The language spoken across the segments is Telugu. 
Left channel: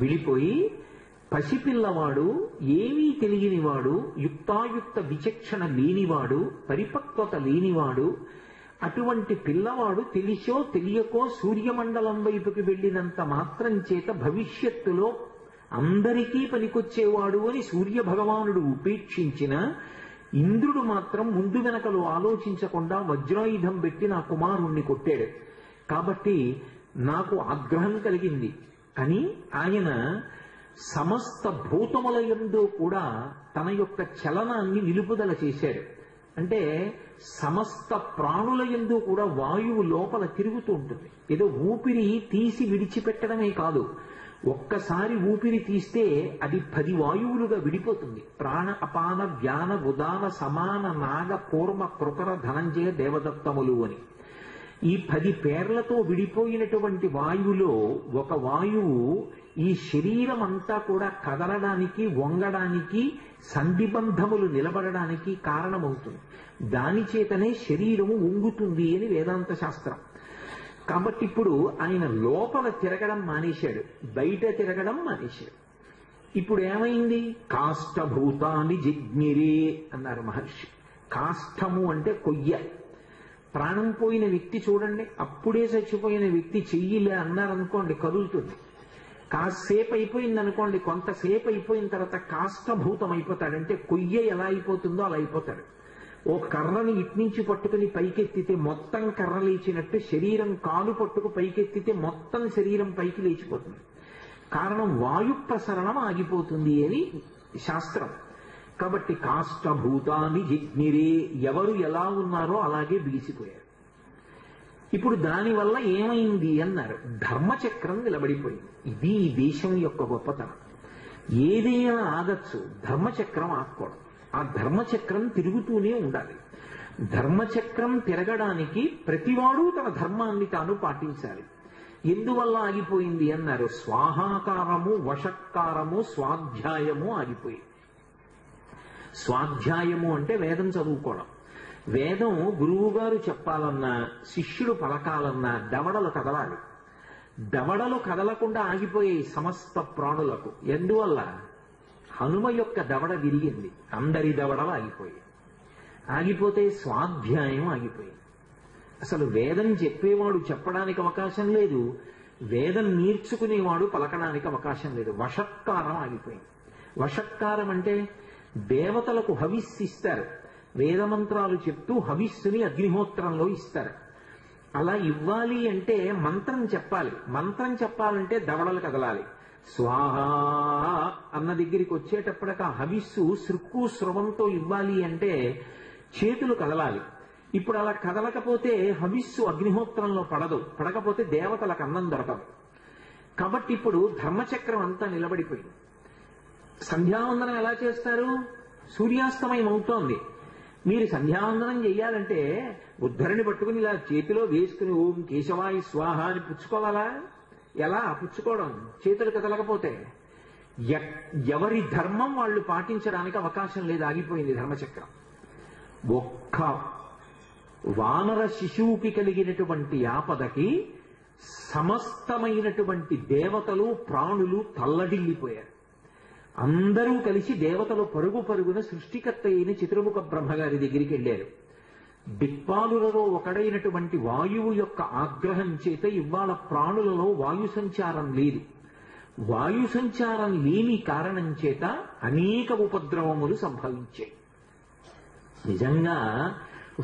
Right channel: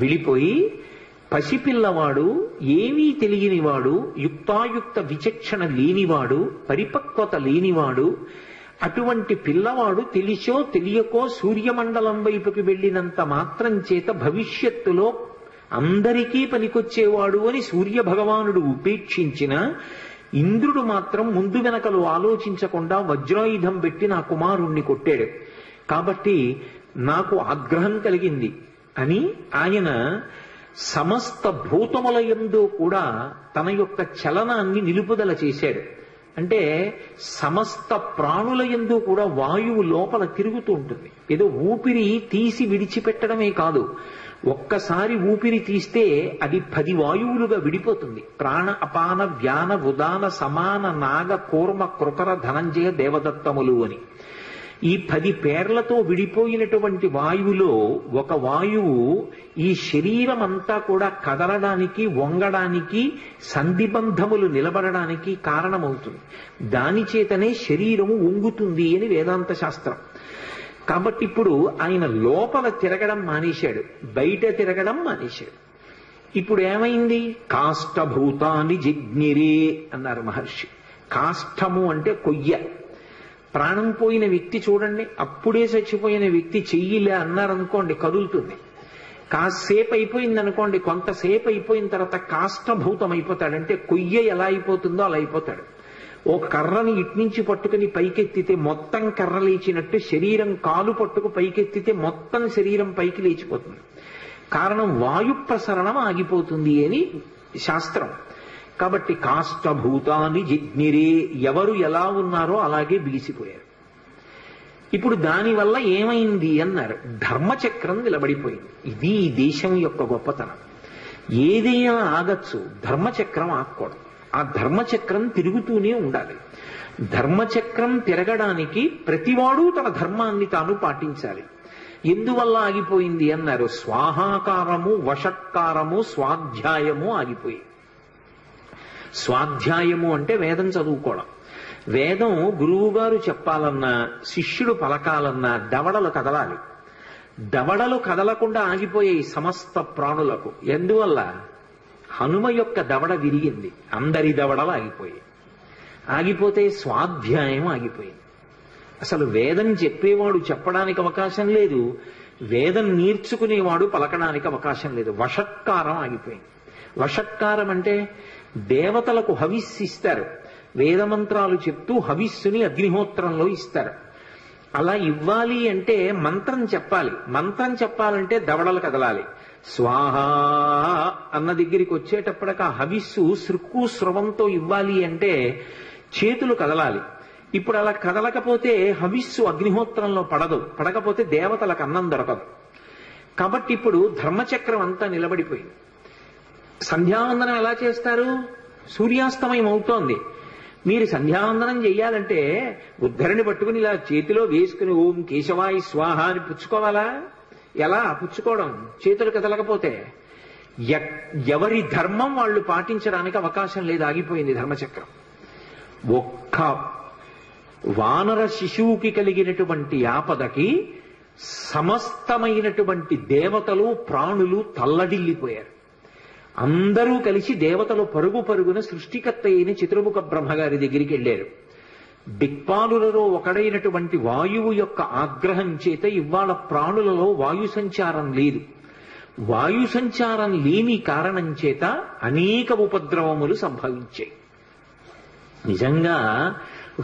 విడిపోయి పసిపిల్లవాడు, ఏమీ తెలియనివాడు, యుక్తాయుక్త విచక్షణ లేనివాడు, పరిపక్వత లేనివాడు, అటువంటి పిల్లవాడు తెలిసో తెలియకో సూర్యమండలం వైపుకి వెళ్ళినంత మాత్రం చేత భవిష్యత్తులో అందరికీ పనికొచ్చేవాడు అని సూర్యభగవానుడు ఉపేక్షించిన ఇంద్రుడు మాత్రం ముందు వెనకలు ఆలోచించకుండా వజ్రాయుధం పెట్టి నా కుమారుణ్ణి కొట్టాడు. కాబట్టి నాకు ఆగ్రహం కలిగింది అని ఆయన సమస్త భూతముల యందు కూడా తన యొక్క చలనాన్ని నిలుపుదల చేశాడు. అంటే సమస్త ప్రాణుల యందు కూడా వాయువు లోపల తిరుగుతూ ఉంటుంది. ఏదో ఊపిరి తీసి విడిచిపెట్టడమే కాదు, ఒక్కసారి ఊపిరి తీస్తే అది 10 వాయువులుగా విడిపోతుంది. ప్రాణ అపాన వ్యాన ఉదాన సమాన నాగ కూర్మ కృకర ధనంజయ దేవదత్తములు అని ఈ 10 పేర్లతో విడిపోయినటువంటి వాయువులో ఒక వాయువు ఈ శరీరం అంతా కూడా కదలడానికి, వంగడానికి, సంధిబంధములు నిలబడడానికి కారణమవుతుంది. దాని చేతనే శరీరము వంగుతుంది అని వేదాంత శాస్త్రం. కాబట్టి ఇప్పుడు ఆయన లోపల తిరగడం మానేశాడు, బయట తిరగడం మానేశాడు. ఇప్పుడు ఏమైంది? కాష్టభూతాని జిజ్ఞిరే అన్నారు మహర్షి. కాష్టము అంటే కొయ్య. ప్రాణం పోయిన వ్యక్తి చూడండి, అప్పుడే చచ్చిపోయిన వ్యక్తి చెయ్యిలే అన్నారనుకోండి కదులుతుంది. కాసేపు అయిపోయింది అనుకోండి, కొంతసేపు అయిపోయిన తర్వాత కాష్టభూతం అయిపోతాడు. అంటే కొయ్య ఎలా అయిపోతుందో అలా అయిపోతాడు. ఓ కర్రని ఇట్నుంచి పట్టుకుని పైకెత్తితే మొత్తం కర్ర లేచినట్టు, శరీరం కాలు పట్టుకు పైకెత్తితే మొత్తం శరీరం పైకి లేచిపోతుంది. కారణం వాయు ప్రసరణం ఆగిపోతుంది అని శాస్త్రం. కాబట్టి కాష్టభూతాన్ని జిజ్ఞిరే, ఎవరు ఎలా ఉన్నారో అలాగే బిగిసిపోయారు. ఇప్పుడు దానివల్ల ఏమైంది అన్నారు, ధర్మచక్రం నిలబడిపోయింది. ఇది ఈ దేశం యొక్క గొప్పతనం. ఏదైనా ఆగచ్చు, ధర్మచక్రం ఆగకూడదు. ఆ ధర్మచక్రం తిరుగుతూనే ఉండాలి. ధర్మచక్రం తిరగడానికి ప్రతివాడు తన ధర్మాన్ని తాను పాటించాలి. ఎందువల్ల ఆగిపోయింది అన్నారు, స్వాహాకారము, వషట్కారము, స్వాధ్యాయము ఆగిపోయి. స్వాధ్యాయము అంటే వేదం చదువుకోవడం. వేదం గురువుగారు చెప్పాలన్నా, శిష్యుడు పలకాలన్నా దవడలు కదలాలి. దవడలు కదలకుండా ఆగిపోయాయి సమస్త ప్రాణులకు. ఎందువల్ల? హనుమ యొక్క దవడ విరిగింది, అందరి దవడలు ఆగిపోయాయి. ఆగిపోతే స్వాధ్యాయం ఆగిపోయింది. అసలు వేదం చెప్పేవాడు చెప్పడానికి అవకాశం లేదు, వేదం నేర్చుకునేవాడు పలకడానికి అవకాశం లేదు. వషట్కారం ఆగిపోయింది. వషట్కారం అంటే దేవతలకు హవిస్సు ఇస్తారు, వేదమంత్రాలు చెప్తూ హవిస్సుని అగ్నిహోత్రంలో ఇస్తారు. అలా ఇవ్వాలి అంటే మంత్రం చెప్పాలి. మంత్రం చెప్పాలంటే దవడలు కదలాలి. స్వాహ అన్న దగ్గరికి వచ్చేటప్పటికి ఆ హవిస్సు సృక్కు స్రవంతో ఇవ్వాలి అంటే చేతులు కదలాలి. ఇప్పుడు అలా కదలకపోతే హవిస్సు అగ్నిహోత్రంలో పడదు, పడకపోతే దేవతలకు అన్నం దొరకదు. కాబట్టి ఇప్పుడు ధర్మచక్రం అంతా నిలబడిపోయింది. సంధ్యావందనం ఎలా చేస్తారు? సూర్యాస్తమయం అవుతోంది. మీరు సంధ్యావందనం చెయ్యాలంటే ఉద్ధరణి పట్టుకుని ఇలా చేతిలో వేసుకుని ఓం కేశవాయ స్వాహ అని పుచ్చుకోవాలా? ఎలా పుచ్చుకోవడం? చేతులు కదలకపోతే ఎవరి ధర్మం వాళ్ళు పాటించడానికి అవకాశం లేదు, ఆగిపోయింది ధర్మచక్రం. ఒక్క వానర శిశువుకి కలిగినటువంటి ఆపదకి సమస్తమైనటువంటి దేవతలు ప్రాణులు తల్లడిల్లిపోయారు. అందరూ కలిసి దేవతలు పరుగు పరుగున సృష్టికర్త అయిన చతుర్ముఖ బ్రహ్మగారి దగ్గరికి వెళ్ళారు. దిక్పాలులలో ఒకడైనటువంటి వాయువు యొక్క ఆగ్రహం చేత ఇవాళ ప్రాణులలో వాయు సంచారం లేదు. వాయు సంచారం లేని కారణం చేత అనేక ఉపద్రవములు సంభవించాయి. నిజంగా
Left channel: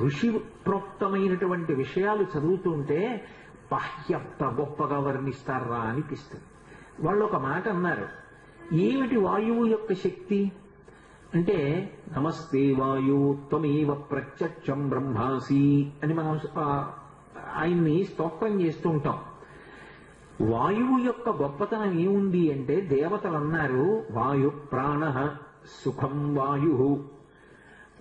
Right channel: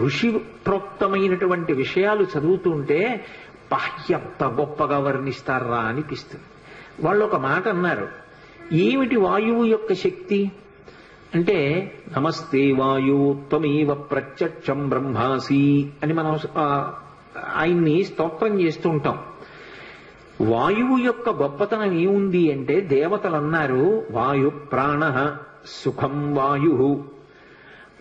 ఋషి ప్రోక్తమైనటువంటి విషయాలు చదువుతుంటే ఎంత గొప్పగా వర్ణిస్తారా అనిపిస్తుంది. వాళ్ళు ఒక మాట అన్నారు, ఏమిటి వాయువు యొక్క శక్తి అంటే, నమస్తే వాయు త్వమేవ ప్రత్యక్షం బ్రహ్మాసి అని మనం ఆయన్ని స్తోత్రం చేస్తూ ఉంటాం. వాయువు యొక్క గొప్పతనం ఏముంది అంటే, దేవతలు అన్నారు వాయు ప్రాణ సుఖం వాయు,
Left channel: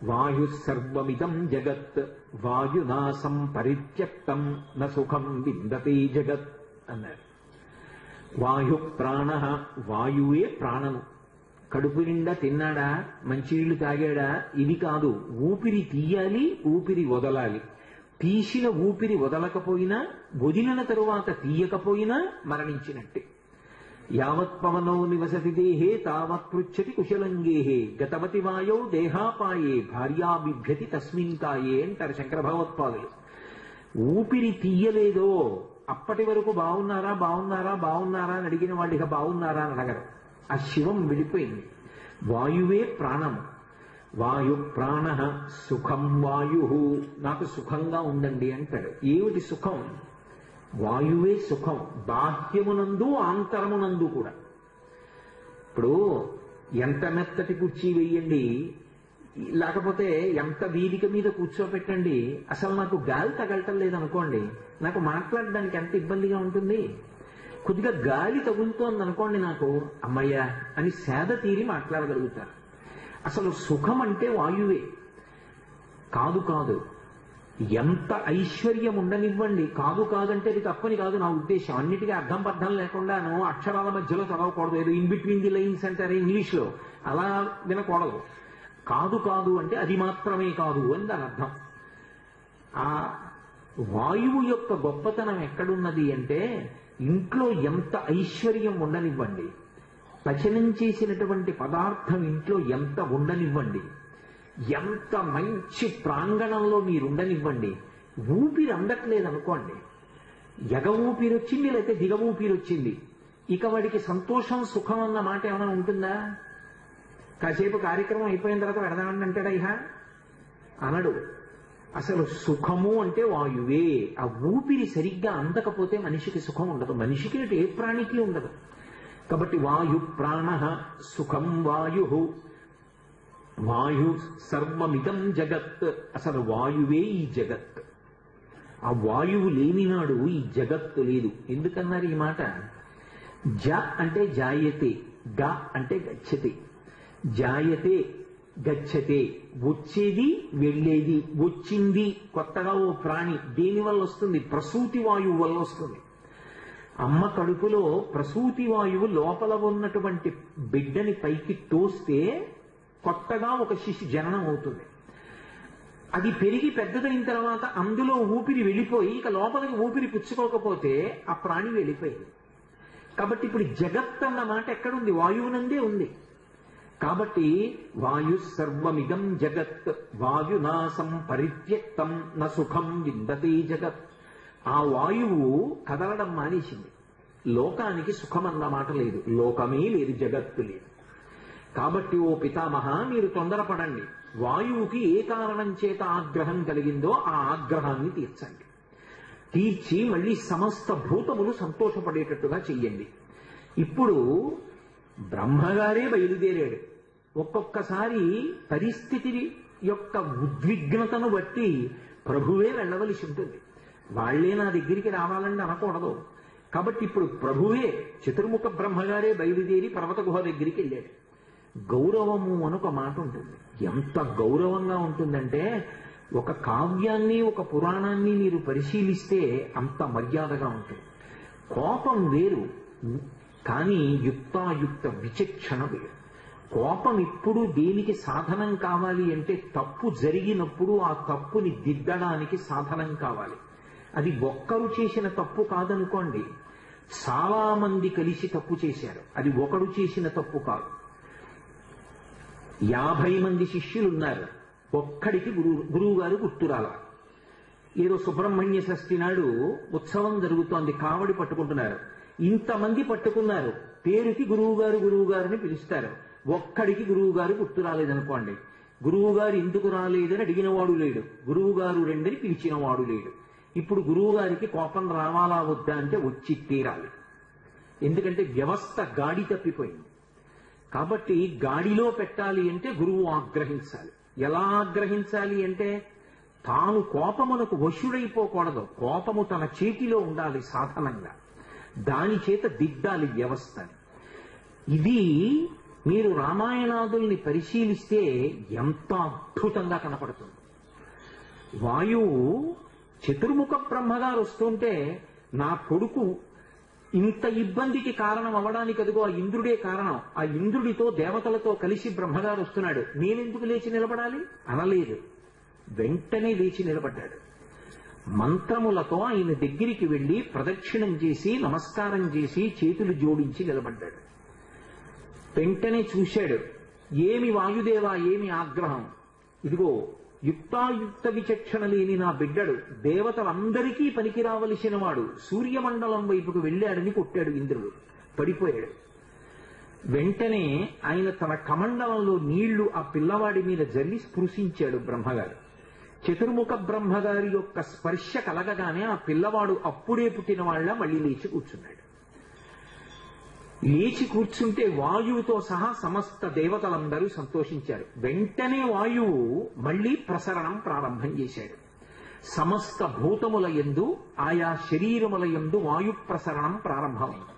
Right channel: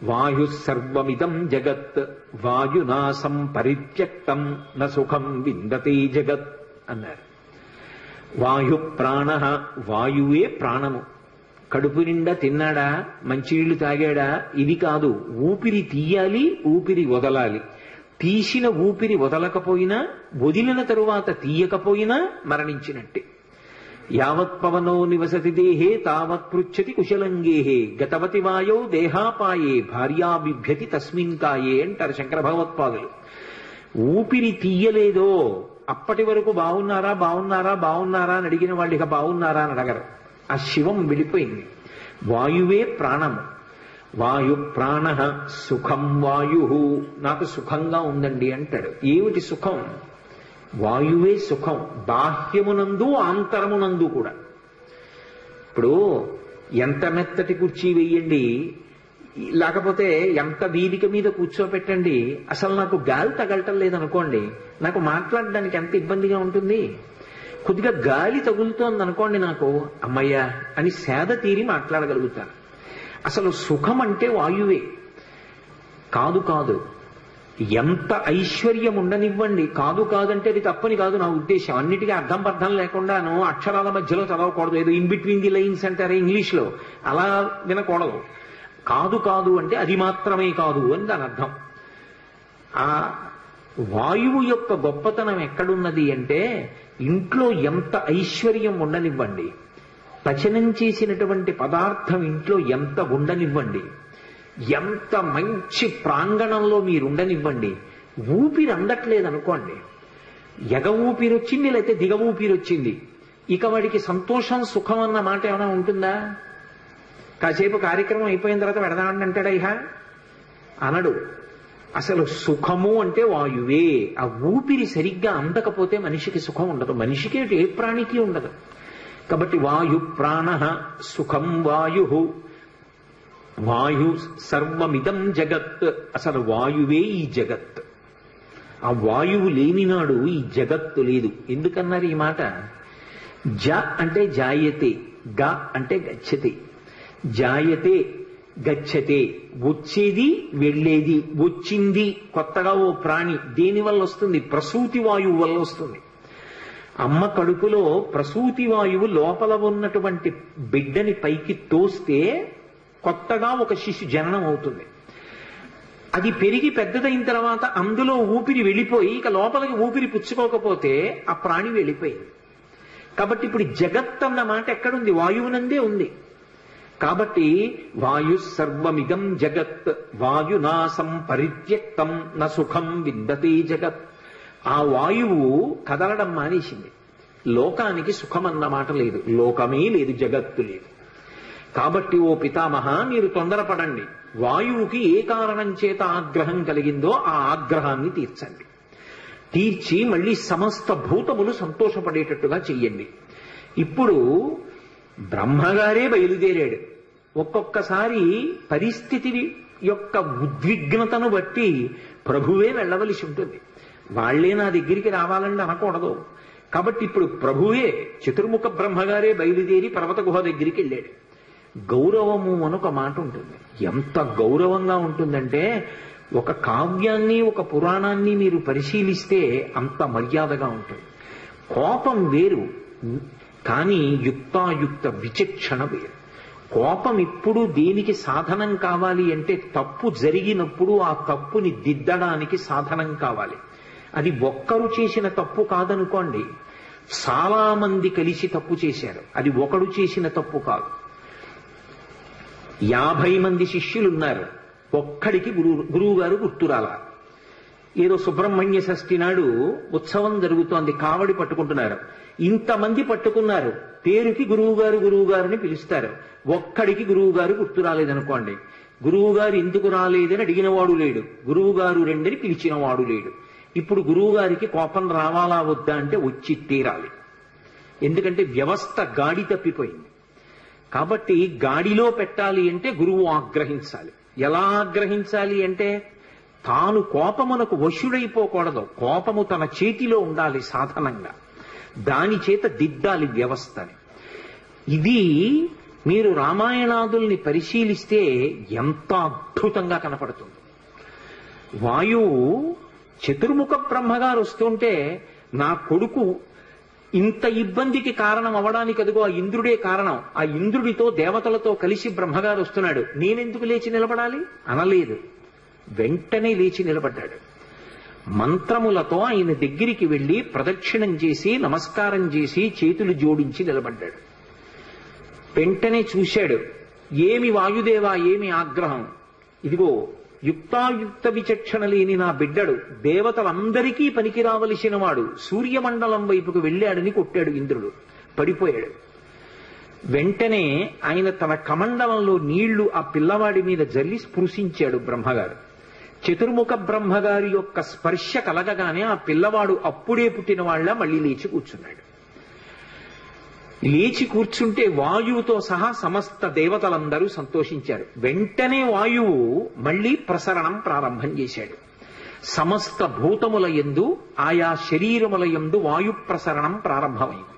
వాయు సర్వమిదం జగత్, వాయునాసం పరిత్యక్తం న సుఖం విందతే జగత్ అన్నారు. వాయు ప్రాణ, వాయువే ప్రాణము. కడుపు నిండా తిన్నాడా, మంచినీళ్లు తాగాడా, ఇది కాదు. ఊపిరి తీయాలి, ఊపిరి వదలాలి. తీసిన ఊపిరి వదలకపోయినా, వదిలిన తరువాత తీయకపోయినా మరణించినట్టే. యావత్ పవనో నివసతి దేహే తావత్ పృచ్చతి కుశలంగేహే గతవతి వాయౌ దేహాపాయే భార్యా బిభ్యతి తస్మిన్ కాయే అంటారు శంకర భగవత్పాదులు. ఊపిరి తీయలేదో అప్పటి వరకు బాగున్నారా బాగున్నారా బాగున్నారా అని అడిగిన వాళ్ళు ఇక బాగున్నారా అని అడగరు. ఆ శివం వెళ్ళిపోయింది. వాయువే ప్రాణము. వాయు ప్రాణ సుఖం వాయు, నాకు సుఖంగా ఉందండి అంటాడు. ఏమిటి సుఖం? వాయువే సుఖం, బాహ్యమునందు ఆంతరమునందు కూడా. ఇప్పుడు ఎంత మెత్తటి కుర్చీ వెయ్యండి, లేకపోతే ఎంత వీధిక మీద కూర్చోపెట్టండి, అసలు నాకు గాలి తగలటం లేదనుకోండి, నాకు మాట్లాడడానికి ఎంత ఇబ్బందిగా ఉంటుంది. కొద్దిగా గాలి తగులుతోంది అనుకోండి, నాకు అమ్మయ్య అని సేద తీరి మాట్లాడగలుగుతాను. అసలు సుఖం అంటే వాయువే. కాదు కాదు, ఎంత ఐశ్వర్యం ఉండనివ్వండి, కాదు కాదంటే అది తప్పని కాదు నా ఉద్దేశం. అన్నిటికీ అర్థం పర్థం లేకుండాను అక్షరాల మధ్యలో చదవకూడదు. ఏదో ఇన్ బిట్వీన్ ది లైన్స్ అంటారే ఇంగ్లీష్లో, అలా వినకూడదు. కాదు కాదు అంటే అది మాత్రమే కాదు అని దాని అర్థం. ఆ వాయువు యొక్క గొప్పతనం ఎక్కడున్నది అంటే, ఇంట్లో ఎంత ఐశ్వర్యం ఉండనివ్వండి, పచనం చేసినటువంటి పదార్థం ఇంట్లో ఎంత ఉండనివ్వండి, ఎంత మంచి ప్రాంగణంలో మీరుండనివ్వండి, ఊపిరి అందట్లేదు అనుకోండి, ఎగ ఊపిరి వచ్చింది లేకపోతే దిగ ఊపిరి వచ్చింది, ఇక వాడికి సంతోషం సుఖం అన్న మాట ఏమైనా ఉంటుందా? కాసేపు కార్యక్రమం అయిపోయిన తర్వాత పెడదామని అంటాడా? ఇహ అనడు. అసలు సుఖము అంటే వాయువే. ఆ ఊపిరి సరిగ్గా అందకపోతే మనిషికి సుఖం ఉండదు, మనిషికి ఏ ప్రాణికి ఉండదు. కాబట్టి వాయు ప్రాణ సుఖం వాయు, వాయు సర్వమిదం జగత్. అసలు వాయువే ఈ జగత్. ఆ వాయువు లేనినాడు ఈ జగత్తు లేదు. ఎందుకన్నారు ఈ మాట? జ అంటే జాయతే, గ అంటే గచ్చతే. జాయతే గచ్చతే, వచ్చేది వెళ్ళేది. వచ్చింది కొత్తగా ఓ ప్రాణి, దేని వల్ల వస్తుంది? ప్రసూతి వాయువు వల్ల వస్తుంది. అమ్మ కడుపులో ప్రసూతి వాయువు లోపల ఉన్నటువంటి బిడ్డని పైకి తోస్తే కొత్తగా ఒక శిశు జననం అవుతుంది. అది పెరిగి పెద్దదైన తర్వాత అందులో ఊపిరి వెళ్ళిపోయి ఇక లోపలికి ఊపిరి పుచ్చుకోకపోతే ఆ ప్రాణి వెళ్ళిపోయింది. కాబట్టి ఇప్పుడు జగత్ అన్న మాట ఎక్కడుంది? వాయువునందే ఉంది. కాబట్టి వాయు సర్వమిదం జగత్, వాయునాసం పరిత్యక్తం న సుఖం విందతే జగత్. ఆ వాయువు కదలడం మానేసింది. లోకానికి సుఖం అన్న మాట లేదు, లోకమే లేదు, జగత్తు లేదు. కాబట్టి ఓ పితామహ, మీరు తొందరపడండి. వాయువుకి ఏ కారణం చేత ఆగ్రహం కలిగిందో ఆ ఆగ్రహాన్ని తీర్చండి. తీర్చి మళ్ళీ సమస్త భూతములు సంతోషపడేటట్టుగా చెయ్యండి. ఇప్పుడు బ్రహ్మగారే బయలుదేరాడు. ఒక్కొక్కసారి పరిస్థితి యొక్క ఉద్విగ్నతను బట్టి ప్రభువే వెళ్ళవలసి ఉంటుంది. వాళ్లే నా దగ్గరికి రావాలని అనకూడదు. కాబట్టి ఇప్పుడు ప్రభువే, చతుర్ముఖ బ్రహ్మగారే బయలుదేరి పర్వత గుహ దగ్గరికి వెళ్ళాడు. గౌరవము అనొక మాట ఉంటుంది. ఎంత గౌరవంగా ఉంటుందంటే, ఒక కావ్యాన్ని ఒక పురాణాన్ని మీరు పరిశీలిస్తే అంత మర్యాదగా ఉంటుంది. కోపం వేరు, కానీ యుక్తాయుక్త విచక్షణ వేరు. కోపం ఇప్పుడు దేనికి సాధనం కావాలి అంటే, తప్పు జరిగినప్పుడు ఆ తప్పుని దిద్దడానికి సాధనం కావాలి. అది ఒక్కరు చేసిన తప్పు కాదనుకోండి, చాలా మంది కలిసి తప్పు చేశారు, అది ఒకడు చేసిన తప్పు కాదు. 50 మంది శిష్యులున్నారు, ఒక్కడికి గురువు గారు గుర్తురాల. ఏదో సుబ్రహ్మణ్య షష్ఠి నాడు ఉత్సవం జరుగుతోంది, కావడి పట్టుకుంటున్నారు. ఇంతమంది పట్టుకున్నారు, పేరుకి గురువుగారిని పిలుస్తారు. ఒక్కడికి గురువుగారు గుర్తు రాలేదనుకోండి, గురువుగారు ఎందుకు రాలేదని అడిగినవాడు లేడు, గురువుగారు రెండని పిలిచినవాడు లేడు. ఇప్పుడు గురువుగారికి కోపం రావాలా వద్దా అంటే వచ్చి తీరాలి. ఎందుకంటే వ్యవస్థ గాడి తప్పిపోయింది. కాబట్టి గాడిలో పెట్టాలి అంటే గురువు ఆగ్రహించాలి. ఎలా ఆగ్రహించాలి అంటే, తాను కోపమునకు వశుడైపోకూడదు, కోపము తన చేతిలో ఉండాలి సాధనంగా. దాని చేత దిద్దాలి వ్యవస్థని. ఇది మీరు రామాయణాదుల్ని పరిశీలిస్తే ఎంత అద్భుతంగా కనపడుతుంది. వాయువు చతుర్ముఖ బ్రహ్మగారు వస్తుంటే, నా కొడుకు ఇంత ఇబ్బందికి కారణం అవడానికి అదిగో ఆ ఇంద్రుడే కారణం, ఆ ఇంద్రుడితో దేవతలతో కలిసి బ్రహ్మగారు వస్తున్నాడు, నేనెందుకు లేచి నిలబడాలి అనలేదు. వెంటనే లేచి నిలబడ్డాడు. మంత్రములతో ఆయన దగ్గరికి వెళ్లి ప్రదక్షిణం చేసి నమస్కారం చేసి చేతులు జోడించి నిలబడ్డాడు. వెంటనే చూశాడు, ఏమి వాయుదేవా, ఏమి ఆగ్రహం, ఇదిగో యుక్తాయుక్త విచక్షణ లేని నా బిడ్డడు దేవతలందరికీ పనికి రావలసిన వాడు సూర్యమండలం వైపుకు వెళ్ళాడని కొట్టాడు ఇంద్రుడు. పడిపోయాడు. వెంటనే ఆయన తన కమండలంలో నీళ్లు ఆ పిల్లవాడి మీద జల్లి స్పృశించాడు బ్రహ్మగారు. చతుర్ముఖ బ్రహ్మగారి యొక్క స్పర్శ కలగగానే ఆ పిల్లవాడు అప్పుడే పుట్టిన వాళ్ళ మళ్ళీ లేచి కూర్చున్నాడు. లేచి కూర్చుంటే వాయువుతో సహా సమస్త దేవతలందరూ సంతోషించారు. వెంటనే వాయువు మళ్ళీ ప్రసరణం ప్రారంభం చేశాడు. సమస్త భూతముల యందు ఆయా శరీరముల యందు వాయు ప్రసరణం ప్రారంభమైంది.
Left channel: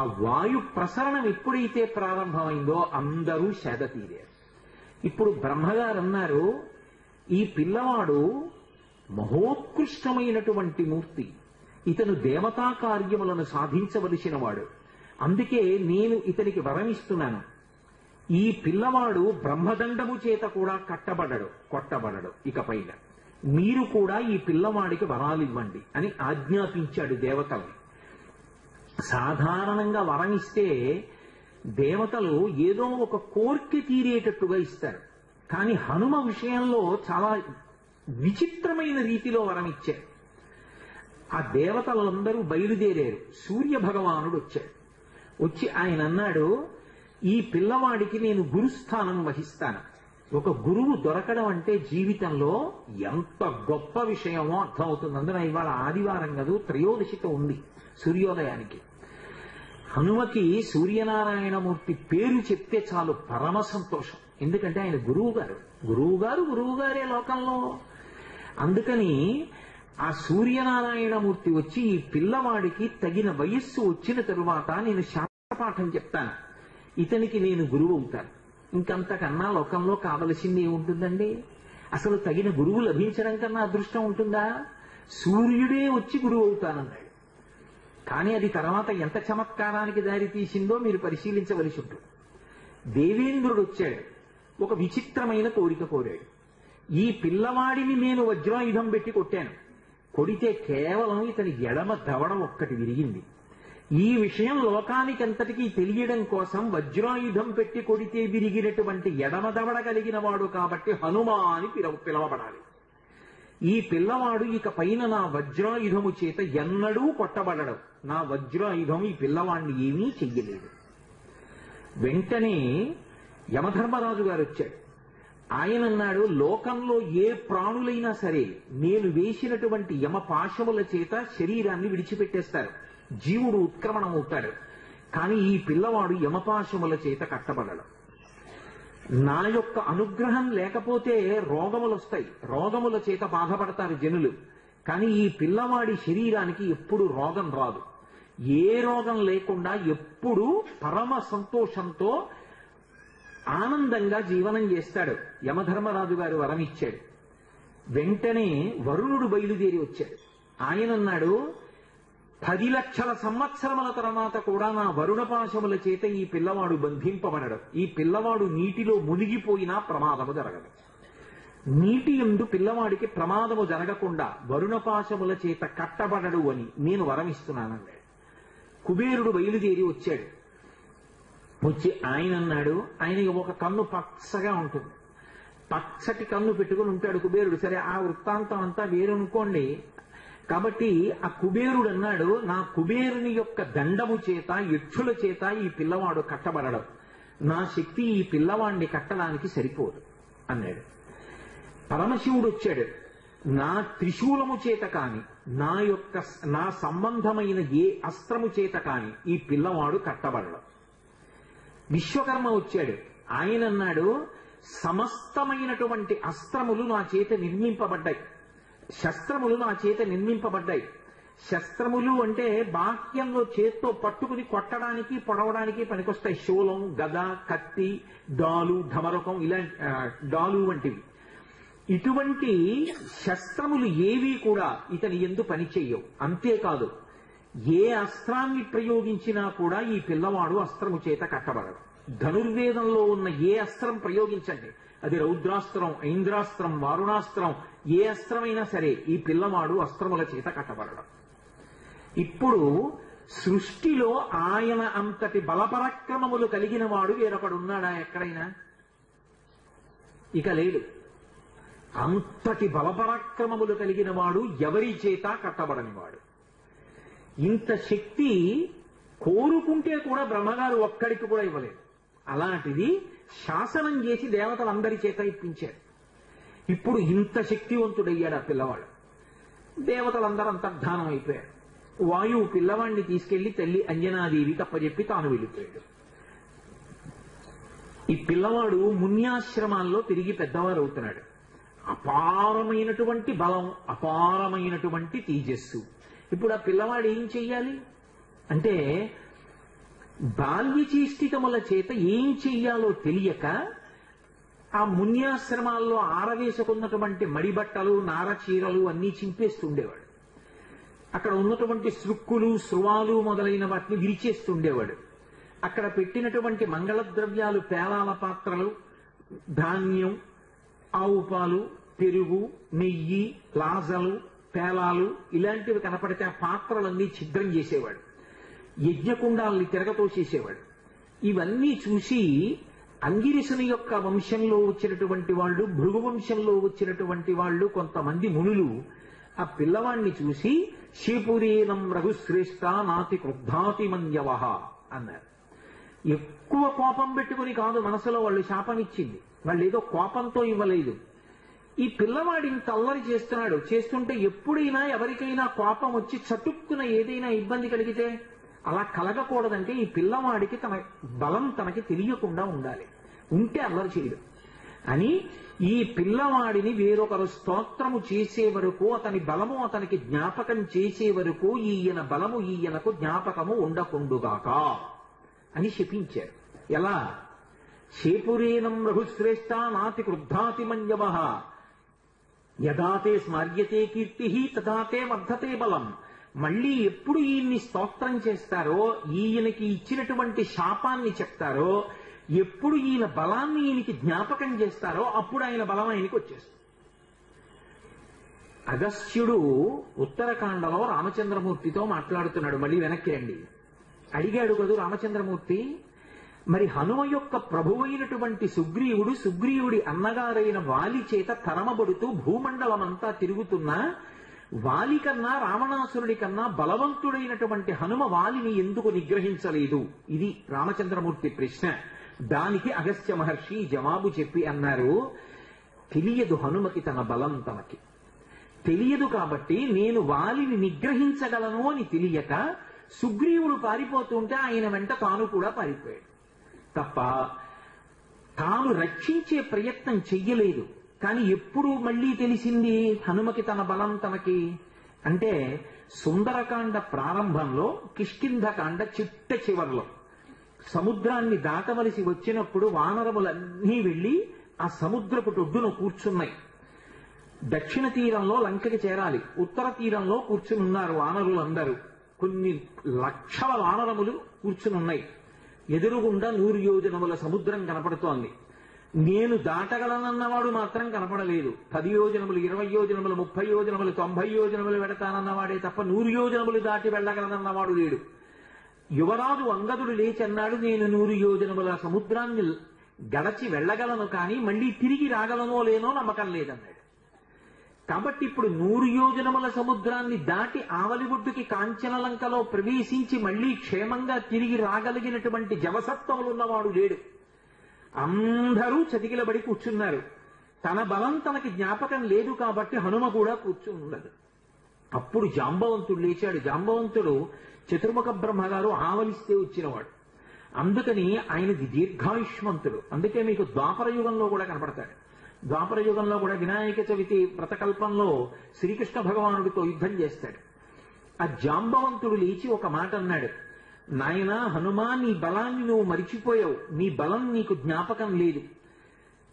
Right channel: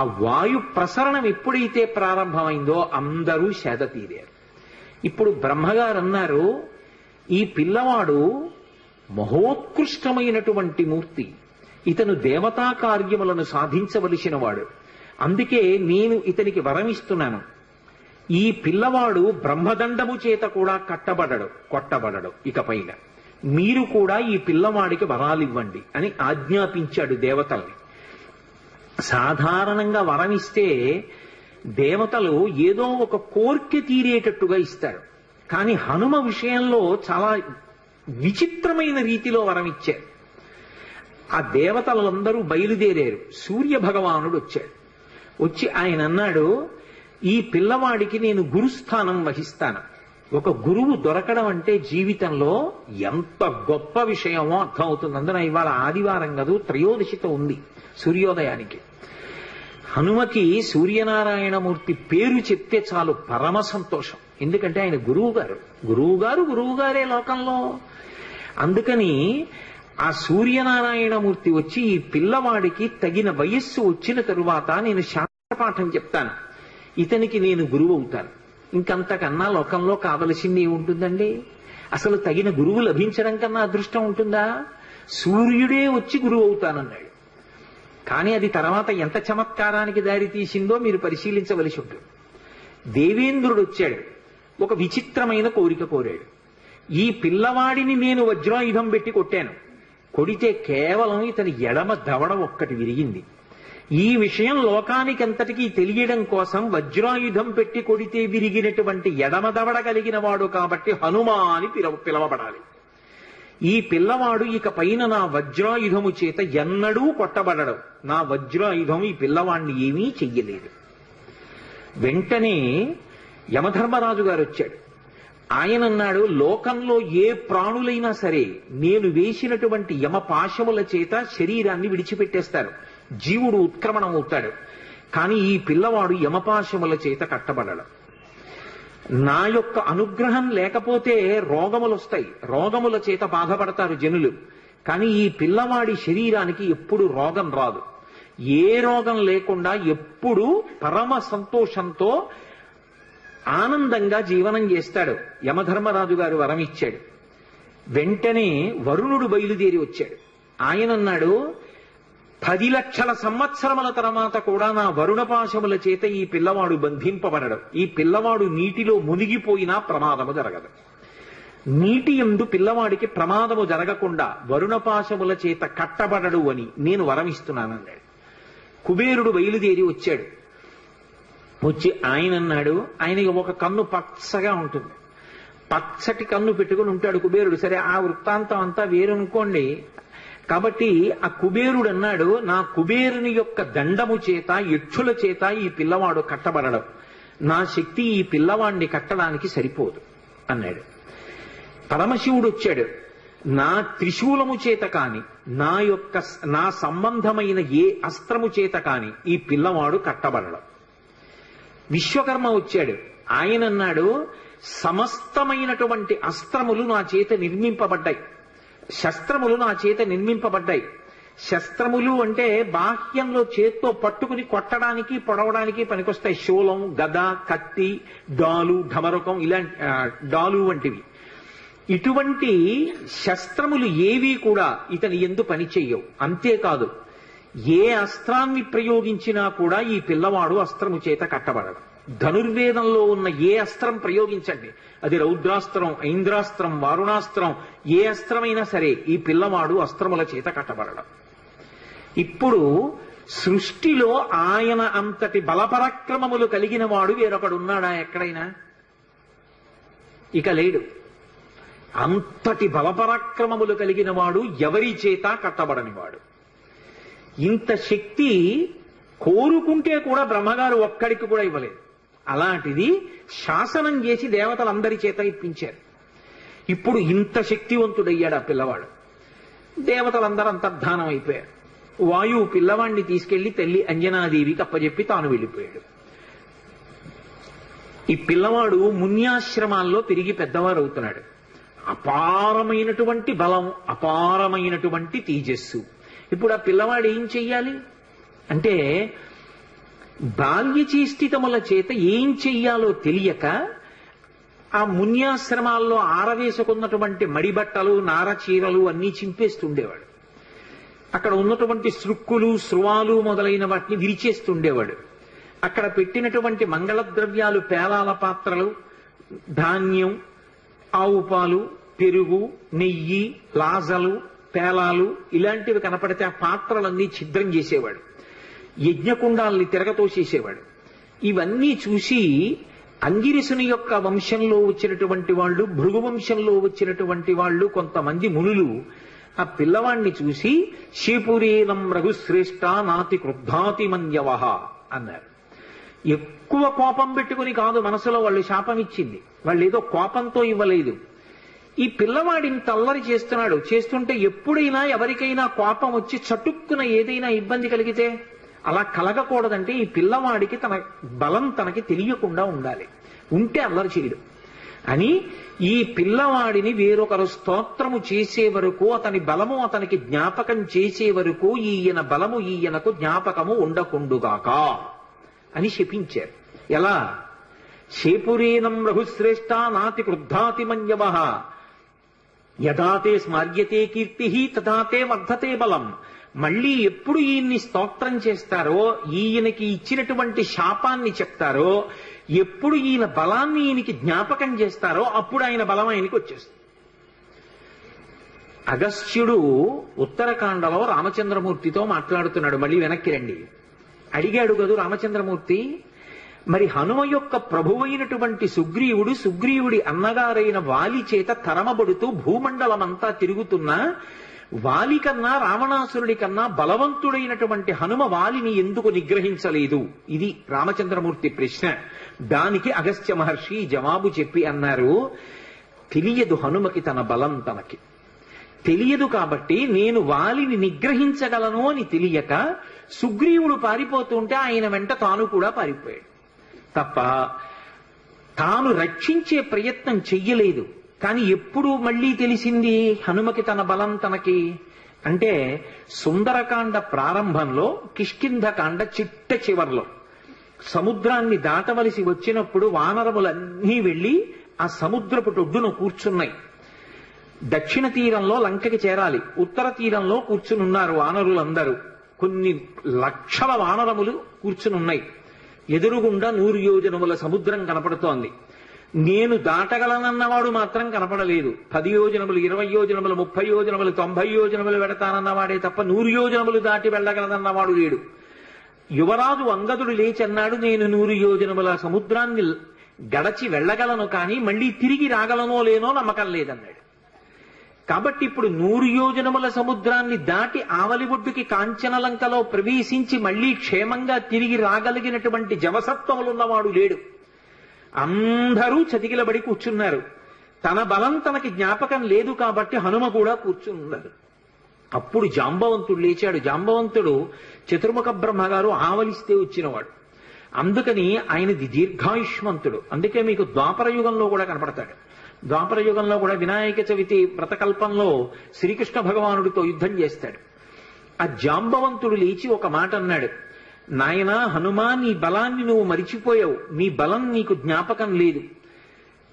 ఆ వాయు ప్రసరణం ఎప్పుడైతే ప్రారంభమైందో అందరూ సేద తీరారు. ఇప్పుడు బ్రహ్మగారు అన్నారు, ఈ పిల్లవాడు మహోత్కృష్టమైనటువంటి మూర్తి, ఇతను దేవతా కార్యములను సాధించవలసిన వాడు, అందుకే నేను ఇతనికి వరమిస్తున్నాను. ఈ పిల్లవాడు బ్రహ్మదండము చేత కూడా కొట్టబడడు. ఇకపైన మీరు కూడా ఈ పిల్లవాడికి వరాలివ్వండి అని ఆజ్ఞాపించాడు దేవతల్ని. సాధారణంగా వరమిస్తే దేవతలు ఏదో ఒక కోర్కె తీరేటట్టుగా ఇస్తారు. కానీ హనుమ విషయంలో చాలా విచిత్రమైన రీతిలో వరమిచ్చారు. ఆ దేవతలందరూ బయలుదేరారు. సూర్య భగవానుడు వచ్చాడు. వచ్చి ఆయన అన్నాడు, ఈ పిల్లవాడికి నేను గురుస్థానం వహిస్తాను. ఒక గురువు దొరకడం అంటే జీవితంలో ఎంత గొప్ప విషయమో అర్థమవుతుంది. అందున ఇవాళ ఆదివారం కాదు, త్రయోదశితో ఉంది సూర్యోదయానికి. హనుమకి సూర్యనారాయణమూర్తి పేరు చెప్తే చాలు పరమ సంతోషం. ఎందుకంటే ఆయన గురువుగారే లోకంలో. అందుకని ఆ సూర్యనారాయణమూర్తి వచ్చి ఈ పిల్లవాడికి తగిన వయస్సు వచ్చిన తరువాత నేను శాస్త్రపాఠం చెప్తాను, ఇతనికి నేను గురువు అవుతాను. ఇంకంతకన్నా లోకంలో కావలసింది ఏముంటుందండి? అసలు తగిన గురువు లభించడం కన్నా అదృష్టం ఉంటుందా? సూర్యుడే వచ్చి గురువు అవుతానన్నాడు. కానీ అది తర్వాత ఎంత చమత్కారానికి దారి తీసిందో మీరు పరిశీలించవలసి ఉంటుంది. దేవేంద్రుడు వచ్చాడు, ఒక విచిత్రమైన కోరిక కోరాడు. ఈ పిల్లవాడిని నేను వజ్రాయుధం పెట్టి కొట్టాను. కొడితే కేవలం ఇతని ఎడమ దవడ ఒక్కటి విరిగింది. ఈ విషయం లోకానికంతటికీ తెలియడం కోసం వజ్రాయుధం పెట్టి కొడితే విరిగినటువంటి ఎడమ దవడ కలిగిన వాడు కాబట్టి హనుమ అని పిలవబడాలి. ఈ పిల్లవాడు ఇక పైన నా వజ్రాయుధము చేత ఎన్నడూ కొట్టబడడు. నా వజ్రాయుధం ఈ పిల్లవాడిని ఏమీ చెయ్యలేదు. వెంటనే యమధర్మరాజు గారు వచ్చాడు. ఆయన అన్నాడు, లోకంలో ఏ ప్రాణులైనా సరే నేను వేసినటువంటి యమపాశముల చేత శరీరాన్ని విడిచిపెట్టేస్తారు, జీవుడు ఉత్క్రమణం అవుతాడు. కానీ ఈ పిల్లవాడు యమపాశముల చేత కట్టబడడు. నా యొక్క అనుగ్రహం లేకపోతే రోగములు వస్తాయి, రోగముల చేత బాధపడతారు జనులు. కానీ ఈ పిల్లవాడి శరీరానికి ఎప్పుడు రోగం రాదు. ఏ రోగం లేకుండా ఎప్పుడూ పరమ సంతోషంతో ఆనందంగా జీవనం చేస్తాడు. యమధర్మరాజు గారు వరం ఇచ్చాడు. వెంటనే వరుణుడు బయలుదేరి వచ్చాడు. ఆయన అన్నాడు, 10 లక్షల సంవత్సరముల తర్వాత కూడా నా వరుణపాశముల చేత ఈ పిల్లవాడు బంధింపబడడు. ఈ పిల్లవాడు నీటిలో మునిగిపోయినా ప్రమాదము జరగదు. నీటి యందు పిల్లవాడికి ప్రమాదము జరగకుండా వరుణపాశముల చేత కట్టబడడు అని నేను వరమిస్తున్నానన్నాడు. కుబేరుడు బయలుదేరి వచ్చాడు. వచ్చి ఆయన అన్నాడు, ఆయనకి ఒక కన్ను పచ్చగా ఉంటుంది, పచ్చటి కన్ను పెట్టుకుని ఉంటాడు కుబేరుడు. సరే, ఆ వృత్తాంతం అంతా వేరనుకోండి. కాబట్టి ఆ కుబేరుడు అన్నాడు, నా కుబేరుని యొక్క దండము చేత యక్షుల చేత ఈ పిల్లవాడు కట్టబడడం, నా శక్తి ఈ పిల్లవాడిని కట్టడానికి సరిపోదు అన్నాడు. పరమశివుడు వచ్చాడు, నా త్రిశూలము చేత కాని నా సంబంధమైన ఏ అస్త్రము చేత కాని ఈ పిల్లవాడు కట్టబడడం. విశ్వకర్మ వచ్చాడు. ఆయన అన్నాడు, సమస్తమైనటువంటి అస్త్రములు నా చేత నిర్మింపబడ్డాయి, శస్త్రములు నా చేత నిర్మింపబడ్డాయి. శస్త్రములు అంటే బాహ్యంలో చేత్తో పట్టుకుని కొట్టడానికి పొడవడానికి పనికొస్తాయి. శూలం, గద, కత్తి, డాలు, ఢమరకం, ఇలాంటి డాలు వంటివి. ఇటువంటి శస్త్రములు ఏవీ కూడా ఇతని యందు పనిచేయవు. అంతేకాదు, ఏ అస్త్రాన్ని ప్రయోగించినా కూడా ఈ పిల్లవాడు అస్త్రము చేత కట్టబడడు. ధనుర్వేదంలో ఉన్న ఏ అస్త్రం ప్రయోగించండి, అది రౌద్రాస్త్రం, ఐంద్రాస్త్రం, వారుణాస్త్రం, ఏ అస్త్రమైనా సరే ఈ పిల్లవాడు అస్త్రముల చేత కట్టబడడం. ఇప్పుడు సృష్టిలో ఆయన అంతటి బలపరాక్రమములు కలిగిన వాడు వేరొకడున్నాడా ఎక్కడైనా? ఇక లేడు. అంతటి బలపరాక్రమములు కలిగిన వాడు ఎవరి చేత కట్టబడని వాడు. ఇంత శక్తి కోరుకుంటే కూడా బ్రహ్మగారు ఒక్కడికి కూడా ఇవ్వలేదు. అలాంటిది శాసనం చేసి దేవతలందరి చేత ఇప్పించారు. ఇప్పుడు ఇంత శక్తివంతుడయ్యాడు ఆ పిల్లవాడు. దేవతలందరూ అంతర్ధానం అయిపోయారు. వాయువు పిల్లవాడిని తీసుకెళ్లి తల్లి అంజనాదేవికి అప్పచెప్పి తాను వెళ్ళిపోయాడు. ఈ పిల్లవాడు మున్యాశ్రమాల్లో తిరిగి పెద్దవారు అవుతున్నాడు. అపారమైనటువంటి బలం, అపారమైనటువంటి తేజస్సు. ఇప్పుడు ఆ పిల్లవాడు ఏం చెయ్యాలి అంటే, బాల్యచేష్టితముల చేత ఏం చెయ్యాలో తెలియక ఆ మున్యాశ్రమాల్లో ఆరవేసుకున్నటువంటి మడిబట్టలు, నారచీరలు అన్నీ చింపేస్తుండేవాడు. అక్కడ ఉన్నటువంటి సృక్కులు, స్రువాలు మొదలైన వాటిని విరిచేస్తుండేవాడు. అక్కడ పెట్టినటువంటి మంగళ ద్రవ్యాలు, పేలాల పాత్రలు, ధాన్యం, ఆవు పాలు, పెరుగు, నెయ్యి, లాజలు, పేలాలు ఇలాంటివి కనపడితే ఆ పాత్రలన్నీ ఛిద్రం చేసేవాడు. యజ్ఞకుండాల్ని తిరగతోసేసేవాడు. ఇవన్నీ చూసి అంగిరసుని యొక్క వంశంలో వచ్చినటువంటి వాళ్ళు, భృగు వంశంలో వచ్చినటువంటి వాళ్ళు కొంతమంది మునులు ఆ పిల్లవాణ్ణి చూసి శీపురీనం రఘుశ్రేష్ఠ నాతి క్రుద్ధాతి మన్యవహ అన్నారు. ఎక్కువ కోపం పెట్టుకుని కాదు మనసులో వాళ్ళు శాపం ఇచ్చింది, వాళ్ళు ఏదో కోపంతో ఇవ్వలేదు. ఈ పిల్లవాడిని తల్లరి చేస్తున్నాడు. చేస్తుంటే ఎప్పుడైనా ఎవరికైనా కోపం వచ్చి చటుక్కున ఏదైనా ఇబ్బంది కలిగితే అలా కలగకూడదంటే ఈ పిల్లవాడికి తన బలం తనకి తెలియకుండా ఉండాలి. ఉంటే అల్లరి చేయడు అని ఈ పిల్లవాడిని వేరొకరు స్తోత్రము చేసే వరకు, అతని బలము అతనికి జ్ఞాపకం చేసే వరకు ఈయన బలము ఈయనకు జ్ఞాపకము ఉండకుండుగాక అని శపించారు. ఎలా? శేపురేనం రఘుశ్రేష్ఠ నాతి క్రుద్ధాతి మన్యవః యదాతే స్మర్యతే కీర్తి తదాతే వర్ధతే బలం. మళ్ళీ ఎప్పుడు ఈయన్ని స్తోత్రం చేస్తారో, ఈయనకి ఇచ్చినటువంటి శాపాన్ని చెప్తారో, ఎప్పుడు ఈయన బలాన్ని ఈయనకి జ్ఞాపకం చేస్తారో అప్పుడు ఆయన బలం ఆయనకి వచ్చేస్తుంది. అగస్త్యుడు ఉత్తరకాండలో రామచంద్రమూర్తితో మాట్లాడుతున్నాడు. మళ్ళీ వెనక్కి రండి. అడిగాడు కదూ రామచంద్రమూర్తి, మరి హనుమ యొక్క ప్రభువైనటువంటి సుగ్రీవుడి అన్నగారైన వాలి చేత తరమబడుతూ భూమండలమంతా తిరుగుతున్నా వాలి కన్నా, రావణాసురుడి కన్నా బలవంతుడైనటువంటి హనుమ వాలిని ఎందుకు నిగ్రహించలేదు? ఇది రామచంద్రమూర్తి ప్రశ్న. దానికి అగస్త్య మహర్షి జవాబు చెప్పి అన్నారు, తెలియదు హనుమకి తన బలం తనకి తెలియదు కాబట్టి నేను వాలిని నిగ్రహించగలను అని తెలియక సుగ్రీవుడు పారిపోతుంటే ఆయన వెంట తాను కూడా పారిపోయాడు తప్ప తాను రక్షించే ప్రయత్నం చెయ్యలేదు. కానీ ఎప్పుడు మళ్ళీ తెలిసింది హనుమకి తన బలం తనకి అంటే సుందరకాండ ప్రారంభంలో, కిష్కింధకాండ చిట్ట చివర్లో సముద్రాన్ని దాటవలసి వచ్చినప్పుడు వానరములన్నీ వెళ్లి ఆ సముద్రపు ఒడ్డున కూర్చున్నాయి. దక్షిణ తీరంలో లంకకి చేరాలి, ఉత్తర తీరంలో కూర్చునున్నారు వానరులందరూ. కొన్ని లక్షల వానరములు కూర్చునున్నాయి. ఎదురుగుండా 100 యోజనముల సముద్రం కనపడుతోంది. నేను దాటగలనన్నవాడు మాత్రం కనపడలేదు. 10 యోజనములు, 20 యోజనములు, 30 యోజనములు, 90 యోజనములు వెడతానన్నవాడే తప్ప 100 యోజనములు దాటి వెళ్ళగలనన్నవాడు లేడు. యువరాజు అంగదుడు లేచి అన్నాడు, నేను 100 యోజనముల సముద్రాన్ని గడచి వెళ్ళగలను, కానీ మళ్ళీ తిరిగి రాగలనో లేనో నమ్మకం లేదన్నాడు. కాబట్టి ఇప్పుడు 100 యోజనముల సముద్రాన్ని దాటి ఆవలి ఒడ్డుకి కాంచనలంకలో ప్రవేశించి మళ్లీ క్షేమంగా తిరిగి రాగలిగినటువంటి జవసత్వములున్నవాడు లేడు. అందరూ చతికిలబడి కూర్చున్నారు. తన బలం తనకి జ్ఞాపకం లేదు కాబట్టి హనుమ కూడా కూర్చున్నారు. అప్పుడు జాంబవంతుడు లేచాడు. జాంబవంతుడు చతుర్ముఖ బ్రహ్మగారు ఆవలిస్తే వచ్చినవాడు. అందుకని ఆయనది దీర్ఘాయుష్మంతుడు. అందుకే మీకు ద్వాపర యుగంలో కూడా కనపడతాడు. ద్వాపర యుగంలో కూడా వినాయక చవితి వ్రతకల్పంలో శ్రీకృష్ణ భగవానుడితో యుద్ధం చేస్తాడు. ఆ జాంబవంతుడు లేచి ఒక మాట అన్నాడు, నాయనా హనుమా, నీ బలాన్ని నువ్వు మరిచిపోయావు, నీ బలం నీకు జ్ఞాపకం లేదు.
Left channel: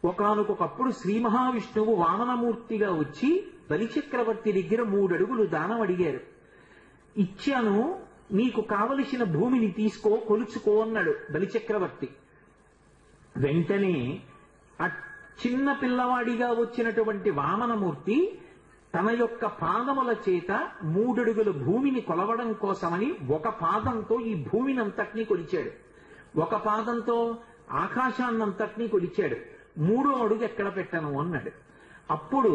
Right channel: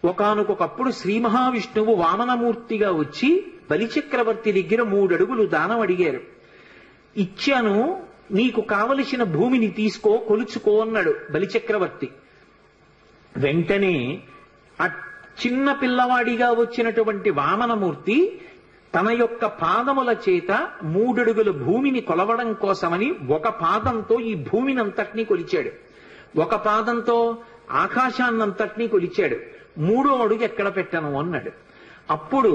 ఒకానొకప్పుడు శ్రీ మహావిష్ణువు వామనమూర్తిగా వచ్చి బలిచక్రవర్తి దగ్గర 3 అడుగులు దానం అడిగారు. ఇచ్చాను, నీకు కావలసిన భూమిని తీసుకో, కొలుచుకో అన్నాడు బలిచక్రవర్తి. వెంటనే ఆ చిన్న పిల్లవాడిగా వచ్చినటువంటి వామనమూర్తి తన యొక్క పాదముల చేత 3 అడుగుల భూమిని కొలవడం కోసమని ఒక పాదంతో ఈ భూమినంతటినీ కొలిచాడు, ఒక పాదంతో ఆకాశాన్నంతటినీ కొలిచాడు. 3వ అడుగు ఎక్కడ పెట్టను అన్నాడు. అప్పుడు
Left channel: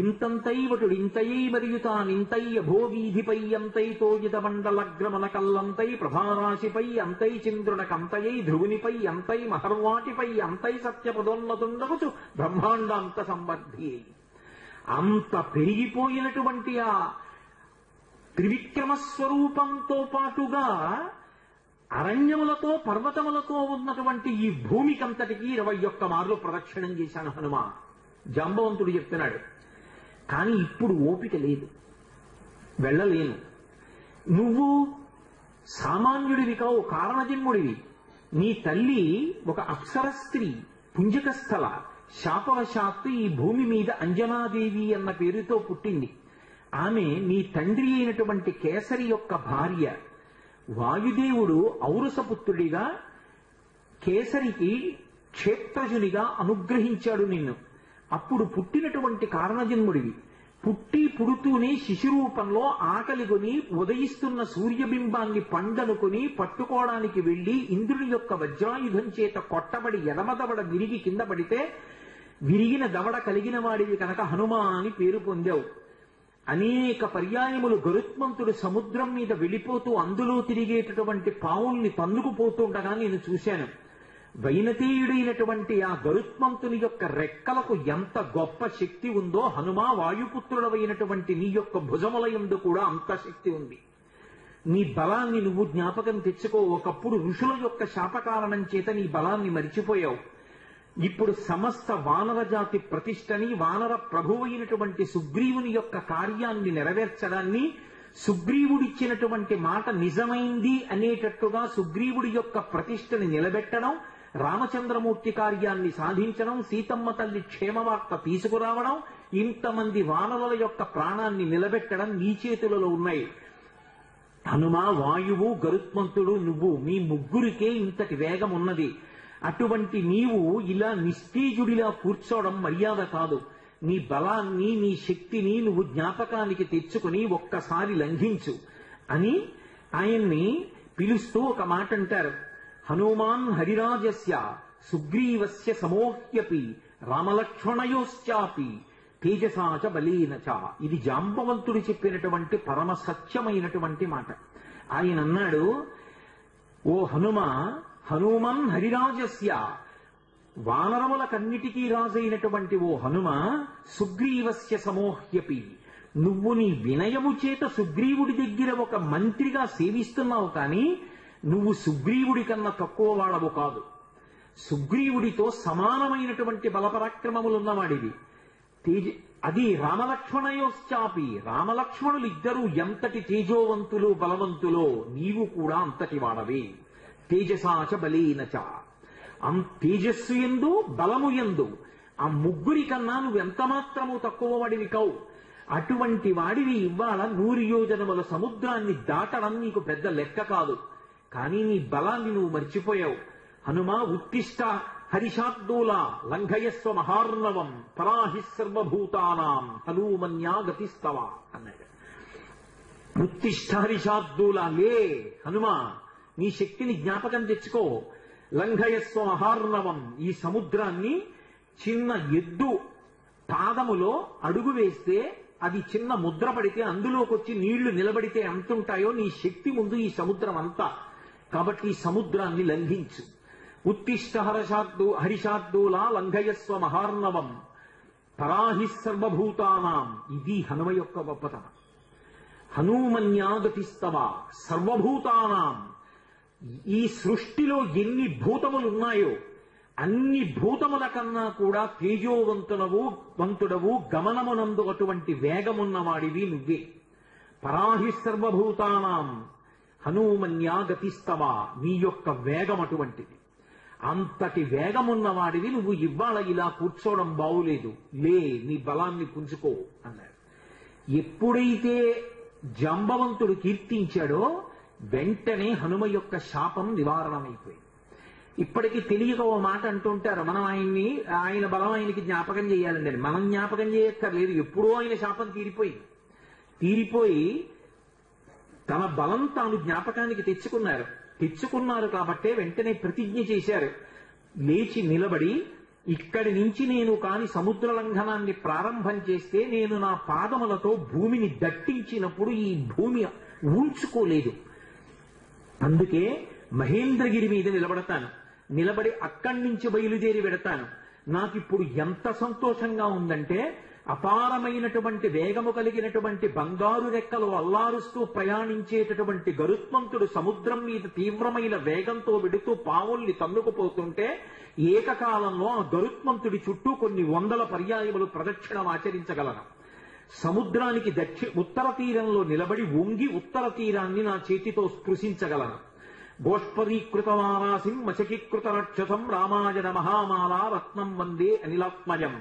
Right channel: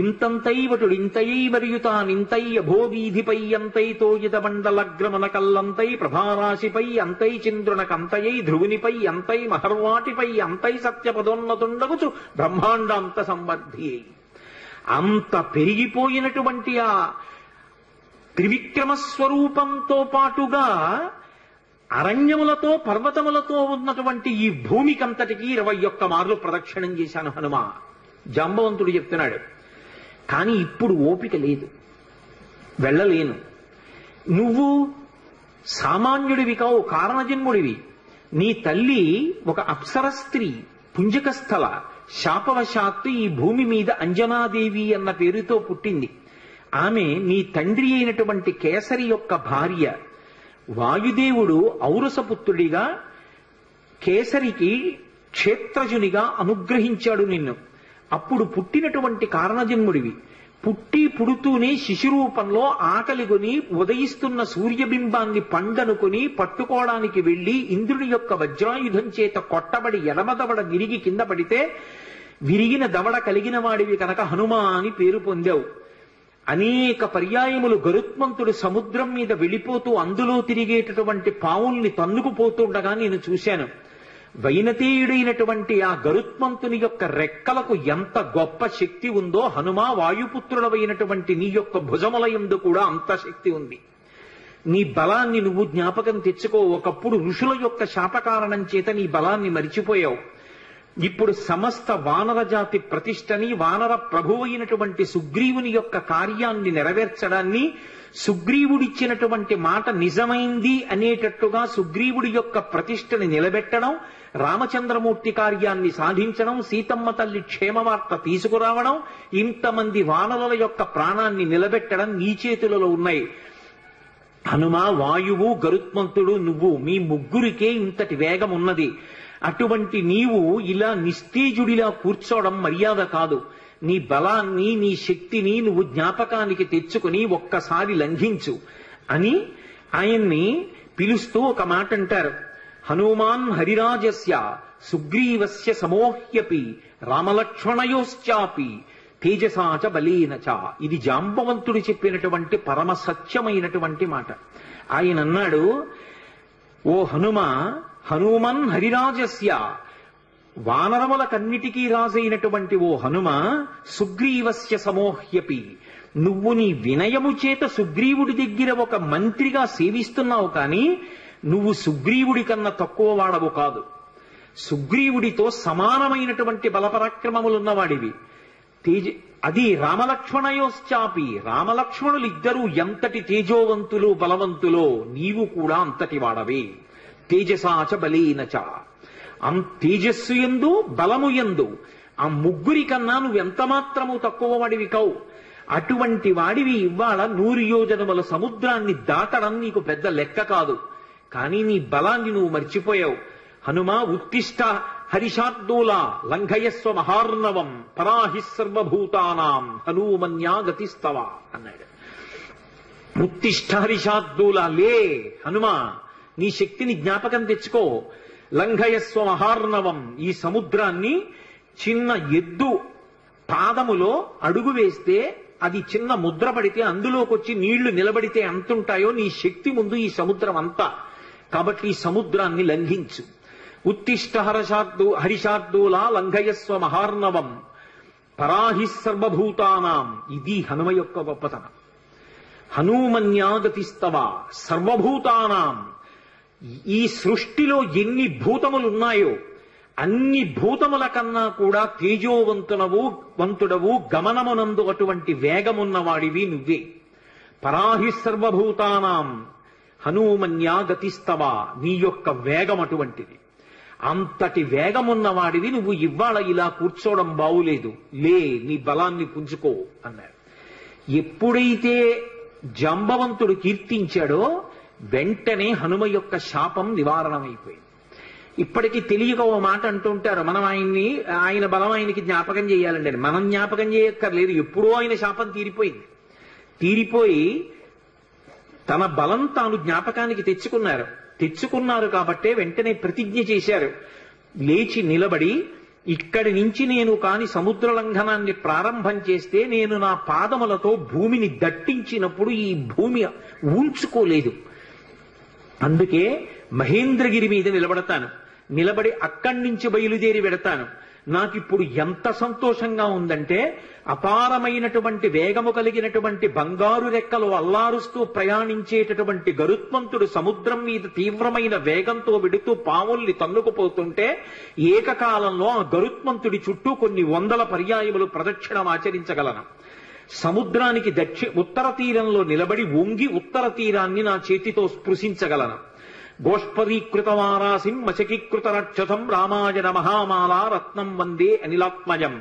ఇంతంతైవటుడు ఇంతయైవర్యుతానింతై అభోగీధిపై అంతైతో ఇతమండలగ్రమణ కల్లంతై ప్రభారాశిపై అంతై చంద్రునకంతయై ధ్రువునిపై అంతై మహర్వాటిపై అంతై సత్యపదోన్నతుండగుచు బ్రహ్మాండాంత సంవర్ధి. అంత పెరిగిపోయినటువంటి ఆ త్రివిక్రమ స్వరూపంతో పాటుగా అరణ్యములతో పర్వతములతో ఉన్నటువంటి ఈ భూమికంతటికి 21 మార్లు ప్రదక్షిణం చేశాను హనుమ. జాంబవంతుడు చెప్తున్నాడు. కానీ ఇప్పుడు ఓపిక లేదు, వెళ్ళలేను. నువ్వు సామాన్యుడివి కావు, కారణజన్ముడివి. నీ తల్లి ఒక అప్సర స్త్రీ, పుంజక స్థల, శాపవశాత్తు ఈ భూమి మీద అంజనాదేవి అన్న పేరుతో పుట్టింది. ఆమె నీ తండ్రి అయినటువంటి కేసరి యొక్క భార్య. వాయుదేవుడు ఔరసపుత్రుడిగా కేసరికి క్షేత్రజునిగా అనుగ్రహించాడు నిన్ను. అప్పుడు పుట్టినటువంటి కారణజన్ముడివి. పుడుతూనే శిశురూపంలో ఆకలిగొని ఉదయిస్తున్న సూర్యబింబాన్ని పండనుకొని పట్టుకోవడానికి వెళ్లి ఇంద్రుడి యొక్క వజ్రాయుధం చేత కొట్టబడి ఎడమదవడ విరిగి కింద పడితే విరిగిన దవడ కలిగిన వాడివి కనుక హనుమ అని పేరు పొందావు. అనేక పర్యాయములు గరుత్మంతుడు సముద్రం మీద వెళ్ళిపోతూ అందులో తిరిగేటటువంటి పావుల్ని తన్నుకుపోతుండగా నేను చూశాను. వైనతేయుడైనటువంటి ఆ గరుత్మంతుని యొక్క రెక్కలకు ఎంత గొప్ప శక్తి ఉందో హనుమ వాయుపుత్రుడవైనటువంటి నీ యొక్క భుజములయందు కూడా అంత శక్తి ఉంది. నీ బలాన్ని నువ్వు జ్ఞాపకం తెచ్చుకో. ఒకప్పుడు ఋషుల యొక్క శాపకారణం చేత నీ బలాన్ని మరిచిపోయావు. ఇప్పుడు సమస్త వానర జాతి ప్రతిష్టని, వానర ప్రభువైనటువంటి సుగ్రీవుని యొక్క కార్యాన్ని నెరవేర్చడాన్ని, సుగ్రీవుడిచ్చినటువంటి మాట నిజమైంది అనేటట్టుగా సుగ్రీవుడి యొక్క ప్రతిష్టని నిలబెట్టడం, రామచంద్రమూర్తి కార్యాన్ని సాధించడం, సీతమ్మ తల్లి క్షేమవార్త తీసుకురావడం, ఇంతమంది వానరుల యొక్క ప్రాణాన్ని నిలబెట్టడం నీ చేతులలో ఉన్నాయి. హనుమ, వాయువు, గరుత్మంతుడు, నువ్వు, మీ ముగ్గురికే ఇంతటి వేగం ఉన్నది. అటువంటి నీవు ఇలా నిస్తేజుడిలా కూర్చోవడం మర్యాద కాదు. నీ బలాన్ని, నీ శక్తిని నువ్వు జ్ఞాపకానికి తెచ్చుకుని ఒక్కసారి లంఘించు అని ఆయన్ని పిలుస్తూ ఒక మాట అంటారు. హనుమాన్ హరిరాజస్య సుగ్రీవస్య సమోహ్యపి రామలక్ష్మణయోశ్చాపి తేజసాచ బలేనచ. ఇది జాంబవంతుడు చెప్పినటువంటి పరమ సత్యమైనటువంటి మాట. ఆయన అన్నాడు, ఓ హనుమ, హనుమన్ హరిరాజస్య, వానరములకన్నిటికీ రాజైనటువంటి ఓ హనుమ, సుగ్రీవస్య సమోహ్యపి, నువ్వు నీ వినయము చేత సుగ్రీవుడి దగ్గర ఒక మంత్రిగా సేవిస్తున్నావు, కానీ నువ్వు సుగ్రీవుడి కన్నా తక్కువ వాడవు కాదు. సుగ్రీవుడితో సమానమైనటువంటి బలపరాక్రమములున్నవాడివి. అది రామలక్ష్మణయోశ్చాపి, రామలక్ష్మణులిద్దరూ ఎంతటి తేజోవంతులు బలవంతులో నీవు కూడా అంతటి వాడవే. తేజసాచ బలేనచ, తేజస్సు యందు బలము యందు ఆ ముగ్గురి కన్నా నువ్వెంత మాత్రము తక్కువ వాడివి కావు. అటువంటి వాడివి ఇవాళ 100 యోజనముల సముద్రాన్ని దాటడం నీకు పెద్ద లెక్క కాదు. కానీ నీ బలాన్ని నువ్వు మర్చిపోయావు. హనుమ, ఉత్తిష్ట హరిషార్దూలా లంఘయస్వ మహార్ణవం పరాహి సర్వభూతానాం హనుమన్యా గతిస్తవ అన్నాడు. ఉత్తిష్ట హరిషార్దూలా, లే హనుమ, నీ శక్తిని జ్ఞాపకం తెచ్చుకో. లంఘయస్వ మహార్ణవం, ఈ సముద్రాన్ని చిన్న ఎద్దు పాదములో అడుగు వేస్తే అది చిన్న ముద్ర పడితే అందులోకి వచ్చి నీళ్లు నిలబడితే ఎంతుంటాయో నీ శక్తి ముందు ఈ సముద్రం అంతా. కాబట్టి ఈ సముద్రాన్ని లంఘించు. ఉత్తిష్ట హరిషార్దూలా లంఘయస్వ మహార్ణవం పరాహి సర్వభూతానాం. ఇది హనుమ యొక్క గొప్పతనం. హనుమన్యాగతిస్తవ సర్వభూతానాం. ఈ సృష్టిలో ఎన్ని భూతములున్నాయో అన్ని భూతముల కన్నా కూడా తేజోవంతుడవు, గమనమునందు అటువంటి వేగమున్నవాడివి నువ్వే. పరాహి సర్వభూతానాం హనుమన్యా గతిస్తవ, నీ యొక్క వేగం అటువంటిది. అంతటి వేగమున్నవాడివి నువ్వు ఇవాళ ఇలా కూర్చోవడం బావులేదు, లే నీ బలాన్ని పుంజుకో అన్నాడు. ఎప్పుడైతే జాంబవంతుడు కీర్తించాడో వెంటనే హనుమ యొక్క శాపం నివారణమైపోయింది. ఇప్పటికీ తెలియక ఓ మాట అంటుంటారు, మనం ఆయన బలం ఆయనకి జ్ఞాపకం చేయాలండి అని. మనం జ్ఞాపకం చేయక్కర్లేదు, ఎప్పుడూ ఆయన శాపం తీరిపోయింది. తీరిపోయి తన బలం తాను జ్ఞాపకానికి తెచ్చుకున్నారు కాబట్టే వెంటనే ప్రతిజ్ఞ చేశారు. లేచి నిలబడి, ఇక్కడి నుంచి నేను కాని సముద్ర లంఘనాన్ని ప్రారంభం చేస్తే నేను నా పాదములతో భూమిని దట్టించినప్పుడు ఈ భూమి ఊంచుకోలేదు. అందుకే మహేంద్రగిరి మీద నిలబడి అక్కడి నుంచి బయలుదేరి వెడతాను. నాకిప్పుడు ఎంత సంతోషంగా ఉందంటే, అపారమైనటువంటి వేగము కలిగినటువంటి బంగారు రెక్కలు అల్లారుస్తూ ప్రయాణించేటటువంటి గరుత్మంతుడు సముద్రం మీద తీవ్రమైన వేగంతో వెడుతూ పావుల్ని తన్నుకుపోతుంటే ఏకకాలంలో ఆ గరుత్మంతుడి చుట్టూ కొన్ని వందల పర్యాయములు ప్రదక్షిణం ఆచరించగలను. సముద్రానికి ఉత్తర తీరంలో నిలబడి వంగి ఉత్తర తీరాన్ని నా చేతితో స్పృశించగలను. గోష్పదీకృతవారాసిం మచకీకృత రక్షసం రామాయణ మహామాలా రత్నం వందే అనిలాత్మజం.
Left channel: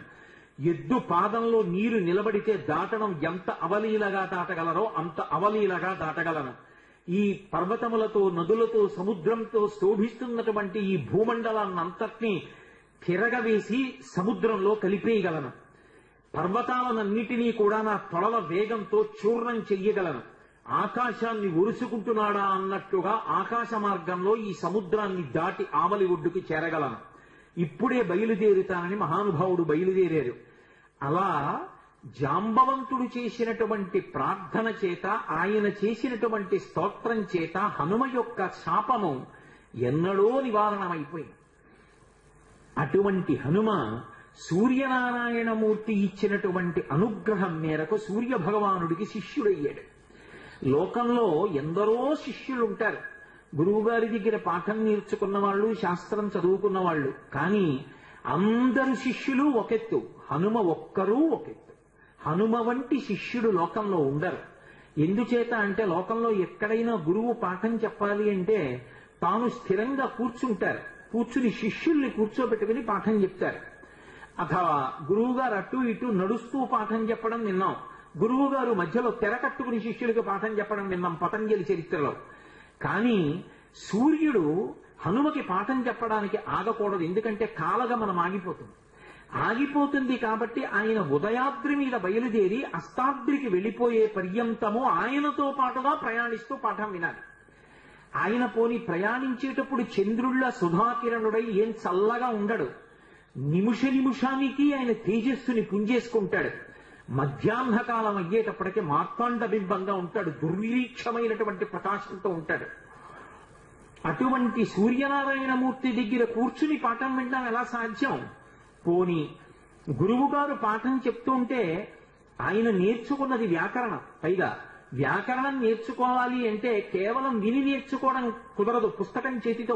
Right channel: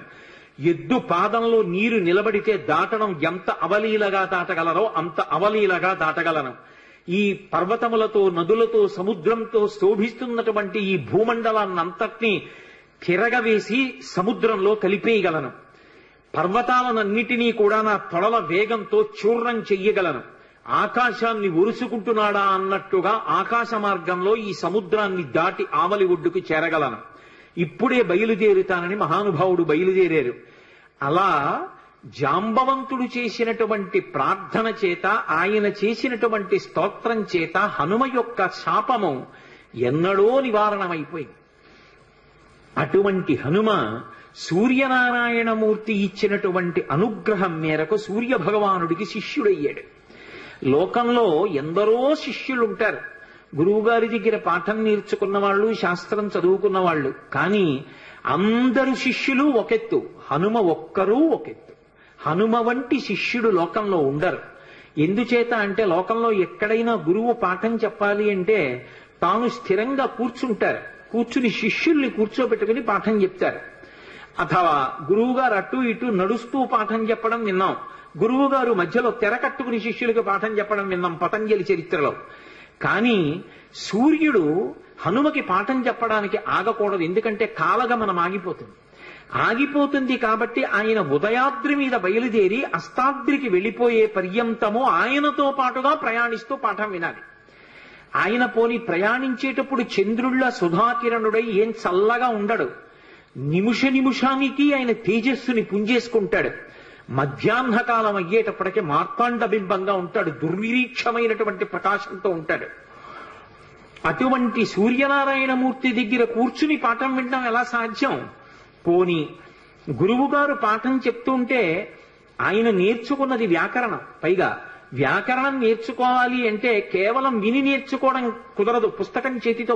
ఎద్దు పాదంలో నీరు నిలబడితే దాటడం ఎంత అవలీలగా దాటగలరో అంత అవలీలగా దాటగలను. ఈ పర్వతములతో, నదులతో, సముద్రంతో శోభిస్తున్నటువంటి ఈ భూమండలాన్నంతటినీ తిరగవేసి సముద్రంలో కలిపేయగలను. పర్వతాలనన్నిటినీ కూడా నా తొడల వేగంతో చూర్ణం చెయ్యగలను. ఆకాశాన్ని ఒరుసుకుంటున్నాడా అన్నట్టుగా ఆకాశ మార్గంలో ఈ సముద్రాన్ని దాటి ఆవలి ఒడ్డుకు చేరగలను. ఇప్పుడే బయలుదేరుతానని మహానుభావుడు బయలుదేరారు. అలా జాంబవంతుడు చేసినటువంటి ప్రార్థన చేత, ఆయన చేసినటువంటి స్తోత్రం చేత హనుమ యొక్క శాపము ఎన్నడో నివారణమైపోయింది. అటువంటి హనుమ సూర్యనారాయణమూర్తి ఇచ్చినటువంటి అనుగ్రహం మేరకు సూర్య భగవానుడికి శిష్యుడయ్యాడు. లోకంలో ఎందరో శిష్యులుంటారు. గురువుగారి దగ్గర పాఠం నేర్చుకున్న వాళ్ళు, శాస్త్రం చదువుకున్న వాళ్ళు. కానీ అందరు శిష్యులు ఒకెత్తు, హనుమ ఒక్కరూ ఒకెత్తు. హనుమ వంటి శిష్యుడు లోకంలో ఉండరు. ఎందుచేత అంటే లోకంలో ఎక్కడైనా గురువు పాఠం చెప్పాలి అంటే తాను స్థిరంగా కూర్చుని శిష్యుల్ని కూర్చోబెట్టుకుని పాఠం చెప్తారు. అథవా గురువుగారు అటు ఇటు నడుస్తూ పాఠం చెప్పడం విన్నాం. గురువుగారు మధ్యలో తెర కట్టుకుని శిష్యులకు పాఠం చెప్పడం విన్నాం పతంజలి చరిత్రలో. కానీ సూర్యుడు హనుమకి పాఠం చెప్పడానికి ఆగకూడదు. ఎందుకంటే కాలగమనం ఆగిపోతుంది కాబట్టి ఆయన ఉదయాద్రి మీద బయలుదేరి అస్తాద్రికి వెళ్ళిపోయే పర్యంతము ఆయనతో పాటుగా ప్రయాణిస్తూ పాఠం వినాలి. ఆయన పోని ప్రయాణించేటప్పుడు చంద్రుళ్ళ సుధాకిరణుడై ఏం చల్లగా ఉండడు. నిమిషానికి ఆయన తేజస్సుని పుంజేసుకుంటాడు. మధ్యాహ్న కాలం అయ్యేటప్పటికే మార్తాండ బింబంగా ఉంటాడు. దుర్నిరీక్షమైనటువంటి ప్రకాశంతో ఉంటాడు. అటువంటి సూర్యనారాయణమూర్తి దగ్గర కూర్చుని పాఠం వినడం ఎలా సాధ్యం? పోని గురువుగారు పాఠం చెప్తుంటే ఆయన నేర్చుకున్నది వ్యాకరణం. పైగా వ్యాకరణం నేర్చుకోవాలి అంటే కేవలం విని నేర్చుకోవడం కుదరదు. పుస్తకం చేతితో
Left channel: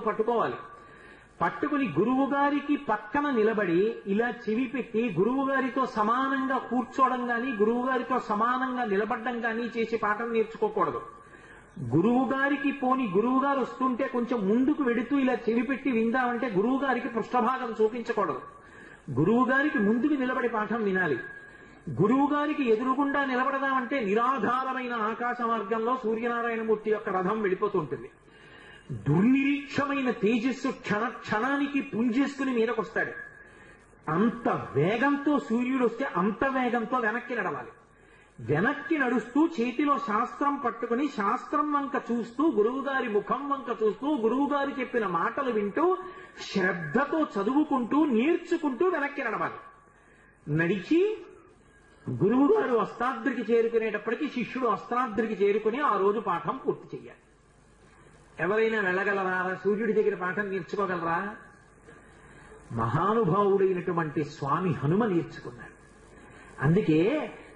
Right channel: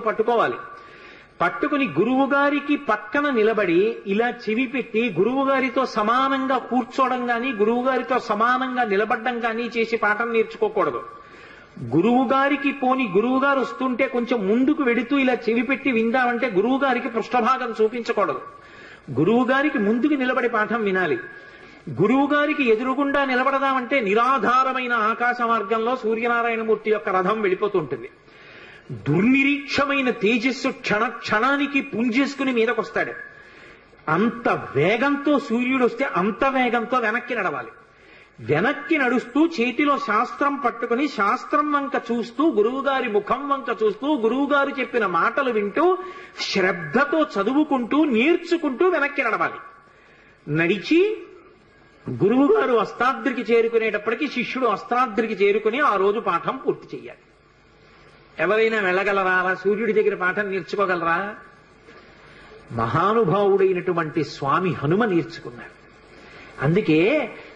పట్టుకుని గురువుగారికి పక్కన నిలబడి ఇలా చెవి పెట్టి గురువుగారితో సమానంగా కూర్చోవడం గాని, గురువుగారితో సమానంగా నిలబడ్డం గాని చేసి పాఠం నేర్చుకోకూడదు. గురువుగారు వస్తుంటే కొంచెం ముందుకు వెడుతూ ఇలా చెవి పెట్టి విందామంటే గురువుగారికి పృష్ఠభాగం చూపించకూడదు. గురువుగారికి ముందుకు నిలబడి పాఠం వినాలి. గురువుగారికి ఎదురుగుండా నిలబడదామంటే నిరాధారమైన ఆకాశ మార్గంలో సూర్యనారాయణమూర్తి యొక్క రథం వెళ్ళిపోతుంటుంది. దుర్నిరీక్షమైన తేజస్సు క్షణానికి పుంజేసుకుని మీదకొస్తాడు. అంత వేగంతో సూర్యుడు వస్తే అంత వేగంతో వెనక్కి నడవాలి. వెనక్కి నడుస్తూ చేతిలో శాస్త్రం పట్టుకుని శాస్త్రం వంక చూస్తూ, గురువుగారి ముఖం వంక చూస్తూ, గురువుగారు చెప్పిన మాటలు వింటూ శ్రద్ధతో చదువుకుంటూ నేర్చుకుంటూ వెనక్కి నడవాలి. నడిచి గురువుగారు అస్తాద్రికి చేరుకునేటప్పటికీ శిష్యుడు అస్తాద్రికి చేరుకుని ఆ రోజు పాఠం పూర్తి చెయ్యాలి. ఎవరైనా వెళ్ళగలరా? సూర్యుడి దగ్గర పాఠం నేర్చుకోగలరా? మహానుభావుడైనటువంటి స్వామి హనుమ నేర్చుకున్నాడు. అందుకే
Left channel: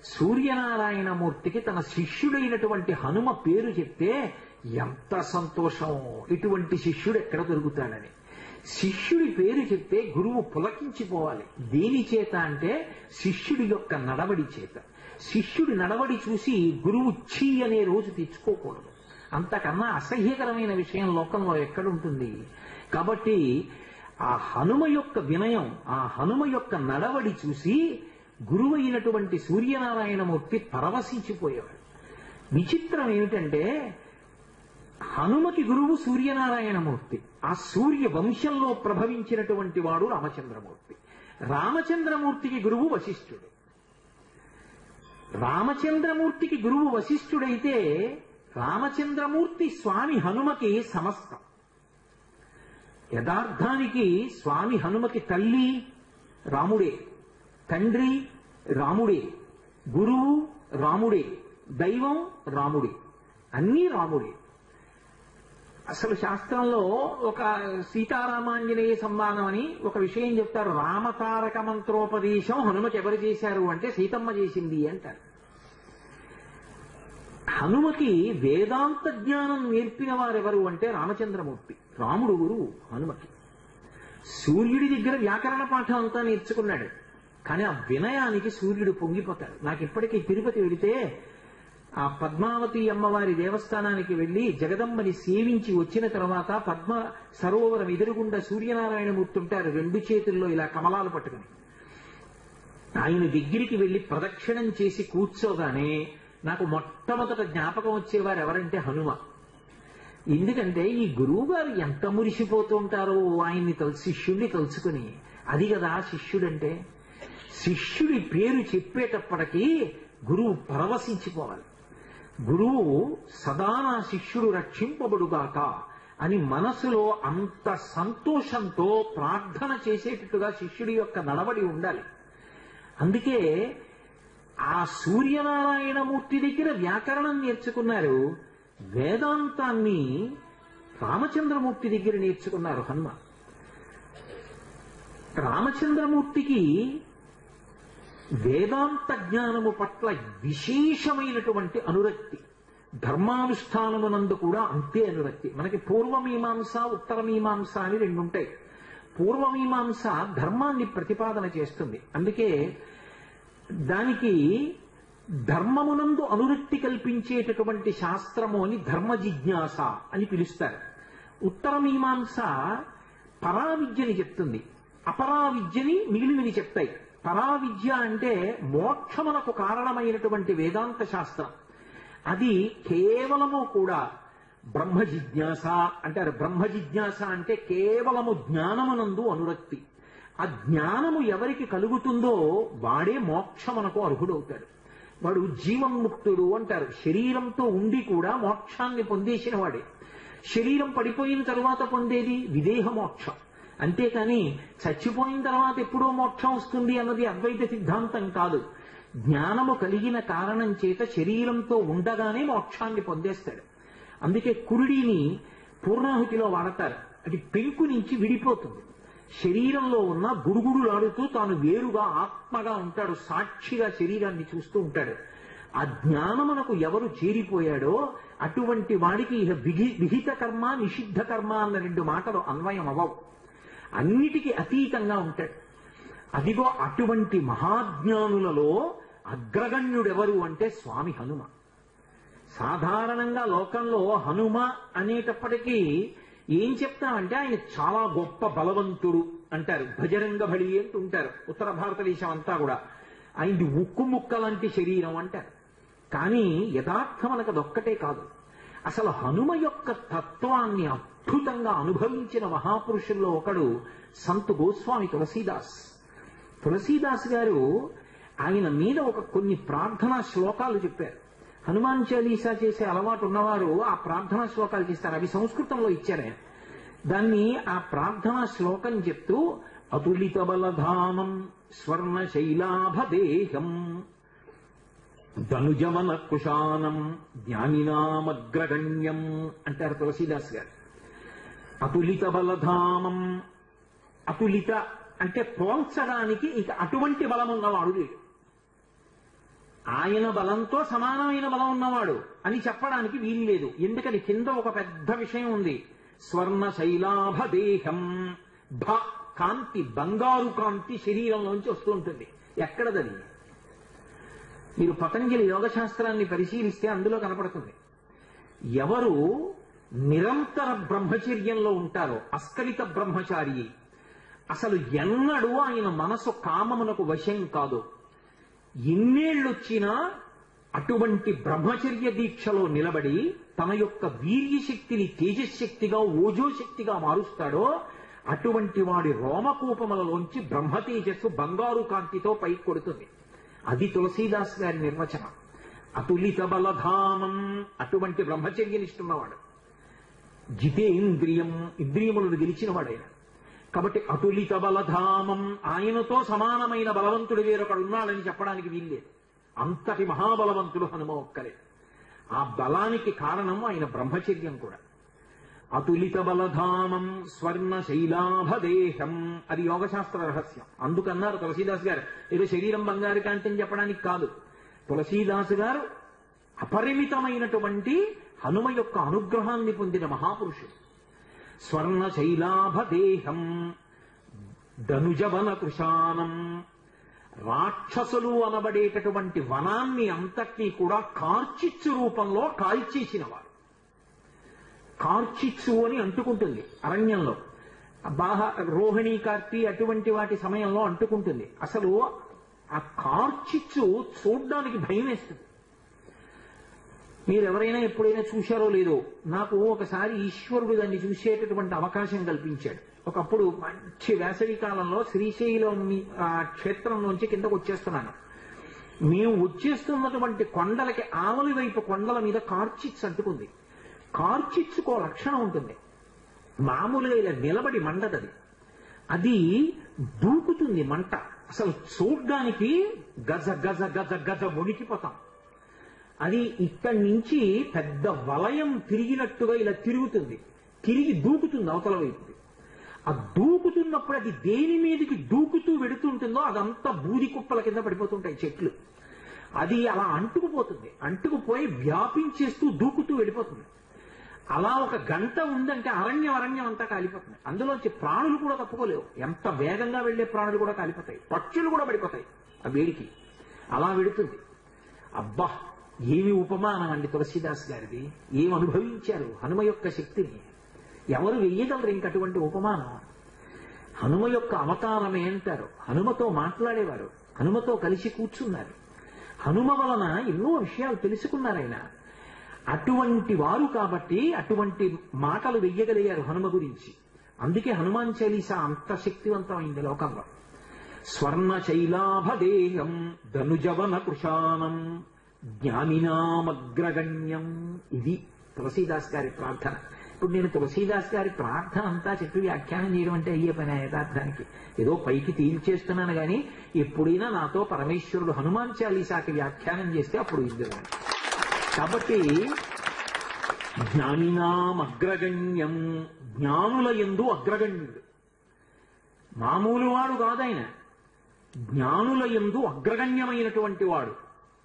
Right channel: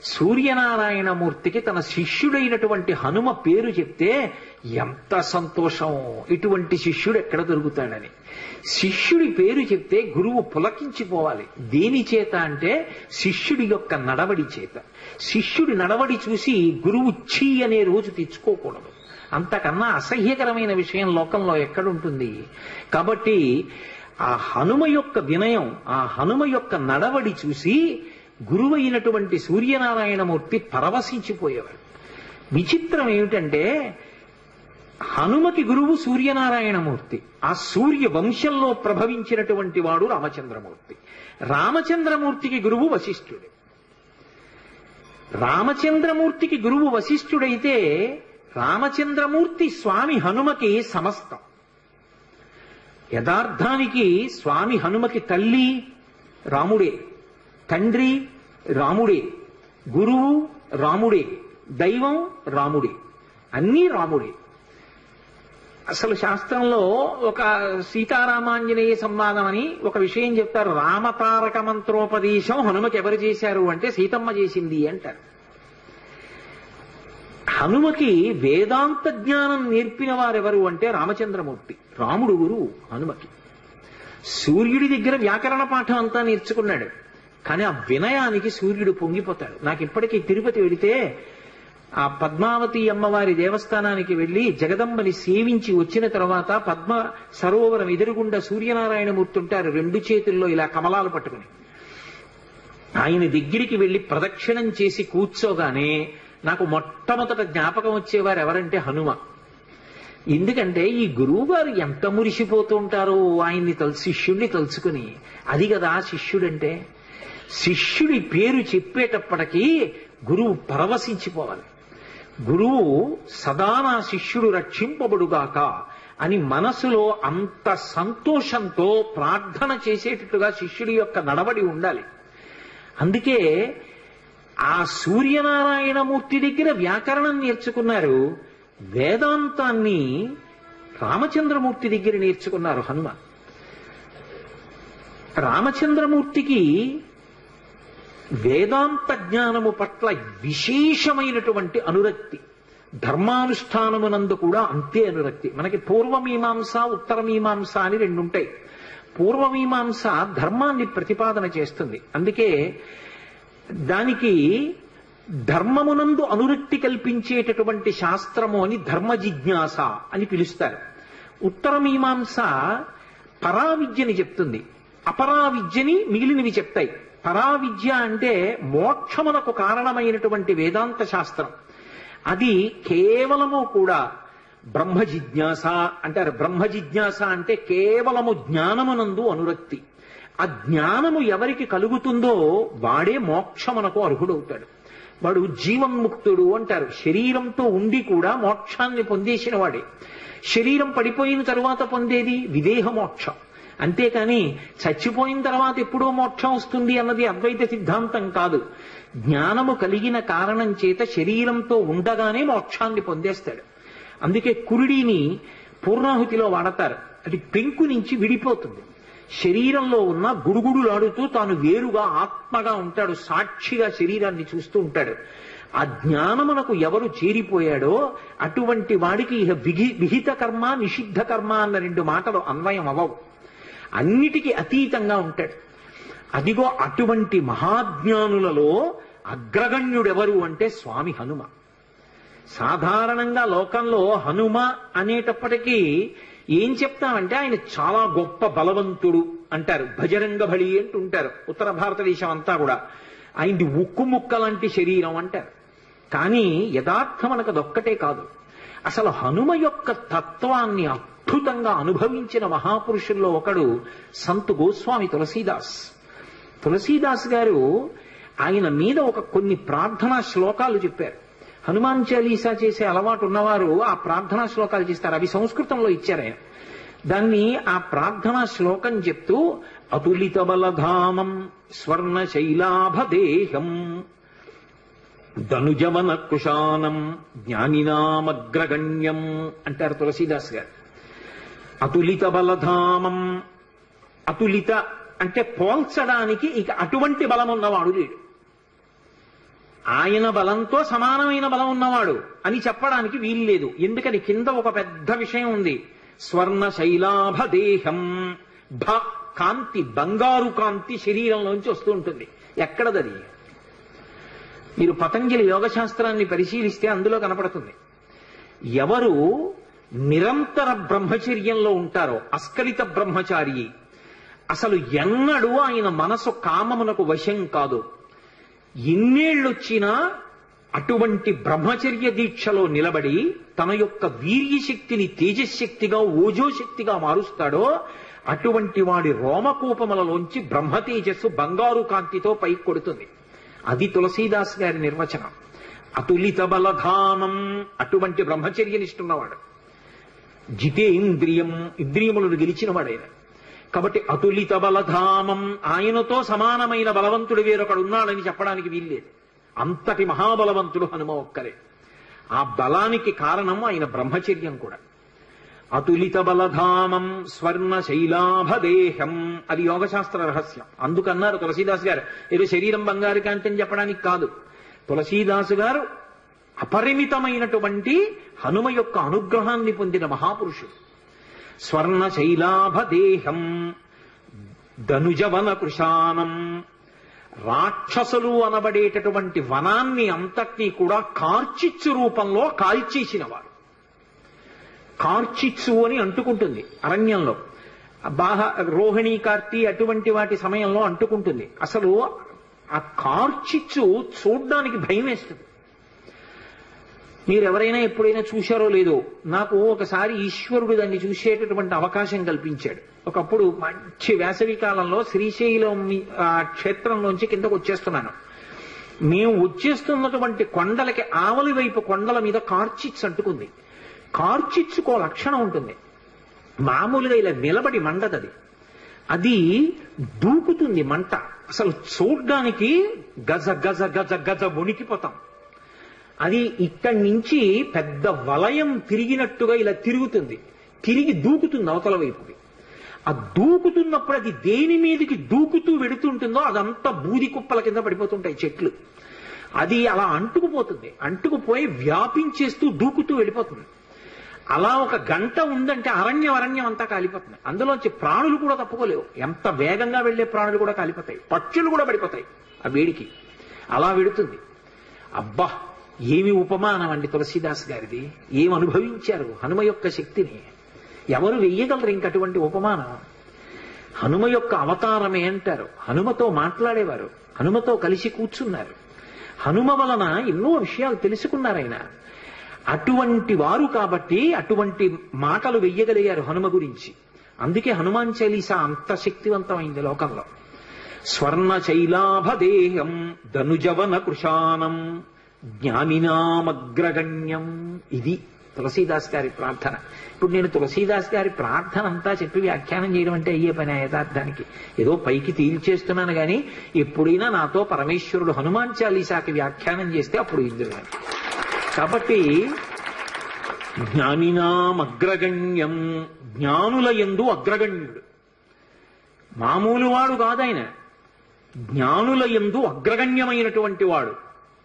సూర్యనారాయణమూర్తికి తన శిష్యుడైనటువంటి హనుమ పేరు చెప్తే ఎంత సంతోషం. ఇటువంటి శిష్యుడు ఎక్కడ దొరుకుతాడని. శిష్యుడి పేరు చెప్తే గురువు పులకించిపోవాలి. దేని చేత అంటే శిష్యుడి యొక్క నడవడి చేత. శిష్యుడి నడవడి చూసి గురువు ఛీ అనే రోజు తెచ్చుకోకూడదు. అంతకన్నా అసహ్యకరమైన విషయం లోకంలో ఎక్కడుంటుంది? కాబట్టి ఆ హనుమ యొక్క వినయం, ఆ హనుమ యొక్క నడవడి చూసి గురువు అయినటువంటి సూర్యనారాయణమూర్తి పరవశించిపోయేవాడు. విచిత్రం ఏమిటంటే హనుమకి గురువు సూర్యనారాయణమూర్తి. ఆ సూర్య వంశంలో ప్రభవించినటువంటి వాడు రామచంద్రమూర్తి. రామచంద్రమూర్తికి గురువు వశిష్ఠుడు. రామచంద్రమూర్తికి గురువు వశిష్ఠుడైతే రామచంద్రమూర్తి స్వామి హనుమకి సమస్తం. యథార్థానికి స్వామి హనుమకి తల్లి రాముడే, తండ్రి రాముడే, గురువు రాముడే, దైవం రాముడే, అన్నీ రాముడే. అసలు శాస్త్రంలో ఒక సీతారామాంజనేయ సంవాదం అని ఒక విషయం చెప్తారు. రామతారక మంత్రోపదేశం హనుమకి ఎవరు చేశారు అంటే సీతమ్మ చేసింది అంటారు. హనుమకి వేదాంత జ్ఞానం నేర్పిన వారెవరు అంటే రామచంద్రమూర్తి. రాముడు గురువు హనుమకి. సూర్యుడి దగ్గర వ్యాకరణ పాఠం అంతా నేర్చుకున్నాడు. కానీ ఆ వినయానికి సూర్యుడు పొంగిపోతాడు. నాకు ఇప్పటికీ తిరుపతి వెళితే ఆ పద్మావతి అమ్మవారి దేవస్థానానికి వెళ్లి జగదంబని సేవించి వచ్చిన తర్వాత పద్మ సరోవరం ఎదురుగుండా సూర్యనారాయణమూర్తి ఉంటారు, 2 చేతుల్లో ఇలా కమలాలు పట్టుకుని. ఆయన దగ్గరికి వెళ్లి ప్రదక్షిణం చేసి కూర్చోగానే నాకు మొట్టమొదట జ్ఞాపకం వచ్చేవారు ఎవరంటే హనుమ. ఎందుకంటే ఈ గురువు గారు ఎంత మురిసిపోతూ ఉంటారో ఆయన్ని శిష్యుణ్ణి తలుచుకుని. అది కదా శిష్యుడంటే. శిష్యుడి పేరు చెప్పేటప్పటికీ గురువు పరవశించిపోవాలి. గురువు సదా నా శిష్యుడు రక్షింపబడుగాక అని మనసులో అంత సంతోషంతో ప్రార్థన చేసేటట్టుగా శిష్యుడి యొక్క నడవడి ఉండాలి. అందుకే ఆ సూర్యనారాయణమూర్తి దగ్గర వ్యాకరణం నేర్చుకున్నారు, వేదాంతాన్ని రామచంద్రమూర్తి దగ్గర నేర్చుకున్నారు హనుమ. రామచంద్రమూర్తికి వేదాంత జ్ఞానము పట్ల విశేషమైనటువంటి అనురక్తి, ధర్మానుష్ఠానమునందు కూడా అంతే అనురక్తి. మనకి పూర్వమీమాంస ఉత్తరమీమాంస అని 2 ఉంటాయి. పూర్వమీమాంస ధర్మాన్ని ప్రతిపాదన చేస్తుంది, అందుకే దానికి ధర్మమునందు అనురక్తి కల్పించేటటువంటి శాస్త్రము అని ధర్మ జిజ్ఞాస అని పిలుస్తారు. ఉత్తరమీమాంస పరావిద్యని చెప్తుంది, అపరావిద్యని మిగిలినవి చెప్తాయి. పరావిద్య అంటే మోక్షమునకు కారణమైనటువంటి వేదాంత శాస్త్రం. అది కేవలము కూడా బ్రహ్మ జిజ్ఞాస అంటారు. బ్రహ్మ జిజ్ఞాస అంటే కేవలము జ్ఞానమునందు అనురక్తి. ఆ జ్ఞానము ఎవరికి కలుగుతుందో వాడే మోక్షమునకు అర్హుడవుతాడు. వాడు జీవన్ముక్తుడు అంటారు. శరీరంతో ఉండి కూడా మోక్షాన్ని పొందేసిన వాడే. శరీరం పడిపోయిన తరువాత పొందేది విదేహ మోక్షం. అంతేకాని చచ్చిపోయిన తర్వాత ఎప్పుడో మోక్షం వస్తుంది అన్నది అద్వైత సిద్ధాంతం కాదు. జ్ఞానము కలిగిన కారణం చేత శరీరంతో ఉండగానే మోక్షాన్ని పొందేస్తాడు. అందుకే కురుడిని పూర్ణాహుతిలో వాడతారు. అది పెంకు నుంచి విడిపోతుంది. శరీరంలో ఉన్న గుడుగుడులాడుతూ తాను వేరుగా ఆత్మగా ఉంటాడు, సాక్షిగా శరీరాన్ని చూస్తూ ఉంటాడు. ఆ జ్ఞానమునకు ఎవరు చేరిపోయాడో అటువంటి వాడికి ఇహ విహిత కర్మ నిషిద్ధ కర్మ అన్న 2 మాటలు అన్వయం అవ్వవు. అన్నిటికీ అతీతంగా ఉంటాడు. అదిగో అటువంటి మహాజ్ఞానులలో అగ్రగణ్యుడెవరు అంటే స్వామి హనుమ. సాధారణంగా లోకంలో హనుమ అనేటప్పటికీ ఏం చెప్తామంటే ఆయన చాలా గొప్ప బలవంతుడు అంటారు. భజరంగ బలి అంటుంటారు ఉత్తర భారతదేశం అంతా కూడా. ఆయనది ఉక్కు ముక్క లాంటి శరీరం అంటారు. కానీ యథార్థం మనకు అదొక్కటే కాదు. అసలు హనుమ యొక్క తత్వాన్ని అద్భుతంగా అనుభవించిన మహాపురుషుల్లో ఒకడు సంత్ గోస్వామి తులసీదాస్. తులసీదాస్ గారు ఆయన మీద కొన్ని ప్రార్థనా శ్లోకాలు చెప్పారు. హనుమాన్ చాలీసా చేసే అలవాటు ఉన్నవారు ఆ ప్రార్థనా శ్లోకాలు చేస్తారు. అవి సంస్కృతంలో ఇచ్చారు ఆయన. దాన్ని ఆ ప్రార్థనా శ్లోకం చెప్తూ అతులిత బలధామం స్వర్ణ శైలాభదేహం ధనుజవన కుశానం జ్ఞానినామగ్రగణ్యం అంటారు తులసీదాస్ గారు. అతులిత బలధామం, అతులిత అంటే పోల్చడానికి ఇక అటువంటి బలం ఉన్నవాడు లేడు. ఆయన బలంతో సమానమైన బలం ఉన్నవాడు అని చెప్పడానికి వీలు లేదు. ఎందుకని కింద ఒక పెద్ద విషయం ఉంది. స్వర్ణ శైలాభదేహం, భ కాంతి, బంగారు కాంతి శరీరంలోంచి వస్తూ ఉంటుంది. ఎక్కడదది? మీరు పతంజలి యోగశాస్త్రాన్ని పరిశీలిస్తే అందులో కనపడుతుంది. ఎవరు నిరంతర బ్రహ్మచర్యంలో ఉంటారో, అస్కలిత బ్రహ్మచారి, అసలు ఎన్నడూ ఆయన మనసు కామమునకు వశం కాదు. ఎన్నేళ్ళొచ్చినా అటువంటి బ్రహ్మచర్య దీక్షలో నిలబడి తన యొక్క వీర్యశక్తిని తేజశక్తిగా ఓజోశక్తిగా మారుస్తాడో అటువంటి వాడి రోమకూపములలోంచి బ్రహ్మ తేజస్సు బంగారు కాంతితో పైకి కొడుతుంది. అది తులసీదాస్ గారి నిర్వచనం. అతులిత బలధానం, అటువంటి బ్రహ్మచర్యనిష్ఠున్నవాడు, జితేంద్రియం, ఇంద్రియములను గెలిచినవాడైన. కాబట్టి అతులిత బలధామం, ఆయనతో సమానమైన బలవంతుడు వేరొకడు ఉన్నాడని చెప్పడానికి వీల్లేదు. అంతటి మహాబలవంతుడు హనుమ ఒక్కరే. ఆ బలానికి కారణం ఆయన బ్రహ్మచర్యం కూడా. అతులిత బలధామం స్వర్ణ శైలాభదేహం, అది యోగశాస్త్ర రహస్యం. అందుకన్నారు తులసీదాస్ గారు, ఏదో శరీరం బంగారు కాంతి చెప్పడానికి కాదు. తులసీదాసు గారు అపరిమితమైనటువంటి హనుమ యొక్క అనుగ్రహాన్ని పొందిన మహాపురుషుడు. స్వర్ణ శైలాభదేహం ధనుజవన కృషానం, రాక్షసులు అనబడేటటువంటి వనాన్ని అంతటినీ కూడా కార్చిచ్చు రూపంలో కాల్చేసినవారు. కార్చిచ్చు అని అంటుకుంటుంది అరణ్యంలో, రోహిణీ కార్తీ అటువంటి వాటి సమయంలో అంటుకుంటుంది. అసలు ఆ కార్చిచ్చు చూడ్డానికి భయం వేస్తుంది. మీరెవరైనా ఎప్పుడైనా చూశారో లేదో, నాకు ఒకసారి ఈశ్వరుడు దాన్ని చూసేటటువంటి అవకాశం కల్పించాడు. ఒకప్పుడు మంచి వేసవి కాలంలో శ్రీశైలం క్షేత్రంలోంచి కిందకు వచ్చేస్తున్నాను. మేము వచ్చేస్తున్నటువంటి కొండలకి ఆవలి వైపు కొండల మీద కార్చిచ్చు అంటుకుంది. కార్చిచ్చుకో లక్షణం ఉంటుంది, మామూలుగా ఇలా నిలబడి మండదది, అది దూకుతుంది మంట. అసలు చూడ్డానికి గజ గజ గజ గజ వణికిపోతాం. అది ఇక్కడి నుంచి పెద్ద వలయం తిరిగినట్టుగా ఇలా తిరుగుతుంది, తిరిగి దూకుతుంది అవతల వైపుకి. ఆ దూకుతున్నప్పుడు అది దేని మీదకి దూకుతూ వెడుతుంటుందో అదంతా బూది కుప్పల కింద పడిపోతుంటాయి చెట్లు. అది అలా అంటుకుపోతుంది, అంటుకుపోయి వ్యాపించేస్తూ దూకుతూ వెళ్ళిపోతుంది. అలా ఒక గంట ఉందంటే అరణ్యం అంతా కాలిపోతుంది. అందులోంచి ప్రాణులు కూడా తప్పుకోలేవు. ఎంత వేగంగా వెళ్లే ప్రాణులు కూడా కాలిపోతాయి, పక్షులు కూడా పడిపోతాయి ఆ వేడికి. అలా వెడుతుంది. అబ్బా, ఏమి ఉపమానం అండి తులసీదాస్ గారిది! ఏం అనుభవించారు హనుమ యొక్క శక్తిని! ఎవరు వెయ్యగలరు ఇంకటువంటి ఉపమానం? హనుమ యొక్క అవతారమే అంటారు. హనుమతో మాట్లాడేవారు, హనుమతో కలిసి కూర్చున్నారు, హనుమ వలన ఎన్నో విషయాలు తెలుసుకున్నారైనా. అటువంటి వారు కాబట్టి అటువంటి మాటలు వెయ్యగలిగారు హనుమ గురించి. అందుకే హనుమాన్ చాలీసా అంత శక్తివంతమైంది లోకంలో. స్వర్ణ శైలాభదేహం ధనుజవన కృషానం జ్ఞానినామగ్రగణ్యం, ఇది తులసీదాస్ గారి ప్రార్థన. ఇప్పుడు నేను తులసీదాస్ గారి ప్రార్థన అంతా చెప్పి వ్యాఖ్యానం చేయడం అంటే అయ్యే పని యథార్థానికి. ఏదో పైకి తేల్చేస్తున్నాను కానీ ఎప్పుడైనా నాతో పరమేశ్వరుడు హనుమాన్ చాలీసాకి వ్యాఖ్యానం చేస్తే అప్పుడు ఇద్దరు. కాబట్టి జ్ఞానినామగ్రగణ్యం, జ్ఞానుల యందు అగ్రగణ్యుడు, మామూలు వాడు కాదాయన, జ్ఞానుల యందు అగ్రగణ్యమైనటువంటి వాడు.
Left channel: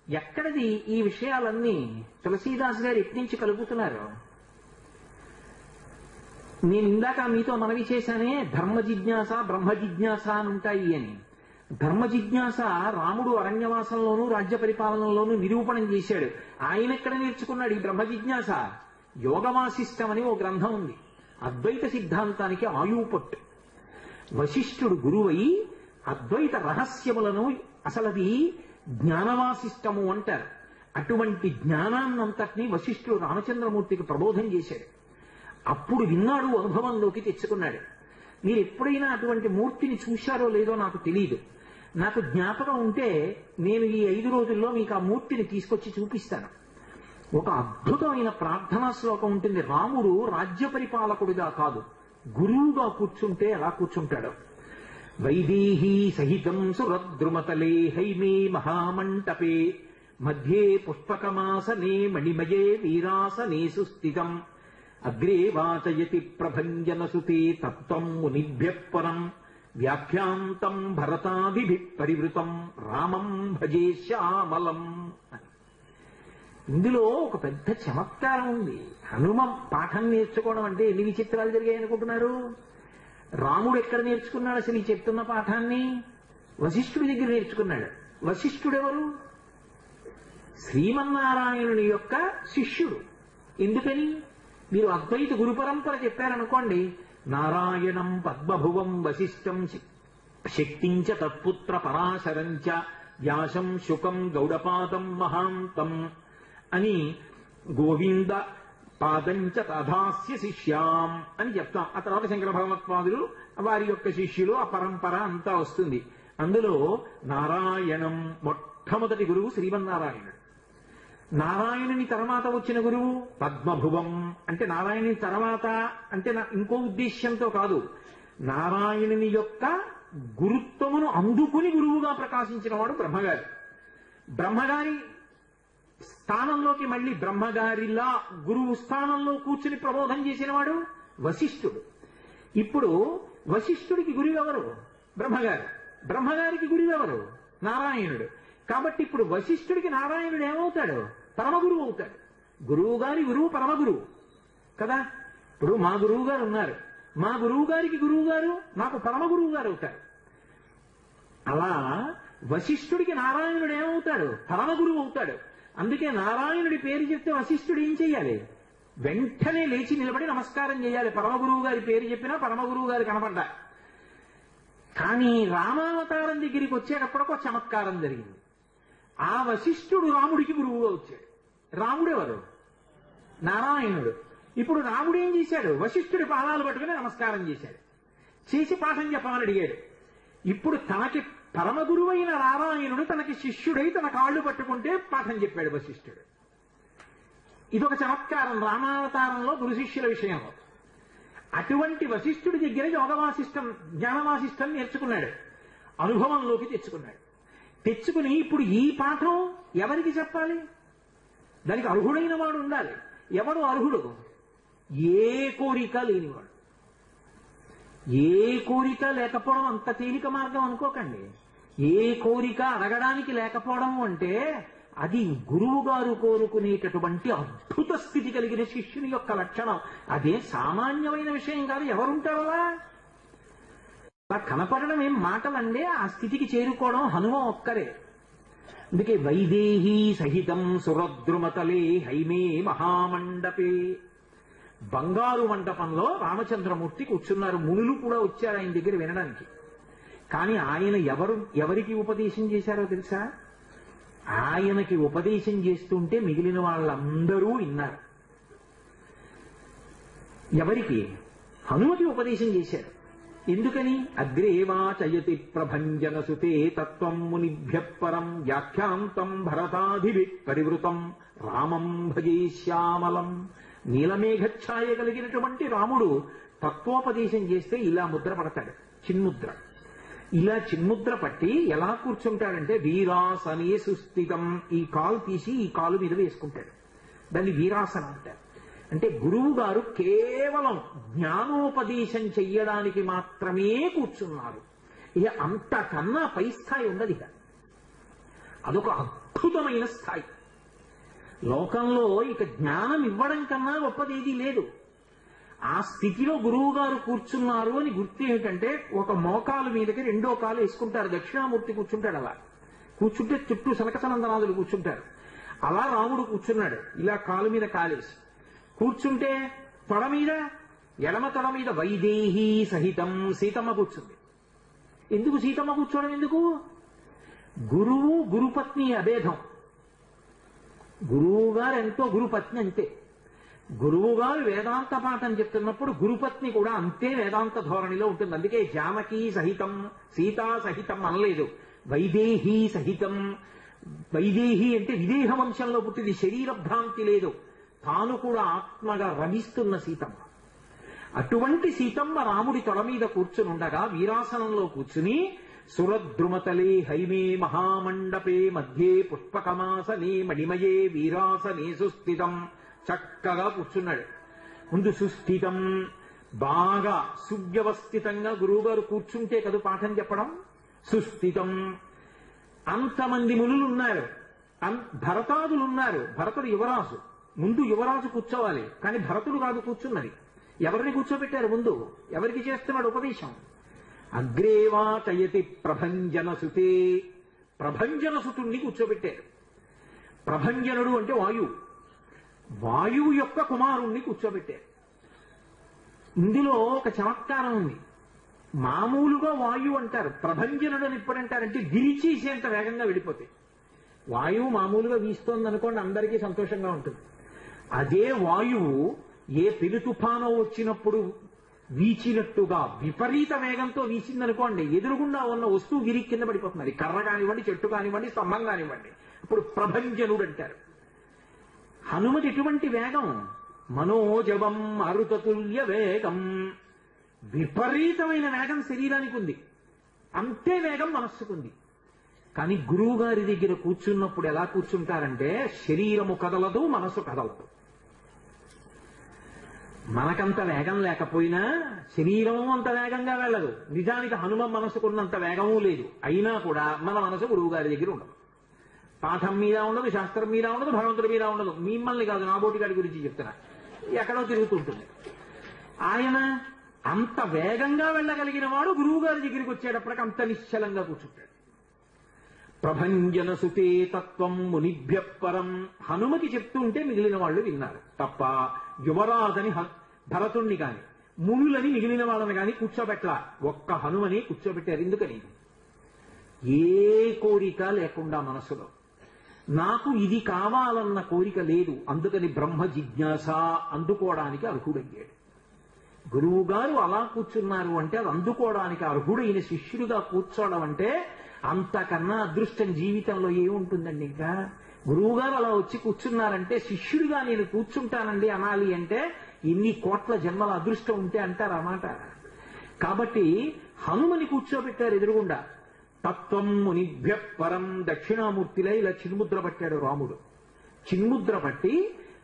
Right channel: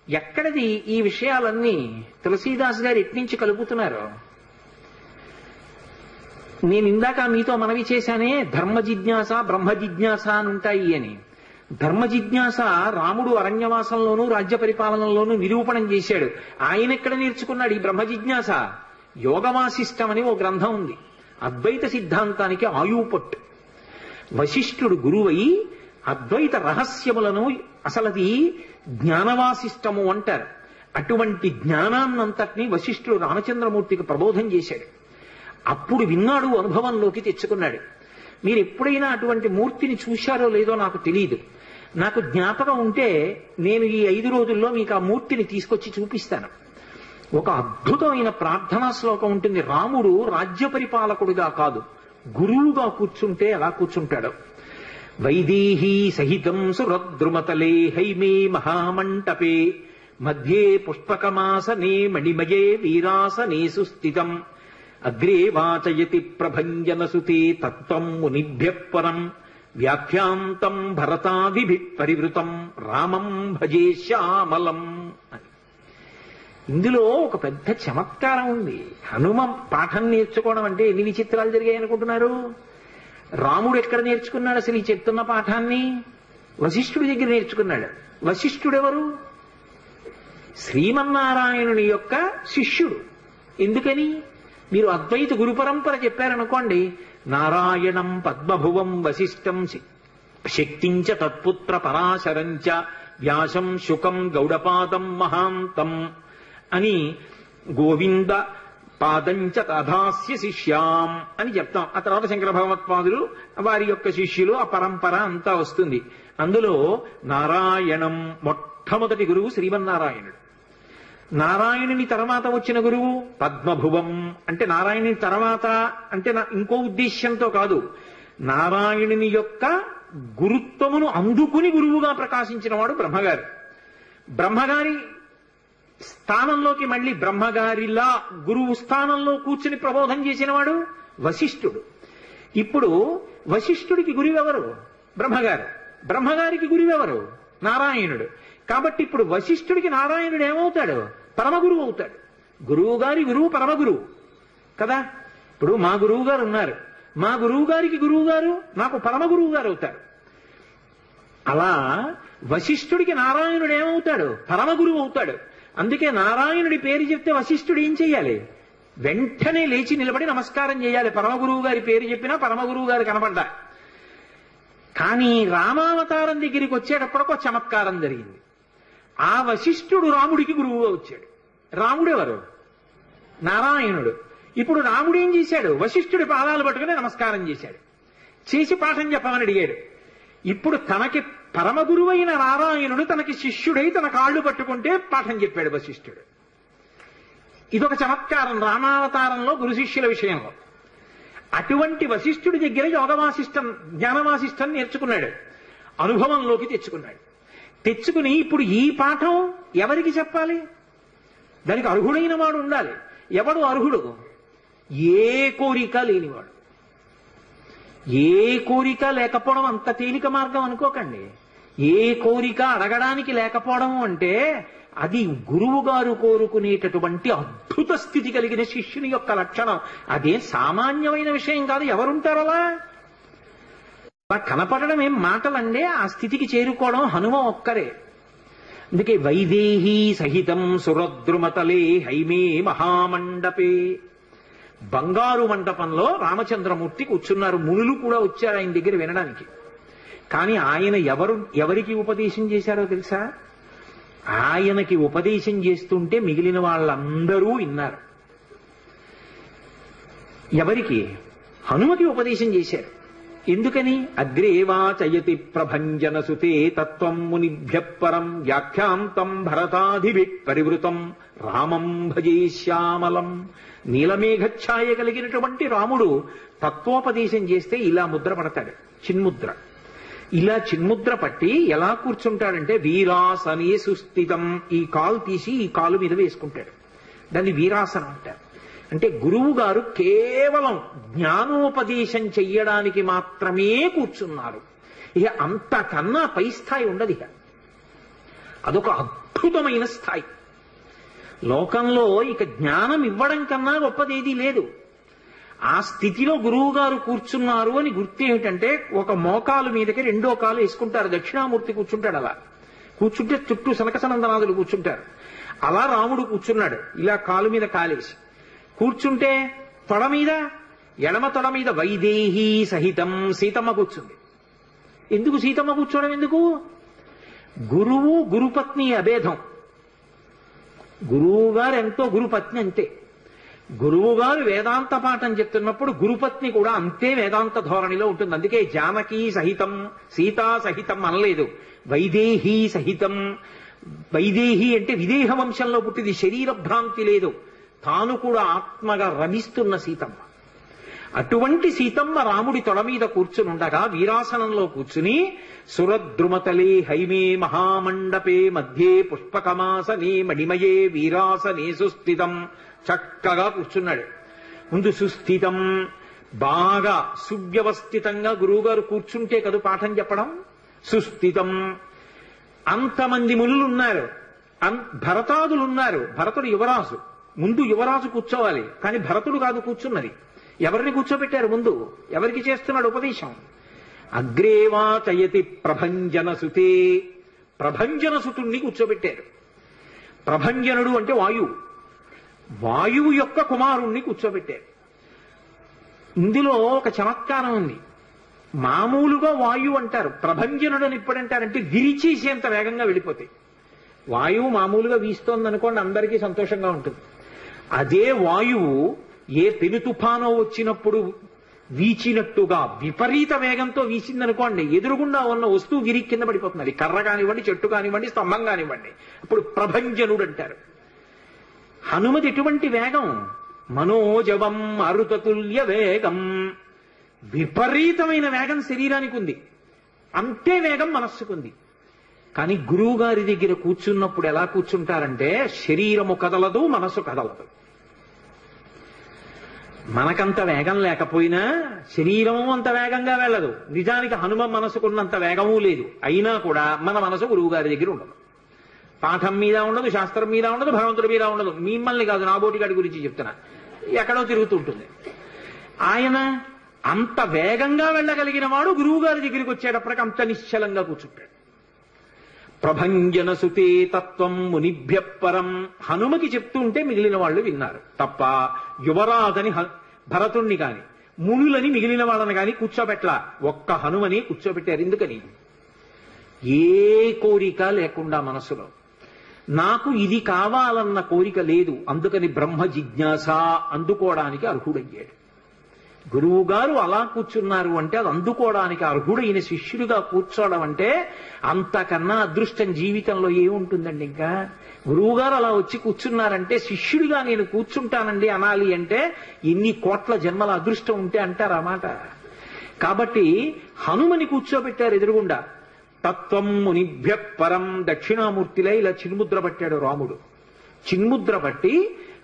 ఎక్కడది ఈ విషయాలన్నీ తులసీదాస్ గారు ఎట్నుంచి కలుపుతున్నారు? నేను ఇందాక మీతో మనవి చేశానే, ధర్మ జిజ్ఞాస బ్రహ్మ జిజ్ఞాస అని ఉంటాయి అని. ధర్మ జిజ్ఞాస రాముడు అరణ్యవాసంలోనూ రాజ్య పరిపాలనలోనూ నిరూపణం చేశాడు. ఆయన ఎక్కడ నేర్చుకున్నాడు ఈ బ్రహ్మ జిజ్ఞాస? యోగవాసిష్టం అని ఓ గ్రంథం ఉంది, అద్వైత సిద్ధాంతానికి ఆయుపట్టు. వశిష్ఠుడు గురువై అద్వైత రహస్యములను, అసలది జ్ఞానవాసిష్టము అంటారు. అటువంటి జ్ఞానాన్నంతటినీ వశిష్ఠుడు రామచంద్రమూర్తికి ప్రబోధం చేశాడు. అప్పుడు విన్నాడు, అనుభవంలోకి తెచ్చుకున్నాడు. మీరు ఎప్పుడైనా అటువంటి మూర్తిని చూశారో లేదో నాకు తెలియదు. నాకు జ్ఞాపకం ఉంటే నేను ఈ 5 రోజుల్లో మీకు ఆ మూర్తిని తీసుకొచ్చి చూపిస్తాను. ఒక అద్భుతమైన ప్రార్థనా శ్లోకం ఉంటుంది. రాముడు రాజ్య పరిపాలకుడిగా కాదు, గురువుగా కూర్చుంటే ఎలా కూర్చుంటాడో. వైదేహీ సహితం సురద్రుమతలే హైమే మహామంటపే మధ్యే పుష్పకమాసనే మణిమయే వీరాసనే సుస్థితం అగ్రే వాచయతి ప్రభంజనసుతే తత్వం మునిభ్యః పరం వ్యాఖ్యాంతం భరతాదిభిః పరివృతం రామం భజే శ్యామలం అని. ఇందులో ఒక పెద్ద చమత్కారం ఉంది. హనుమ పాఠం నేర్చుకోవడం అంటే ఎన్ని విచిత్రాలు జరిగాయి అనుకుంటున్నారు? రాముడు ఎక్కడ నేర్చుకున్నాడు అసలు ఈ చెప్తున్న పాఠాన్ని? వశిష్ఠుడి దగ్గర నేర్చుకున్నాడు. వశిష్ఠుడెవరు? శ్రీమన్నారాయణుని యొక్క శిష్యుడు. ఎందుకని? మీరు అద్వైత గురు పరంపర చెప్పారనుకోండి, నారాయణం పద్మభువం వశిష్ఠం శక్తించ తత్పుత్ర పరాశరంచ వ్యాసం శుకం గౌడపాదం మహాంతం అని గోవింద పాదంచ తథాస్య శిష్యాం అని చెప్తాం. ఆ తర్వాత శంకర భగవత్పాదులు వారి యొక్క శిష్యులు, ఆ పరంపర అంతా వస్తుంది. అందులో నారాయణం మొట్టమొదటి గురువు శ్రీమన్నారాయణుడు. నారాయణుని తర్వాత వచ్చిన గురువు పద్మభువం. అంటే నారాయణుని తర్వాత అంటే ఇంకో ఉద్దేశ్యంతో కాదు, నారాయణుని యొక్క గురుత్వమును అందుకుని గురువుగా ప్రకాశించిన వాడు బ్రహ్మగారు. బ్రహ్మగారి స్థానంలోకి మళ్ళీ బ్రహ్మగారిలా గురువు స్థానంలో కూర్చుని ప్రబోధం చేసిన వాడు వశిష్ఠుడు. ఇప్పుడు వశిష్ఠుడికి గురువెవరు? బ్రహ్మగారు. బ్రహ్మగారికి గురువెవరు? నారాయణుడు. కాబట్టి ఇప్పుడు వశిష్ఠుడికి నారాయణుడు ఏమవుతాడు? పరమగురువు అవుతాడు. గురువు గారి గురువు పరమగురువు కదా. ఇప్పుడు మా గురువు గారు ఉన్నారు, మా గురువు గారికి గురువు గారు నాకు పరమగురువు గారు అవుతారు. అలా వశిష్ఠుడికి నారాయణుడు ఏమవుతాడు? పరమగురువు అవుతాడు. అందుకే నారాయణుడి పేరు చెప్తే వశిష్ఠుడు ఏం చెయ్యాలి? వెంటనే లేచి నిలబడి నమస్కారం చేయాలి. పరమగురువు గారి పేరు చెప్పినా పరమగురువు గారు కనపడ్డా. కానీ రామావతారం దగ్గరికి వచ్చేటప్పటికి ఒక చమత్కారం జరిగింది. ఆ వశిష్ఠుడు రాముడికి గురువుగా వచ్చాడు. రాముడెవరు? నారాయణుడు. ఇప్పుడు రాముడు ఏం చేశాడు? వశిష్ఠుడి పాదాలు పట్టుకుని నమస్కారం చేశాడు. చేసి పాఠం చెప్పమని అడిగాడు. ఇప్పుడు తనకి పరమగురువైన నారాయణుడు తనకి శిష్యుడై తన కాళ్ళు పట్టుకుంటే పాఠం చెప్పాడు వశిష్ఠుడు. ఇదొక చమత్కారం రామావతారంలో గురు శిష్యుల విషయంలో. అటువంటి వశిష్ఠుడి దగ్గర యోగవాసిష్టం జ్ఞానవాసిష్టం నేర్చుకున్నాడు, అనుభవంలోకి తెచ్చుకున్నాడు. తెచ్చుకుని ఇప్పుడు ఈ పాఠం ఎవరికి చెప్పాలి? దానికి అర్హుడైన వాడు ఉండాలి. ఎవడు అర్హుడు? ఏ కోరిక లేనివాడు. ఏ కోరిక లేకపోవడం అంత తేలిక మార్గం అనుకోకండి. ఏ కోరిక అడగడానికి లేకపోవడం అంటే అది గురువు గారు కోరుకునేటటువంటి అద్భుత స్థితి కలిగిన శిష్యుని యొక్క లక్షణం. అదే సామాన్యమైన విషయం కాదు. ఎవరుంటారు అలా? కనపడడం ఏం మాటలండే. ఆ స్థితికి చేరుకోవడం హనుమ ఒక్కరే. అందుకే వైదేహీ సహితం సురద్రుమతలే హైమే మహామండపే. బంగారు మండపంలో రామచంద్రమూర్తి కూర్చున్నారు. మునులు కూడా వచ్చారు ఆయన దగ్గర వినడానికి. కానీ ఆయన ఎవరికి ఉపదేశం చేశారో తెలుసా? ఆయనకి ఉపదేశం చేస్తుంటే మిగిలిన వాళ్ళందరూ విన్నారు. ఎవరికి? హనుమకి ఉపదేశం చేశారు. ఎందుకని? అగ్రేవాచయతి ప్రభంజన సుతే తత్వం మునిభ్య పరం వ్యాఖ్యాంతం భరతాధిభి పరివృతం రామం భజే శ్యామలం. నీలమేఘఛాయ కలిగినటువంటి రాముడు తత్వోపదేశం చేస్తే ఇలా ముద్ర పడతాడు, చిన్ముద్ర. ఇలా చిన్ముద్ర పట్టి ఎలా కూర్చుంటాడంటే వీరాసనే సుస్థితం. ఈ కాలు తీసి ఈ కాలు మీద వేసుకుంటాడు. దాన్ని వీరాసనం అంటారు. అంటే గురువు గారు కేవలం జ్ఞానోపదేశం చెయ్యడానికి మాత్రమే కూర్చున్నారు. ఇక అంతకన్నా పై స్థాయి ఉండదు. ఇక అదొక అద్భుతమైన స్థాయి. లోకంలో ఇక జ్ఞానం ఇవ్వడం కన్నా గొప్పదేదీ లేదు. ఆ స్థితిలో గురువు గారు కూర్చున్నారు అని గుర్తు ఏమిటంటే, ఒక మోకాలు మీదకి రెండో కాలు వేసుకుంటారు. దక్షిణామూర్తి కూర్చుంటాడు. అలా కూర్చుంటే చుట్టూ సనకసనందనాదులు కూర్చుంటారు. అలా రాముడు కూర్చున్నాడు, ఇలా కాలు మీద కాలేసి కూర్చుంటే తొడ మీద, ఎడమ తొడ మీద వైదేహీ సహితం సీతమ్మ కూర్చుంది. ఎందుకు సీతమ్మ కూర్చోవడం? ఎందుకు? గురువు గురుపత్ని అభేదం. గురువు గారు ఎంతో గురుపత్ని అంతే. గురువు గారు వేదాంత పాఠం చెప్తున్నప్పుడు గురుపత్ని కూడా అంతే వేదాంత ధోరణిలో ఉంటుంది. అందుకే జానకీ సహితం సీతా సహితం అనలేదు, వైదేహీ సహితం. వైదేహి అంటే విదేహ వంశంలో పుట్టింది, శరీర భ్రాంతి లేదు, తాను కూడా ఆత్మగా రమిస్తున్న సీతమ్మ. అటువంటి సీతమ్మ రాముడి తొడ మీద కూర్చునుండగా వీరాసనంలో కూర్చుని సురద్రుమతలే హైమే మహామండపే మధ్యే పుష్పకమాసనే మణిమయే వీరాసనే సుస్థితం. చక్కగా కూర్చున్నాడు. ముందు సుస్థితం, బాగా సువ్యవస్థితంగా గురువుగారు కూర్చుంటే కదా పాఠం చెప్పడం. సుస్థితం. అంతమంది మునులున్నారు, భరతాదులున్నారు. భరతుడు యువరాజు, ముందు యువరాజు కూర్చోవాలి. కానీ భరతుడు కాదు కూర్చున్నది. ఎవరిని కూర్చోబెట్టారు ముందు? ఎవరికి చేస్తున్నాడు ఉపదేశం? అగ్రేవాచయతి ప్రభంజన సుతే. ప్రభంజన సుతుణ్ణి కూర్చోబెట్టారు. ప్రభంజనుడు అంటే వాయువు, వాయువు యొక్క కుమారుణ్ణి కూర్చోబెట్టారు. ఇందులో ఒక చమత్కారం ఉంది. మామూలుగా వాయువు అంటారు, ప్రభంజనుడు అని ఎప్పుడంటారంటే విరిచేసేంత వేగంగా వెళ్ళిపోతాయి. వాయువు మామూలుగా వీస్తోంది అనుకోండి, అందరికీ సంతోషంగా ఉంటుంది. అదే వాయువు ఏ పెను తుఫానో వచ్చినప్పుడు వీచినట్టుగా విపరీత వేగంతో వీసిందనుకోండి, ఎదురుగుండా ఉన్న వస్తువు విరి కింద పడిపోతుంది. కర్ర కానివ్వండి, చెట్టు కానివ్వండి, స్తంభం కానివ్వండి. అప్పుడు ప్రభంజనుడు అంటారు. హనుమతి ఎటువంటి వేగం? మనోజవం అరుతతుల్య వేగం. విపరీతమైన వేగం శరీరానికి ఉంది, అంతే వేగం మనస్సుకుంది. కానీ గురువు గారి దగ్గర కూర్చున్నప్పుడు ఎలా కూర్చుంటారంటే శరీరము కదలదు, మనసు కదలదు. మనకంత వేగం లేకపోయినా శరీరం అంత వేగంగా వెళ్ళదు. నిజానికి హనుమ మనసుకున్నంత వేగమూ లేదు. అయినా కూడా మన మనసు గురువు గారి దగ్గర ఉండదు. పాఠం మీద ఉండదు, శాస్త్రం మీద ఉండదు, భగవంతుడి మీద ఉండదు. మిమ్మల్ని కాదు, నా బోటిగాడి గురించి చెప్తున్నా. ఎక్కడో తిరుగుతుంటుంది. ఆయన అంత వేగంగా వెళ్ళగలిగిన వాడు గురువు గారి దగ్గరికి వచ్చేటప్పటికి అంత నిశ్చలంగా కూర్చుంటాడు. ప్రభంజన సుతే తత్వం మునిభ్య పరం. హనుమకి చెప్తూ ఉంటే మిగిలిన వాళ్ళు విన్నారు తప్ప యువరాజని భరతుణ్ణి కాని మునులని మిగిలిన వాళ్ళని కాని కూర్చోబెట్లా. ఒక్క హనుమని కూర్చోబెట్టారు. ఎందుకని? ఏ కోరిక లేకుండా మనసులో నాకు ఇది కావాలన్న కోరిక లేదు. అందుకని బ్రహ్మ జిజ్ఞాస అందుకోవడానికి అర్హుడయ్యాడు. గురువు గారు అలా కూర్చున్నారు అంటే అది అందుకోవడానికి అర్హుడైన శిష్యుడిగా కూర్చోవడం అంటే అంతకన్నా అదృష్టం జీవితంలో ఏముంటుందండి. ఇంకా గురువు గారు అలా వచ్చి కూర్చున్నారంటే శిష్యుడిగా నేను కూర్చుంటానండి అనాలి అంటే ఎన్ని కోట్ల జన్మల అదృష్టం ఉంటే అంటారు ఆ మాట. కాబట్టి హనుమని కూర్చోబెట్టారు ఎదురుగుండా. తత్వం మునిభ్య పరం. దక్షిణామూర్తిలో ఇలా చిన్ముద్ర పట్టాడు రాముడు. చిన్ముద్ర పట్టి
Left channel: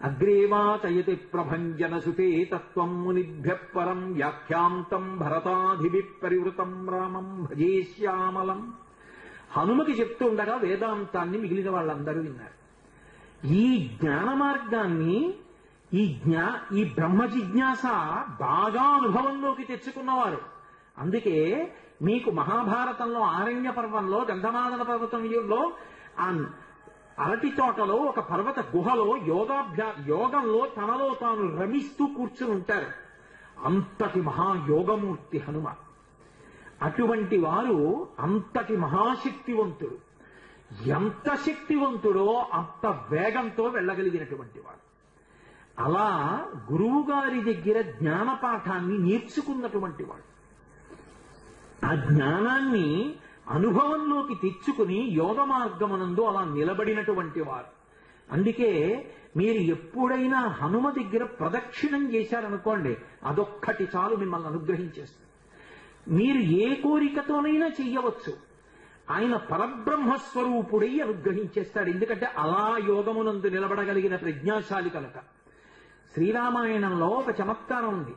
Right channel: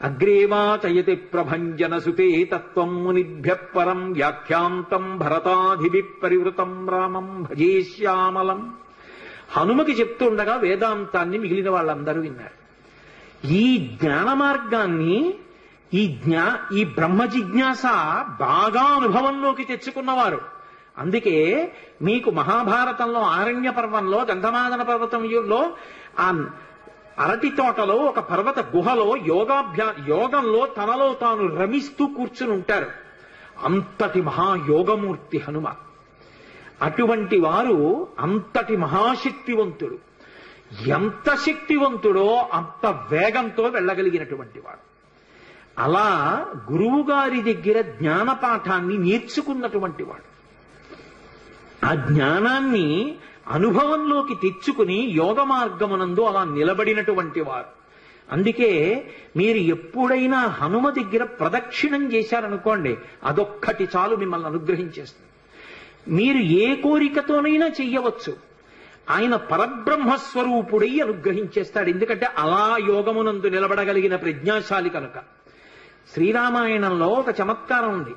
అగ్రేవాచయతి ప్రభంజన సుతే తత్వం మునిభ్య పరం వ్యాఖ్యాంతం భరతాధిభి పరివృతం రామం భజే శ్యామలం. హనుమకి చెప్తుండగా వేదాంతాన్ని మిగిలిన వాళ్ళందరూ విన్నారు. ఈ జ్ఞాన మార్గాన్ని, ఈ బ్రహ్మ జిజ్ఞాస బాగా అనుభవంలోకి తెచ్చుకున్నవారు. అందుకే మీకు మహాభారతంలో ఆరణ్య పర్వంలో గంధమాదన పర్వతంలో ఆ అరటి తోటలో ఒక పర్వత గుహలో యోగంలో తనలో తాను రమిస్తూ కూర్చుని ఉంటారు. అంతటి మహాయోగమూర్తి హనుమ. అటువంటి వారు అంతటి మహాశక్తివంతుడు. ఎంత శక్తివంతుడో అంత వేగంతో వెళ్ళగలిగినటువంటి వాడు. అలా గురువు గారి దగ్గర జ్ఞానపాఠాన్ని నేర్చుకున్నటువంటి వాడు. ఆ జ్ఞానాన్ని అనుభవంలోకి తెచ్చుకుని యోగ మార్గమునందు అలా నిలబడినటువంటి వారు. అందుకే మీరు ఎప్పుడైనా హనుమ దగ్గర ప్రదక్షిణం చేశారనుకోండి, అదొక్కటి చాలు మిమ్మల్ని అనుగ్రహించేస్తుంది. మీరు ఏ కోరికతోనైనా చెయ్యవచ్చు. ఆయన పరబ్రహ్మస్వరూపుడై అనుగ్రహించేస్తాడు. ఎందుకంటే అలా యోగమునందు నిలబడగలిగిన ప్రజ్ఞాశాలి కనుక. శ్రీరామాయణంలో ఒక చమత్కారం ఉంది.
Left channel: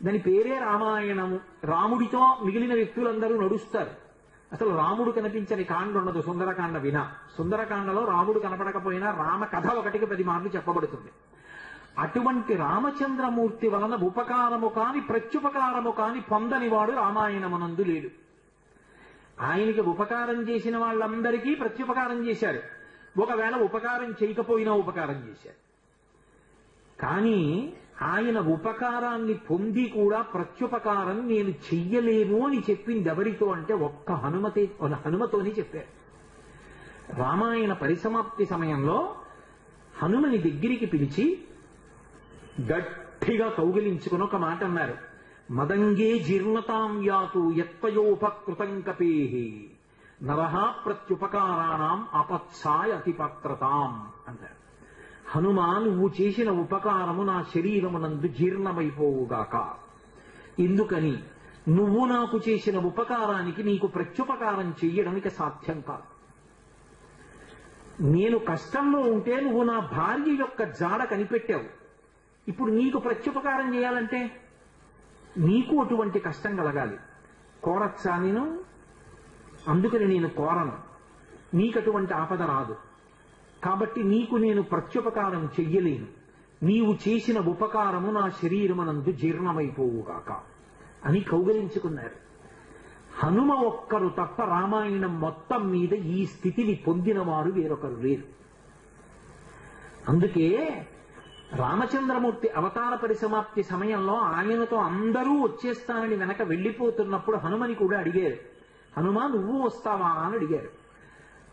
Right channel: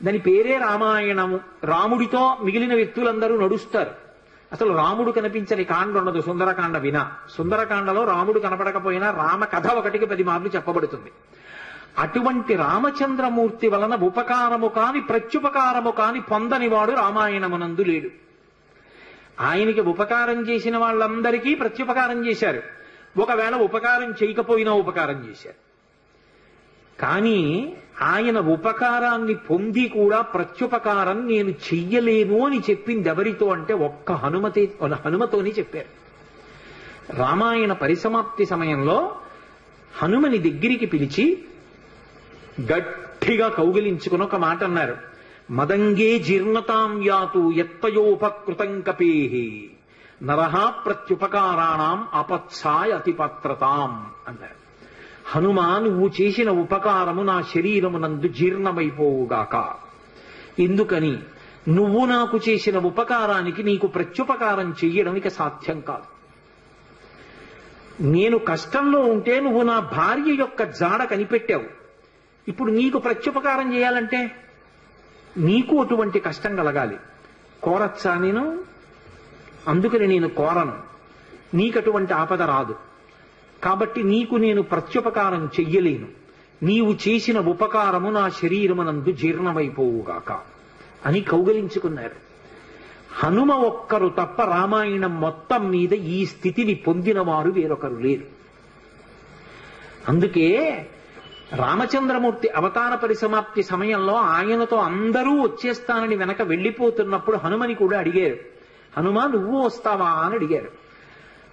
దాని పేరే రామాయణము. రాముడితో మిగిలిన వ్యక్తులందరూ నడుస్తారు. అసలు రాముడు కనిపించని కాండ ఉండదు సుందరకాండ వినా. సుందరకాండలో రాముడు కనపడకపోయినా రామ కథ ఒకటికి 10 మార్లు చెప్పబడుతుంది. అటువంటి రామచంద్రమూర్తి వలన ఉపకారము కాని ప్రత్యుపకారము కాని పొందనివాడు రామాయణమునందు లేడు. ఆయనకి ఉపకారం చేసిన వాళ్ళందరికీ ప్రత్యుపకారం చేశారు. ఒకవేళ ఉపకారం చేయకపోయినా ఉపకారం చేశారు. కానీ ఆయన ఉపకారాన్ని పొంది కూడా ప్రత్యుపకారం నేను చెయ్యలేను అని చెప్పింది ఎవరితో అంటే ఒక్క హనుమతోని చెప్పారు. రామాయణ పరిసమాప్తి సమయంలో హనుమని దగ్గరికి పిలిచి గట్టిగా కౌగిలించుకుని ఒక మాట అన్నారు. మదంగే జీర్ణతాం యాతు ఎత్తయోపకృతం కపేహి నరహ ప్రత్యుపకారాణం అపత్సాయ అతిపత్రతాం అన్నారు. హనుమా, నువ్వు చేసిన ఉపకారము నా శరీరమునందు జీర్ణమైపోవుగాక. ఎందుకని? నువ్వు నాకు చేసిన ఉపకారానికి నీకు ప్రత్యుపకారం చెయ్యడం ఇక సాధ్యం కాదు. నేను కష్టంలో ఉంటే నువ్వు నా భార్య యొక్క జాడ కనిపెట్టావు. ఇప్పుడు నీకు ప్రత్యుపకారం చేయాలంటే నీకు అటువంటి కష్టం కలగాలి. కోరచ్చా నేను? అందుకని నేను కోరను. నీకటువంటి ఆపద రాదు. కాబట్టి నీకు నేను ప్రత్యుపకారం చెయ్యలేను. నీవు చేసిన ఉపకారము నా శరీరమునందు జీర్ణమైపోవుగాక అని కౌగలించుకున్నారు. హనుమ ఒక్కరు తప్ప రామాయణం మొత్తం మీద ఈ స్థితిని పొందిన వారు వేరొకరు లేరు. అందుకే రామచంద్రమూర్తి అవతార పరిసమాప్తి సమయంలో ఆయనతో అందరూ వచ్చేస్తానని వెనక వెళ్ళిపోతున్నప్పుడు హనుమని కూడా అడిగారు. హనుమ నువ్వు వస్తావా అని అడిగారు.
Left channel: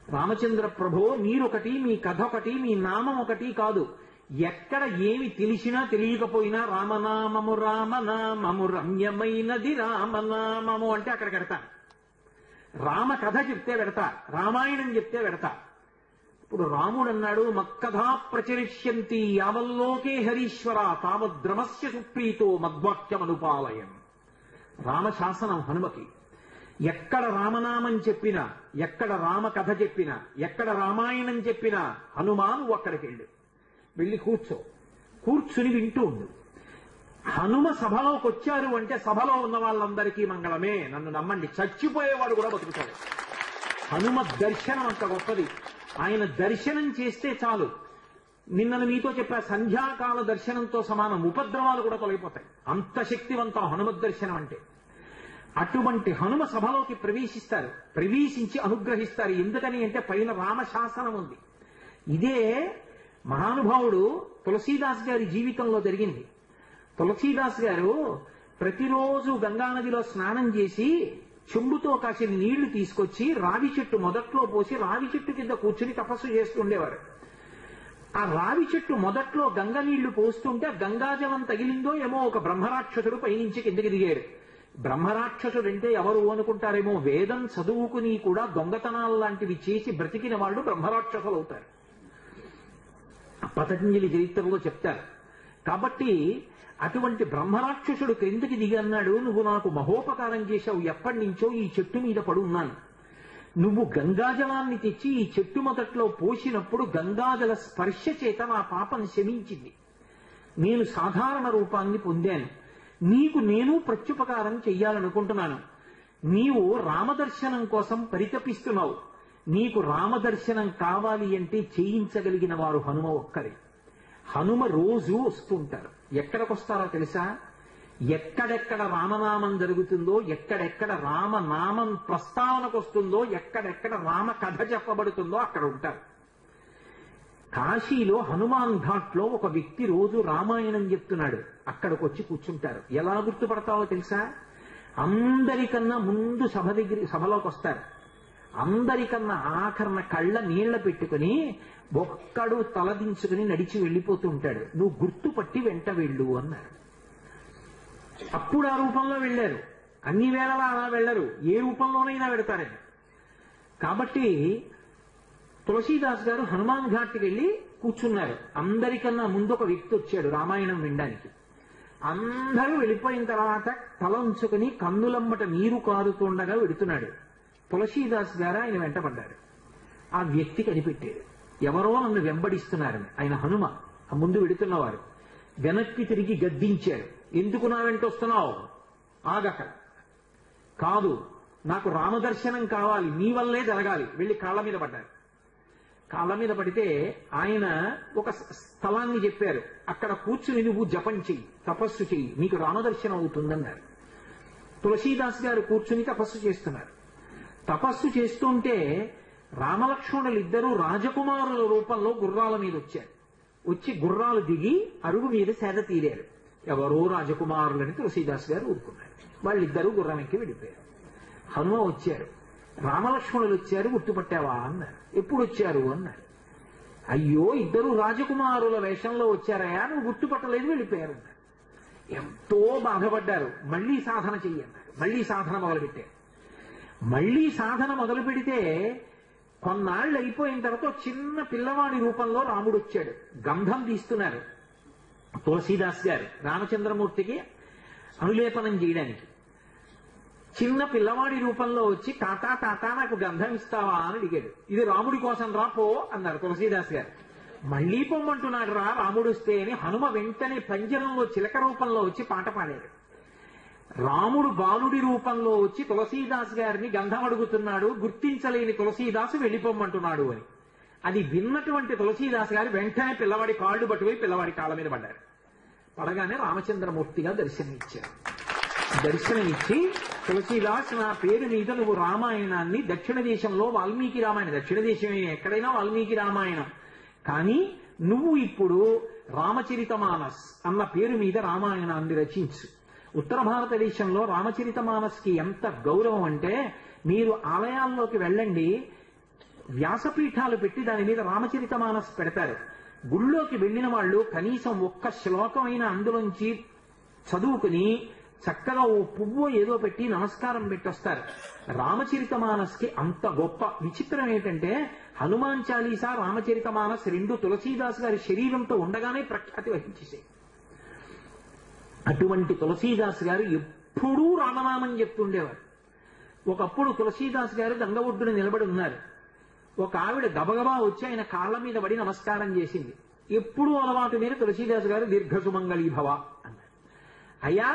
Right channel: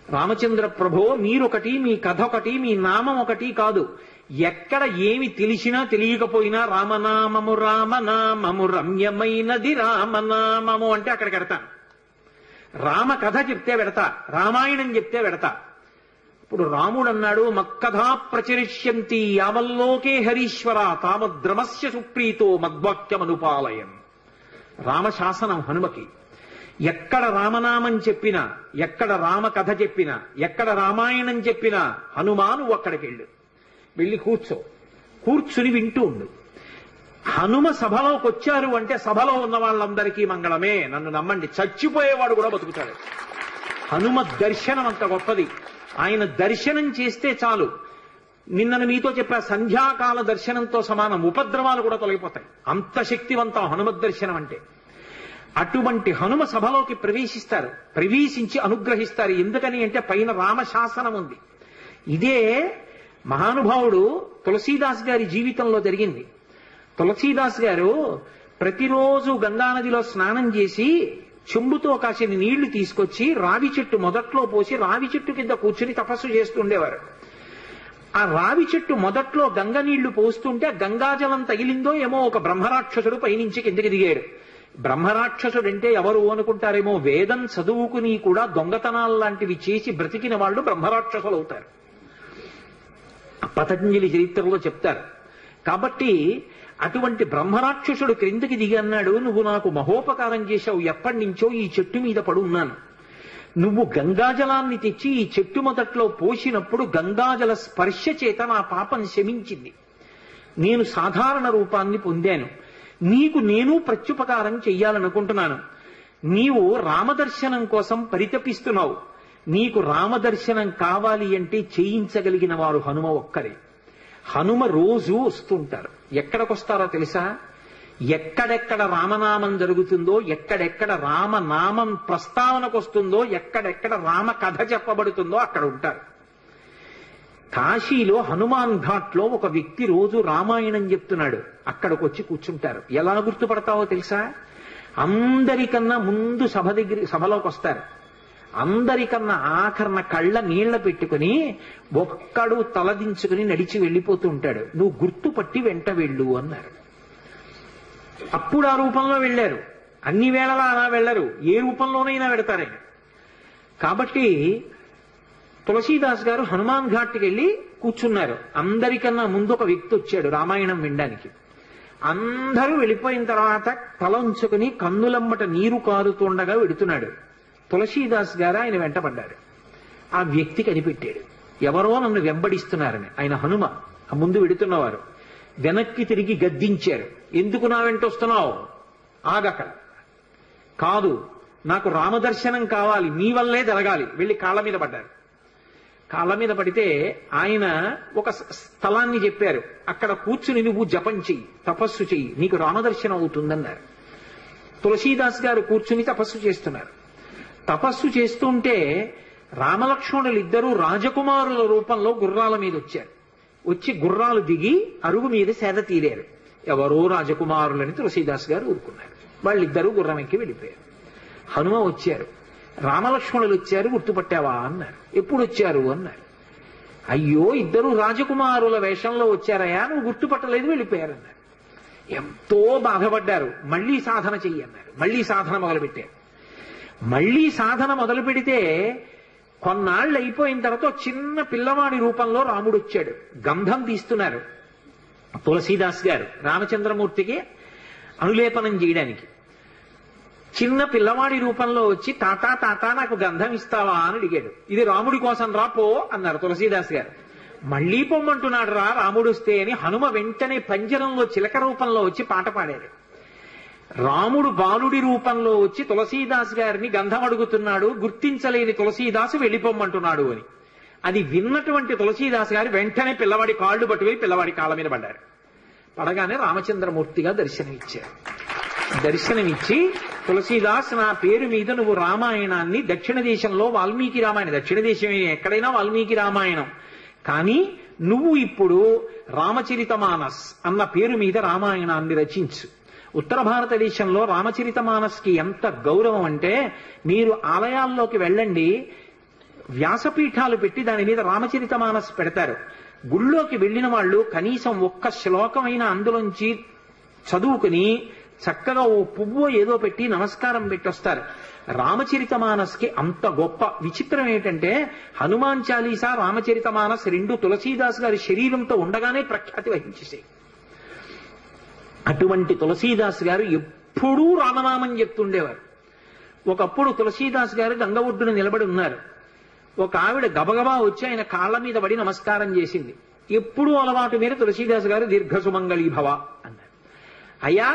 రామచంద్ర ప్రభో, మీరొకటి, మీ కథ ఒకటి, మీ నామం ఒకటి కాదు. ఎక్కడ ఏమి తెలిసినా తెలియకపోయినా రామనామము రామనామము రమ్యమైనది రామనామము అంటే అక్కడికి వెడతాను. రామ కథ చెప్తే వెడతా, రామాయణం చెప్తే వెడతా. ఇప్పుడు రాముడు అన్నాడు, మక్కథా ప్రచరిష్యంతి యావల్లోకే హరీశ్వర తావద్రమస్య సుప్రీతో మద్వాక్యమనుపాలయం. రామశాసనం హనుమకి. ఎక్కడ రామనామం చెప్పినా, ఎక్కడ రామ కథ చెప్పినా, ఎక్కడ రామాయణం చెప్పినా హనుమా నువ్వు అక్కడికి వెళ్ళి కూర్చుని వింటూ ఉండు. హనుమ సభలోకి వచ్చారు అంటే సభలో ఉన్న వాళ్ళందరికీ మంగళమే. నన్ను నమ్మండి, చచ్చిపోయేవాడు కూడా బతుకుతాడు. హనుమ దర్శనం అంత గొప్పది. ఆయన దర్శనం చేస్తే చాలు. నిన్నను మీతో చెప్పా, సంధ్యాకాల దర్శనంతో సమానం. ఉపద్రవాలు కూడా తొలగిపోతాయి. అంత శక్తివంతం హనుమద్ దర్శనం అంటే. అటువంటి హనుమ సభలోకి ప్రవేశిస్తారు, ప్రవేశించి అనుగ్రహిస్తారు. ఎందుకని అంటే పైన రామశాసనం ఉంది. ఇదే మహానుభావుడు తులసీదాస్ గారి జీవితంలో జరిగింది. తులసీదాస్ గారు ప్రతిరోజు గంగానదిలో స్నానం చేసి చెంబుతో కాసిన నీళ్లు తీసుకొచ్చి రావి చెట్టు మొదట్లో పోసి రావి చెట్టు కింద కూర్చుని తపస్సు చేస్తుండేవారు. ఆ రావి చెట్టు మొదట్లో గంగ నీళ్లు పోస్తుంటే గంగాజలం తగిలిందో ఏమో ఒక బ్రహ్మరాక్షసుడు పైనుంచి కిందకి దిగాడు. బ్రహ్మరాక్షసుడంటే ఎవరు అనుకుంటారేమో, వేదం చదువుకుని కూడా దొంగతనాలు లాంటివి చేసి బ్రతికిన వాళ్ళు బ్రహ్మరాక్షసులు అవుతారు. పతంజలి చరిత్రలో చెప్తారు. కాబట్టి అటువంటి బ్రహ్మరాక్షసుడు క్రిందికి దిగి అన్నాడు, నువ్వు నాకు మహోపకారం చేశావు. ఎప్పటి నుంచో ఈ చెట్టు మీద పడున్నాను. నువ్వు గంగాజలాన్ని తెచ్చి ఈ చెట్టు మొదట్లో పోసినప్పుడు గంగాజల స్పర్శ చేత నా పాపం శమించింది. నేను సాధారణ రూపాన్ని పొందాను. నీకు నేను ప్రత్యుపకారం చెయ్యాలనుకుంటున్నాను. నీవు రామదర్శనం కోసం పరితపిస్తున్నావు. నీకు రామదర్శనం కావాలి అంటే చేయించగలిగిన వారు హనుమ ఒక్కరే. హనుమ రోజు వస్తుంటారు. ఎక్కడికొస్తారో తెలుసా? ఎక్కడెక్కడ రామనామం జరుగుతుందో, ఎక్కడెక్కడ రామనామం ప్రస్తావనకు వస్తుందో, ఎక్కడెక్కడ రామ కథ చెప్పబడుతుందో అక్కడ ఉంటారు. కాశీలో హనుమాన్ ఘాట్లో ఒక వ్యక్తి రోజు రామాయణం చెప్తున్నాడు. అక్కడికి వచ్చి కూర్చుంటారు. ఎలా గుర్తుపడతావో తెలుసా? అందరికన్నా ముందు సభలోకి వస్తారు. అందరికన్నా ఆఖరణ కళ్ళ నీళ్ల పెట్టుకుని ఒక్కడు తలదించుకుని నడిచి వెళ్ళిపోతూ ఉంటాడు. నువ్వు గుర్తుపట్టి వెంట వెళ్ళు అన్నారు. అప్పుడు ఆ రూపంలో వెళ్ళారు. అన్ని వేళలా అలా వెళ్ళరు, ఏ రూపంలోనైనా వెడతారని. కాబట్టి తులసీదాస్ గారు హనుమాన్ ఘాట్కి వెళ్ళి కూర్చున్నారు. అందరికన్నా ముందు ఒక వ్యక్తి వచ్చాడు రామాయణం వినడానికి. అందరూ వెళ్ళిపోయిన తర్వాత తల ఉంచుకుని కన్నులమ్మట నీరు కారుతుండగా వెడుతున్నాడు. తులసీదాస్ గారు ఆయన వెంటపడ్డారు. ఆ వ్యక్తి కనిపెట్టాడు, ఎవరో నన్ను వెంబడిస్తున్నారని. ఆయన హనుమ, ఆ ముందు వెడుతున్నవారు. వెనక్కి తిరిగి గద్దించారు, ఎందుకు నా వెంట వస్తున్నావు? ఆగక. కాదు, నాకు రామదర్శనం కావాలి, నీ వల్లే జరగాలి. వెళ్ళి కాళ్ళ మీద పడ్డారు. కాళ్ళ మీద పడితే ఆయన ఒక స్థలాన్ని చెప్పారు. అక్కడ కూర్చుని నువ్వు జపం చెయ్యి, తపస్సు చెయ్యి, నీకు రామదర్శనం అవుతుందన్నారు. తులసీదాస్ గారు కూర్చుని తపస్సు చేస్తున్నారు. తపస్సు చేస్తుంటే రామలక్ష్మణులు ఇద్దరూ రాజకుమారుల రూపంలో గుర్రాల మీద వచ్చారు. వచ్చి గుర్రాలు దిగి అరుగు మీద సేద తీరారు. ఎవరో రాజకుమారులని తులసీదాస్ గారు ఊరుకున్నారు. వాళ్ళిద్దరూ గుర్రం ఎక్కి వెళ్ళిపోయారు. హనుమ వచ్చారు. రామలక్ష్మణులు వచ్చారు, గుర్తుపట్టావా అన్నారు. ఎప్పుడు వచ్చారు అన్నారు. అయ్యో, ఇద్దరు రాజకుమారుల వేషంలో వచ్చారయ్యా, నువ్వు గుర్తుపట్టలేదు, వెళ్ళిపోయారు అన్నారు. ఎంతో బాధపడ్డారు. మళ్లీ సాధన చెయ్యి అన్నారు. మళ్లీ సాధన మొదలుపెట్టారు. మళ్లీ సాధన మొదలు పెడితే కొన్నాళ్ళు అయిపోయిన తర్వాత చిన్న పిల్లవాడి రూపంలో రాముడు వచ్చాడు. గంధం తీస్తున్నారు తులసీదాస్ గారు రామచంద్రమూర్తికి అనులేపనం చేయడానికి. చిన్న పిల్లవాడి రూపంలో వచ్చి తాతా తాతా నాకు గంధం ఇస్తావా అని అడిగాడు. ఇది రాముడి కోసం రా పో అన్నారు తులసీదాస్ గారు. మళ్లీ పొమ్మంటున్నాడు రా రాముడు వస్తే అని హనుమ వెంటనే పంజరంలో చిలక రూపంలో వచ్చి పాట పాడాడు. రాముడు బాలుడి రూపంలో వచ్చి తులసీదాస్ గారిని గంధం అడుగుతున్నాడు. గుర్తించలేని తులసీదాసు వెళ్ళిపోమ్మంటున్నాడు అని. అది విన్నటువంటి తులసీదాస్ గారు వెంటనే పిల్లవాడి కాళ్ళు పట్టుకుని పిల్లవాడి కాళ్ళ మీద పడ్డారు. పడగానే రామచంద్రమూర్తిగా దర్శనమిచ్చారు. దర్శనమిచ్చి, తులసీదాస్, నా పేరు మీద నువ్వు రామాయణాన్ని, దక్షిణ దేశంలో వాల్మీకి రామాయణం, దక్షిణ దేశమే ఎక్కడైనా వాల్మీకి రామాయణం, కానీ నువ్వు ఇప్పుడు రామచరితమానస్ అన్న పేరు మీద రామాయణాన్ని రచించు. ఉత్తర భారతదేశంలో రామచరితమానస్కి ఎంత గౌరవం అంటే, మీరు ఆలయాల్లోకి వెళ్ళండి, వ్యాసపీఠాలు పెట్టి దాని మీద రామచరితమానస్ పెడతారు. గుళ్ళోకి వెళ్ళిన వాళ్ళు కనీసం ఒక్క శ్లోకమైన అందులోంచి చదువుకుని చక్కగా ఓ పువ్వు ఏదో పెట్టి నమస్కారం పెట్టొస్తారు. రామచరితమానస్కి అంత గొప్ప. విచిత్రం ఏంటంటే హనుమాన్ చాలీసా, రామచరితమానస్ రెండు తులసీదాస్ గారి శరీరంతో ఉండగానే ప్రఖ్యాతి వహించేసాయి. అటువంటి తులసీదాస్ గారు ఎప్పుడూ రామనామం చెప్తుండేవారు. ఒకప్పుడు తులసీదాస్ గారు గంగ ఒడ్డున నిలబడి ఉన్నారు. ఒక ఆవిడ గబగబా వచ్చి ఆయన కాళ్ళ మీద పడి నమస్కారం చేసింది. ఎప్పుడూ అలవాటు మీద తులసీదాస్ గారు దీర్ఘసుమంగళీభవ అన్నారు. అయ్యా,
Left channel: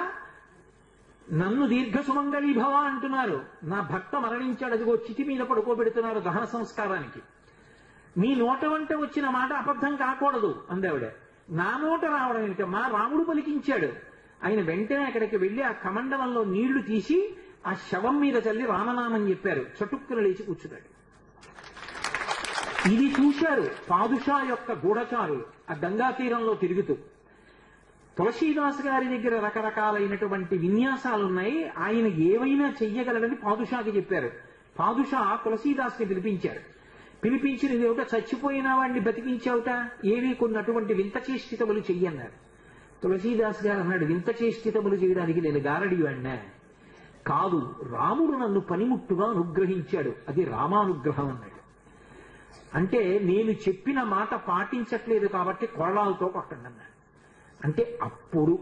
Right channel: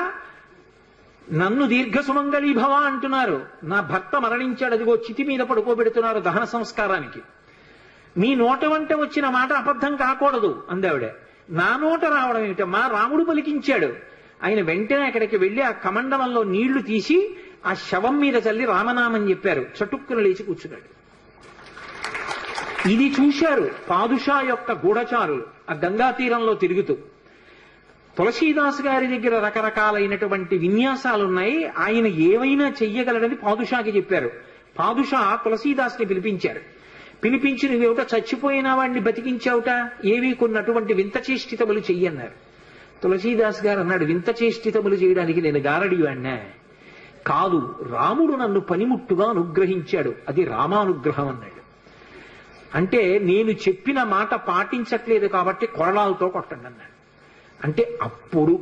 నన్ను దీర్ఘసుమంగళీభవ అంటున్నారు, నా భర్త మరణించాడు, అదిగో చితి మీద పడుకోబెడుతున్నారు దహన సంస్కారానికి, మీ నోట వంట వచ్చిన మాట అబద్ధం కాకూడదు అందావిడ. నా నోట రావడం ఏమిటమ్మా, రాముడు పలికించాడు. ఆయన వెంటనే అక్కడికి వెళ్లి ఆ కమండలంలో నీళ్లు తీసి ఆ శవం మీద చల్లి రామనామం చెప్పారు. చటుక్కున లేచి కూర్చున్నాడు. ఇది చూశారు పాదుషా యొక్క గూఢచారులు ఆ గంగా తీరంలో తిరుగుతూ. తులసీదాస్ గారి దగ్గర రకరకాలైనటువంటి విన్యాసాలున్నాయి, ఆయన ఏవైనా చెయ్యగలడని పాదుషాకి చెప్పారు. పాదుషా తులసీదాస్ని పిలిపించారు. పిలిపించి నువ్వేమిటో చచ్చిపోయిన వాడిని బతికించావుట, ఏవి కొన్నటువంటి వింత చేష్టితములు చెయ్యన్నారు. తులసీదాస్ గారు అన్నాడు, వింత చేష్టితములు చేయడానికి నేను గారడివాణ్ణా? కాదు, రాముడు నన్ను పనిముట్టుగా అనుగ్రహించాడు, అది రామానుగ్రహం అన్నాడు. అంటే నేను చెప్పిన మాట పాటించట్లేదు కాబట్టి కొరడాలతో కొట్టండి అన్నాడు. అంటే అప్పుడు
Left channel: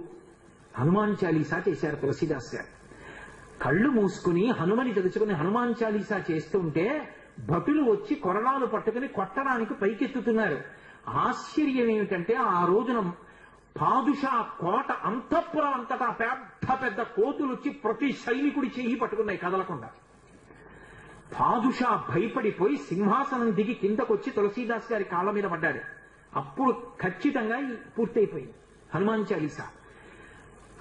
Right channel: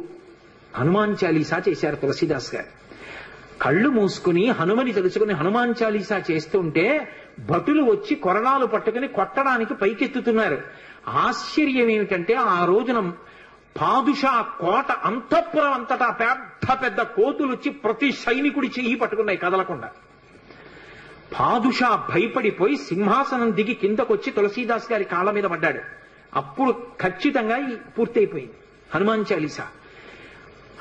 హనుమాన్ చాలీసా చేశారు తులసీదాస్ గారు. కళ్ళు మూసుకుని హనుమని తెలుసుకుని హనుమాన్ చాలీసా చేస్తుంటే భటులు వచ్చి కొరడాలు పట్టుకుని కొట్టడానికి పైకెత్తుతున్నారు. ఆశ్చర్యం ఏమిటంటే ఆ రోజున పాదుషా కోట అంతఃపురం అంతటా పెద్ద పెద్ద కోతులు వచ్చి ప్రతి సైనికుడి చెయ్యి పట్టుకున్నాయి కదలకుండా. పాదుషా భయపడిపోయి సింహాసనం దిగి కిందకొచ్చి తులసీదాస్ గారి కాళ్ళ మీద పడ్డాడు. అప్పుడు ఖచ్చితంగా పూర్తయిపోయింది హనుమాన్ చాలీసా.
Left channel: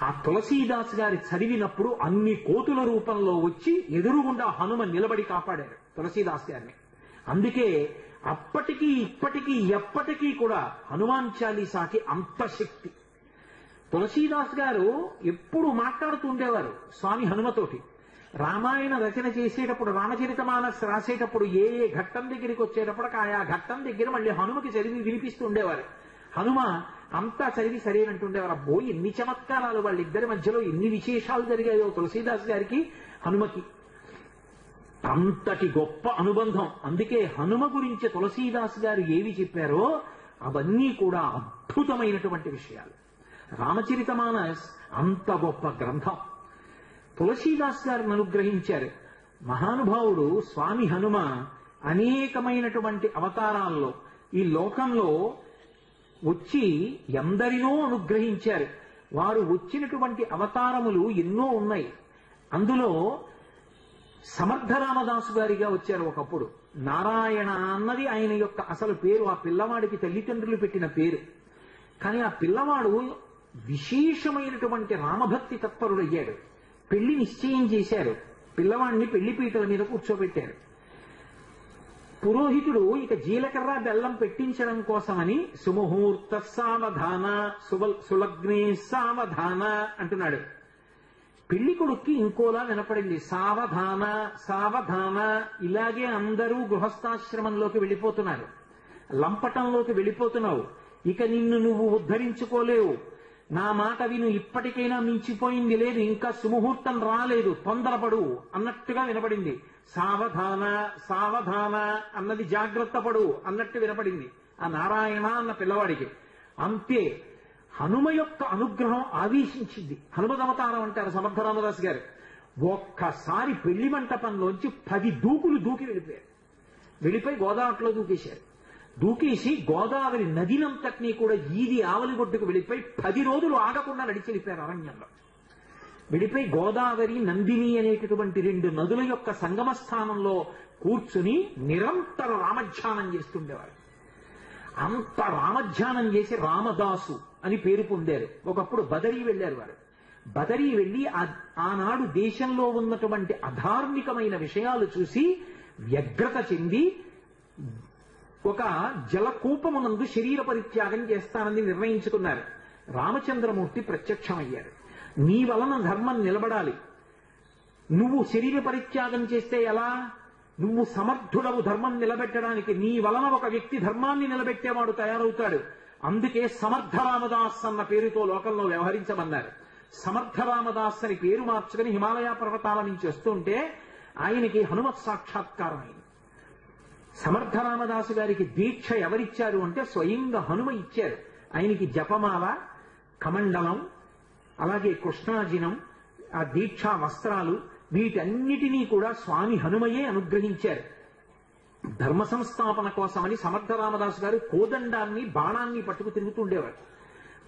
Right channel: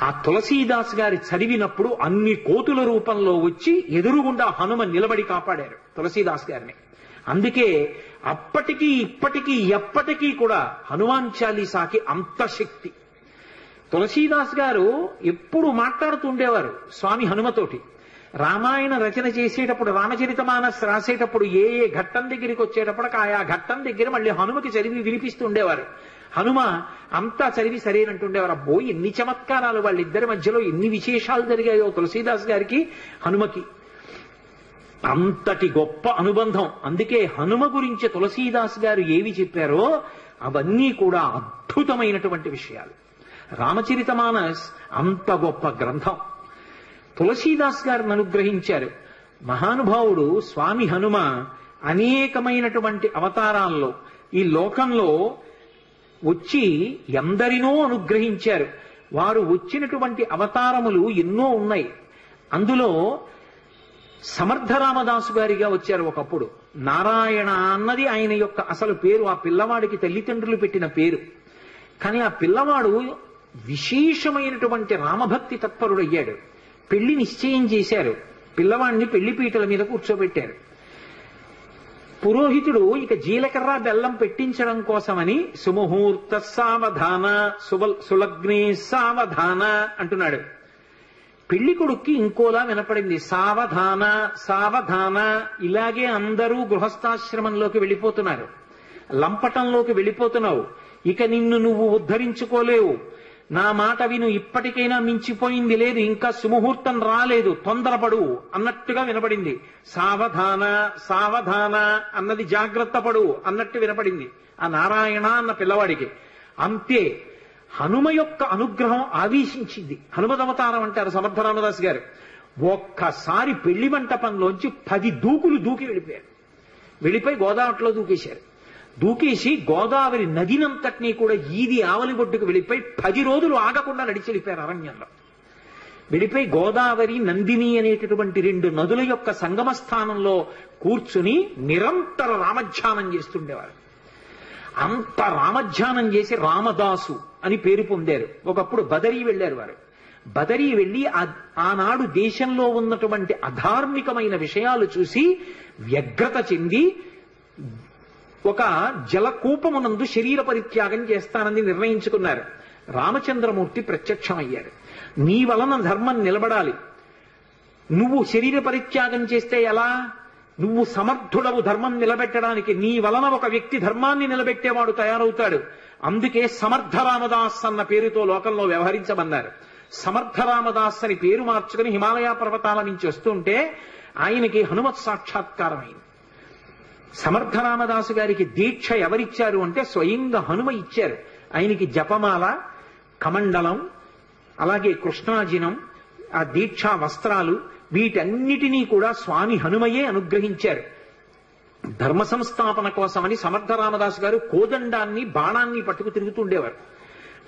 ఆ తులసీదాస్ గారి చదివినప్పుడు అన్ని కోతుల రూపంలో వచ్చి ఎదురుగుండా హనుమ నిలబడి కాపాడారు తులసీదాస్ గారిని. అందుకే అప్పటికీ ఇప్పటికీ ఎప్పటికీ కూడా హనుమాన్ చాలీసాకి అంత శక్తి. తులసీదాస్ గారు ఎప్పుడు మాట్లాడుతూ ఉండేవారు స్వామి హనుమతోటి. రామాయణ రచన చేసేటప్పుడు, రామచరితమానస్ రాసేటప్పుడు ఏ ఏ ఘట్టం దగ్గరికి వచ్చేటప్పుడు ఆయా ఘట్టం దగ్గర మళ్ళీ హనుమకి చదివి వినిపిస్తూ ఉండేవారు. హనుమ అంతా చదివి సరేనంటుండేవారు. అబ్బో, ఎన్ని చమత్కారాలు వాళ్ళిద్దరి మధ్యలో, ఎన్ని విశేషాలు జరిగాయో తులసీదాస్ గారికి హనుమకి. అంతటి గొప్ప అనుబంధం. అందుకే హనుమ గురించి తులసీదాస్ గారు ఏవి చెప్పారో అవన్నీ కూడా అద్భుతమైనటువంటి విషయాలు. రామచరితమానస్ అంత గొప్ప గ్రంథం. తులసీదాస్ గారిని అనుగ్రహించారు మహానుభావుడు స్వామి హనుమ. అనేకమైనటువంటి అవతారాల్లో ఈ లోకంలో వచ్చి ఎందరినో అనుగ్రహించారు. వారు వచ్చినటువంటి అవతారములు ఎన్నో ఉన్నాయి. అందులో సమర్థరామదాసు గారిగా వచ్చారు ఒకప్పుడు. నారాయణ అన్నది ఆయన యొక్క అసలు పేరు. ఆ పిల్లవాడికి తల్లిదండ్రులు పెట్టిన పేరు. కానీ ఆ పిల్లవాడు విశేషమైనటువంటి రామభక్తి తత్పరుడయ్యాడు. పెళ్లి నిశ్చయం చేశారు. పిల్లవాడిని పెళ్లిపీటల మీద కూర్చోబెట్టారు. పురోహితుడు ఇక జీలకర్ర బెల్లం పెట్టించడం కోసమని సుముహూర్త సావధాన సులగ్నే సావధాన అంటున్నాడు. పెళ్లి కొడుక్కి ఇంకోలా వినపడింది, సావధాన సావధాన. ఇలాగే అందరూ గృహస్థాశ్రమంలోకి వెళ్ళిపోతున్నారు, లంపటంలోకి వెళ్ళిపోతున్నావు, ఇక నిన్ను నువ్వు ఉద్ధరించుకోలేవు, నా మాట విను, ఇప్పటికైనా మించిపోయింది లేదు, ఇంకా సుముహూర్తం రాలేదు, తొందరపడు అన్నట్టుగా వినపడింది. సావధాన సావధాన అన్నది జాగ్రత్త పడు అన్నట్టు వినపడింది ఆ నారాయణ అన్న పిల్లవాడికి. అంతే హనుమ యొక్క అనుగ్రహం ఆవేశించింది. హనుమదవతారం అంటారు సమర్థరామదాస్ గారు. ఒక్కసారి పెళ్లి మంటపంలోంచి 10 దూకులు దూకి వెళ్ళిపోయారు. వెళ్ళిపోయి గోదావరిలో దూకేశారు. దూకేసి గోదావరి నదినంతటినీ కూడా ఈది ఆవలి ఒడ్డుకు వెళ్ళిపోయి 10 రోజులు ఆగకుండా నడిచి వెళ్ళిపోయారు అరణ్యంలో. వెళ్ళిపోయి గోదావరి నందిని అనేటటువంటి 2 నదుల యొక్క సంగమ స్థానంలో కూర్చుని నిరంతర రామధ్యానం చేస్తుండేవారు. అంత రామధ్యానం చేసి రామదాసు అని పేరు పొందారు. ఒకప్పుడు బదరీ వెళ్ళారు వారు. బదరీ వెళ్ళి ఆనాడు దేశంలో ఉన్నటువంటి అధార్మికమైన విషయాలు చూసి వ్యగ్రత చెంది ఒక జలకూపమునందు శరీర పరిత్యాగం చేస్తానని నిర్ణయించుకున్నారు. రామచంద్రమూర్తి ప్రత్యక్షమయ్యాడు. నీ వలన ధర్మం నిలబడాలి, నువ్వు శరీర పరిత్యాగం చేస్తే ఎలా? నువ్వు సమర్థుడవు ధర్మం నిలబెట్టడానికి. నీ వలన ఒక వ్యక్తి ధర్మాన్ని నిలబెట్టేవాడు తయారవుతాడు. అందుకే సమర్థ రామదాస్ అన్న పేరుతో లోకంలో వ్యవహరించమన్నారు. సమర్థ రామదాస్ అని పేరు మార్చుకుని హిమాలయ పర్వతాల నుంచి వస్తుంటే ఆయనకి హనుమత్ సాక్షాత్కారం అయింది. సమర్థ రామదాసు గారికి దీక్ష ఎవరిచ్చారు అంటే స్వయంగా హనుమ ఇచ్చారు. ఆయనకి జపమాల, కమండలం, అలాగే కృష్ణాజినం, ఆ దీక్షా వస్త్రాలు, వీటన్నిటినీ కూడా స్వామి హనుమయే అనుగ్రహించారు. ధర్మ సంస్థాపన కోసమని సమర్థ రామదాసు గారు కోదండాన్ని, బాణాన్ని పట్టుకు తిరుగుతుండేవారు.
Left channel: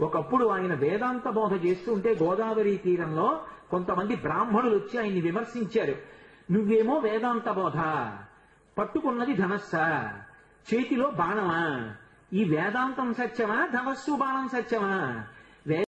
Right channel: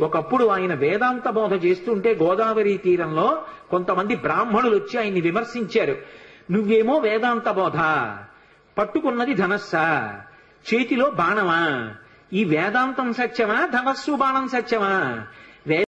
ఒకప్పుడు ఆయన వేదాంత బోధ చేస్తుంటే గోదావరి తీరంలో కొంతమంది బ్రాహ్మణులు వచ్చి ఆయన్ని విమర్శించారు. నువ్వేమో వేదాంత బోధ, పట్టుకున్నది ధనస్సా, చేతిలో బాణమా, ఈ వేదాంతం సత్యమా, ధనస్సు బాణం సత్యమా?